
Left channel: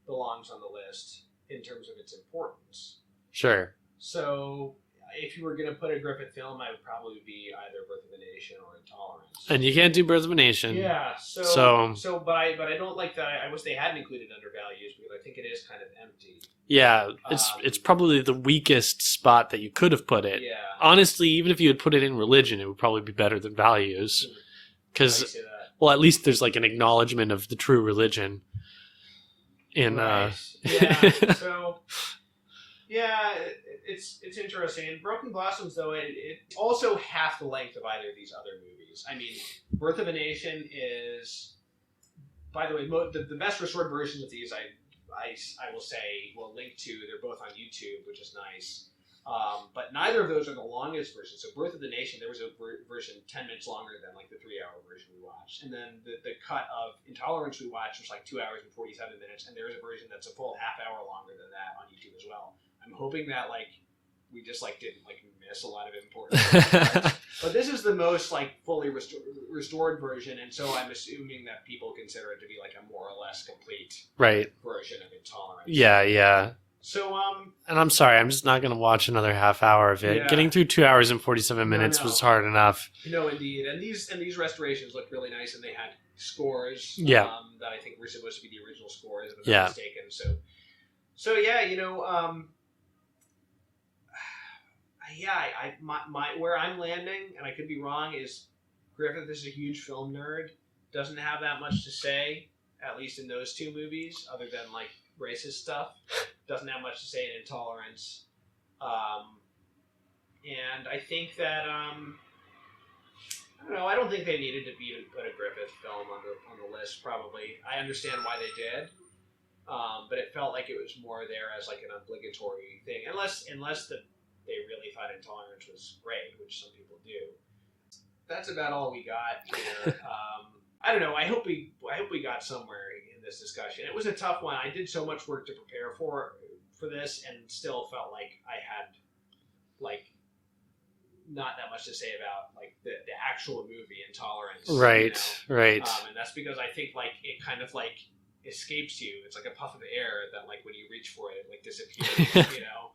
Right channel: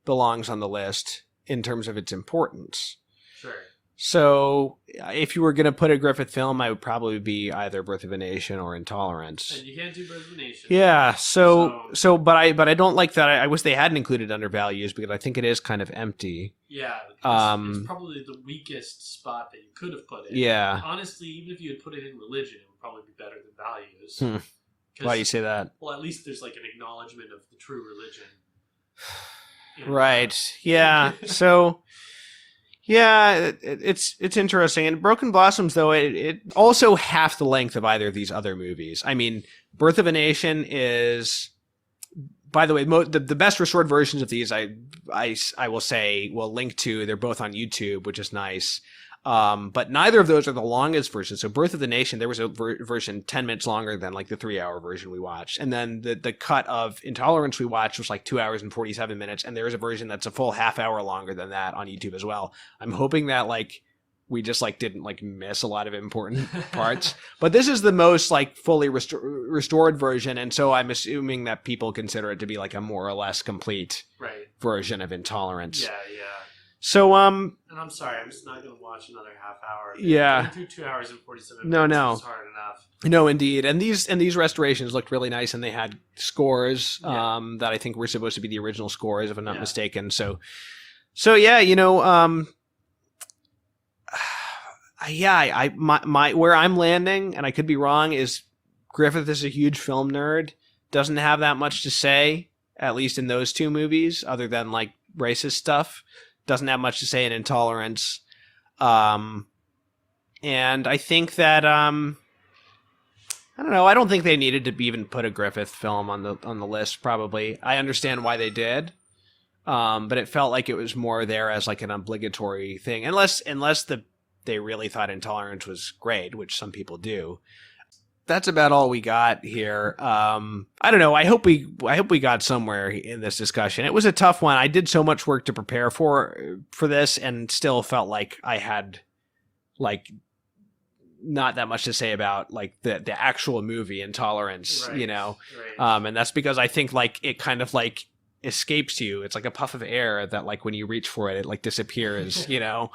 belongs on the list in terms of its importance. Sure. So if you were going to put a Griffith film, I would probably be either Birth of a Nation or Intolerance. And you can't do Birth of a Nation. Yeah. But I don't like that. I wish they hadn't included under values, because I think it is kind of empty. Yeah. It's probably the weakest spot that you could have put it. Yeah. Honestly, even if you had put it in religion, it would probably be better than values. Why do you say that? Well, at least there's like an acknowledgement of the true religion. Right. Yeah. So... Yeah, it's interesting. And Broken Blossoms, though, it also half the length of either of these other movies. I mean, Birth of a Nation is, by the way, the best restored versions of these, I will say, will link to. They're both on YouTube, which is nice. But neither of those are the longest versions. So Birth of the Nation, there was a version 10 minutes longer than like the 3-hour version we watched. And then the cut of Intolerance we watched was like 2 hours and 47 minutes. And there is a version that's a full half hour longer than that on YouTube as well. I'm hoping that like we just like didn't like miss a lot of important parts. But this is the most like fully restored version. And so I'm assuming that people consider it to be like a more or less complete version of Intolerance. Yeah, yeah. So, and I'm sorry, I'm just not going to watch another half hour of it. Yeah. Getting through 2 hours and 47 minutes was hard enough. No, indeed. And these restorations looked really nice, and they had scores that I think were supposed to be the original scores, if I'm not mistaken. So yeah, you know, my where I'm landing, and I could be wrong, is Griffith is a huge film nerd, doesn't have that much to say, at least in those 2 movies, other than like racist stuff. Doesn't have much to say in Intolerance. And I think that I don't know, I don't think they needed to even put a Griffith film on the list, probably. I understand why they did. But it felt like it was more there as like an obligatory thing. Unless they really thought Intolerance was great, which some people do. that's about all we got here. I don't know. I hope we got somewhere in this discussion. It was a tough one. I did so much work to prepare for this, and still felt like I had like not that much to say about like the actual movie Intolerance, right? You know, right. And that's because I think like it kind of like escapes you. It's like a puff of air that like when you reach for it, it like disappears. You know.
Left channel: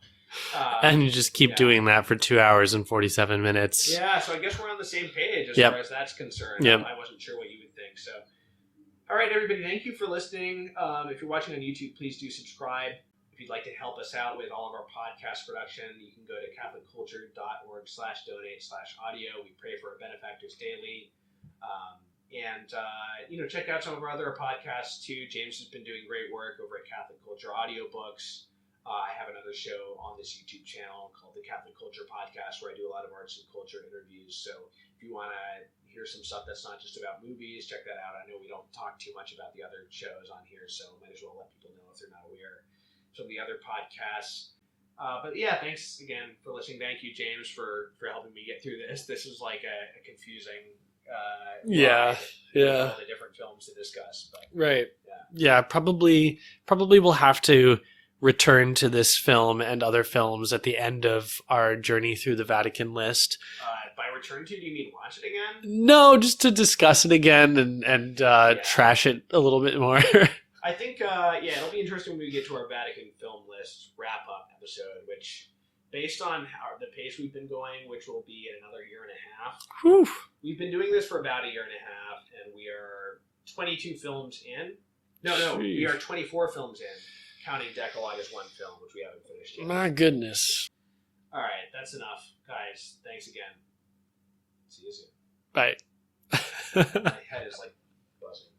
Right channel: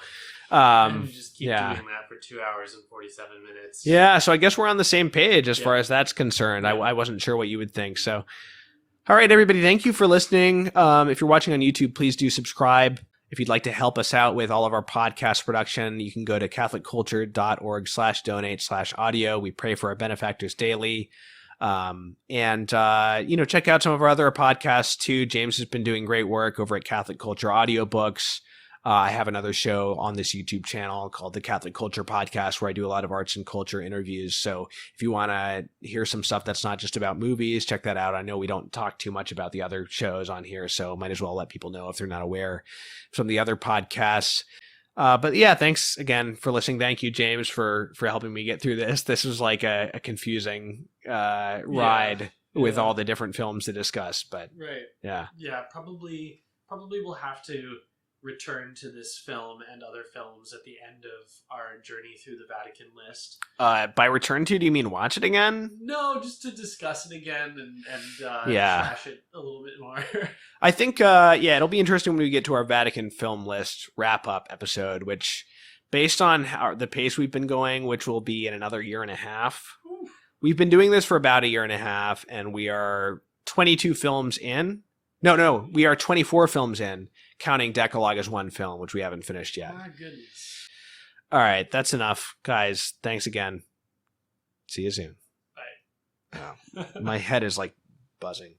And you just keep doing that for 2 hours and 47 minutes. Yeah, so I guess we're on the same page as far as that's concerned. Yep. I wasn't sure what you would think. So, all right, everybody, thank you for listening. If you're watching on YouTube, please do subscribe. If you'd like to help us out with all of our podcast production, you can go to catholicculture.org/donate/audio. We pray for our benefactors daily. Check out some of our other podcasts too. James has been doing great work over at Catholic Culture Audiobooks. I have another show on this YouTube channel called the Catholic Culture Podcast, where I do a lot of arts and culture interviews. So if you want to hear some stuff that's not just about movies, check that out. I know we don't talk too much about the other shows on here, so might as well let people know if they're not aware of some of the other podcasts. But yeah, thanks again for listening. Thank you, James, for helping me get through this. This was like a confusing ride with all the different films to discuss. But yeah, probably we'll have to return to this film and other films at the end of our journey through the Vatican list. By return to, do you mean watch it again? No, just to discuss it again and trash it a little bit more. I think, it'll be interesting when we get to our Vatican film list wrap-up episode, which, based on the pace we've been going, which will be in another year and a half. Whew. We've been doing this for about a year and a half, and we are 22 films in. No, we are 24 films in, counting Decalogue as one film, which we haven't finished yet. My goodness. All right, that's enough. Guys, thanks again. See you soon. Bye. My head is like buzzing.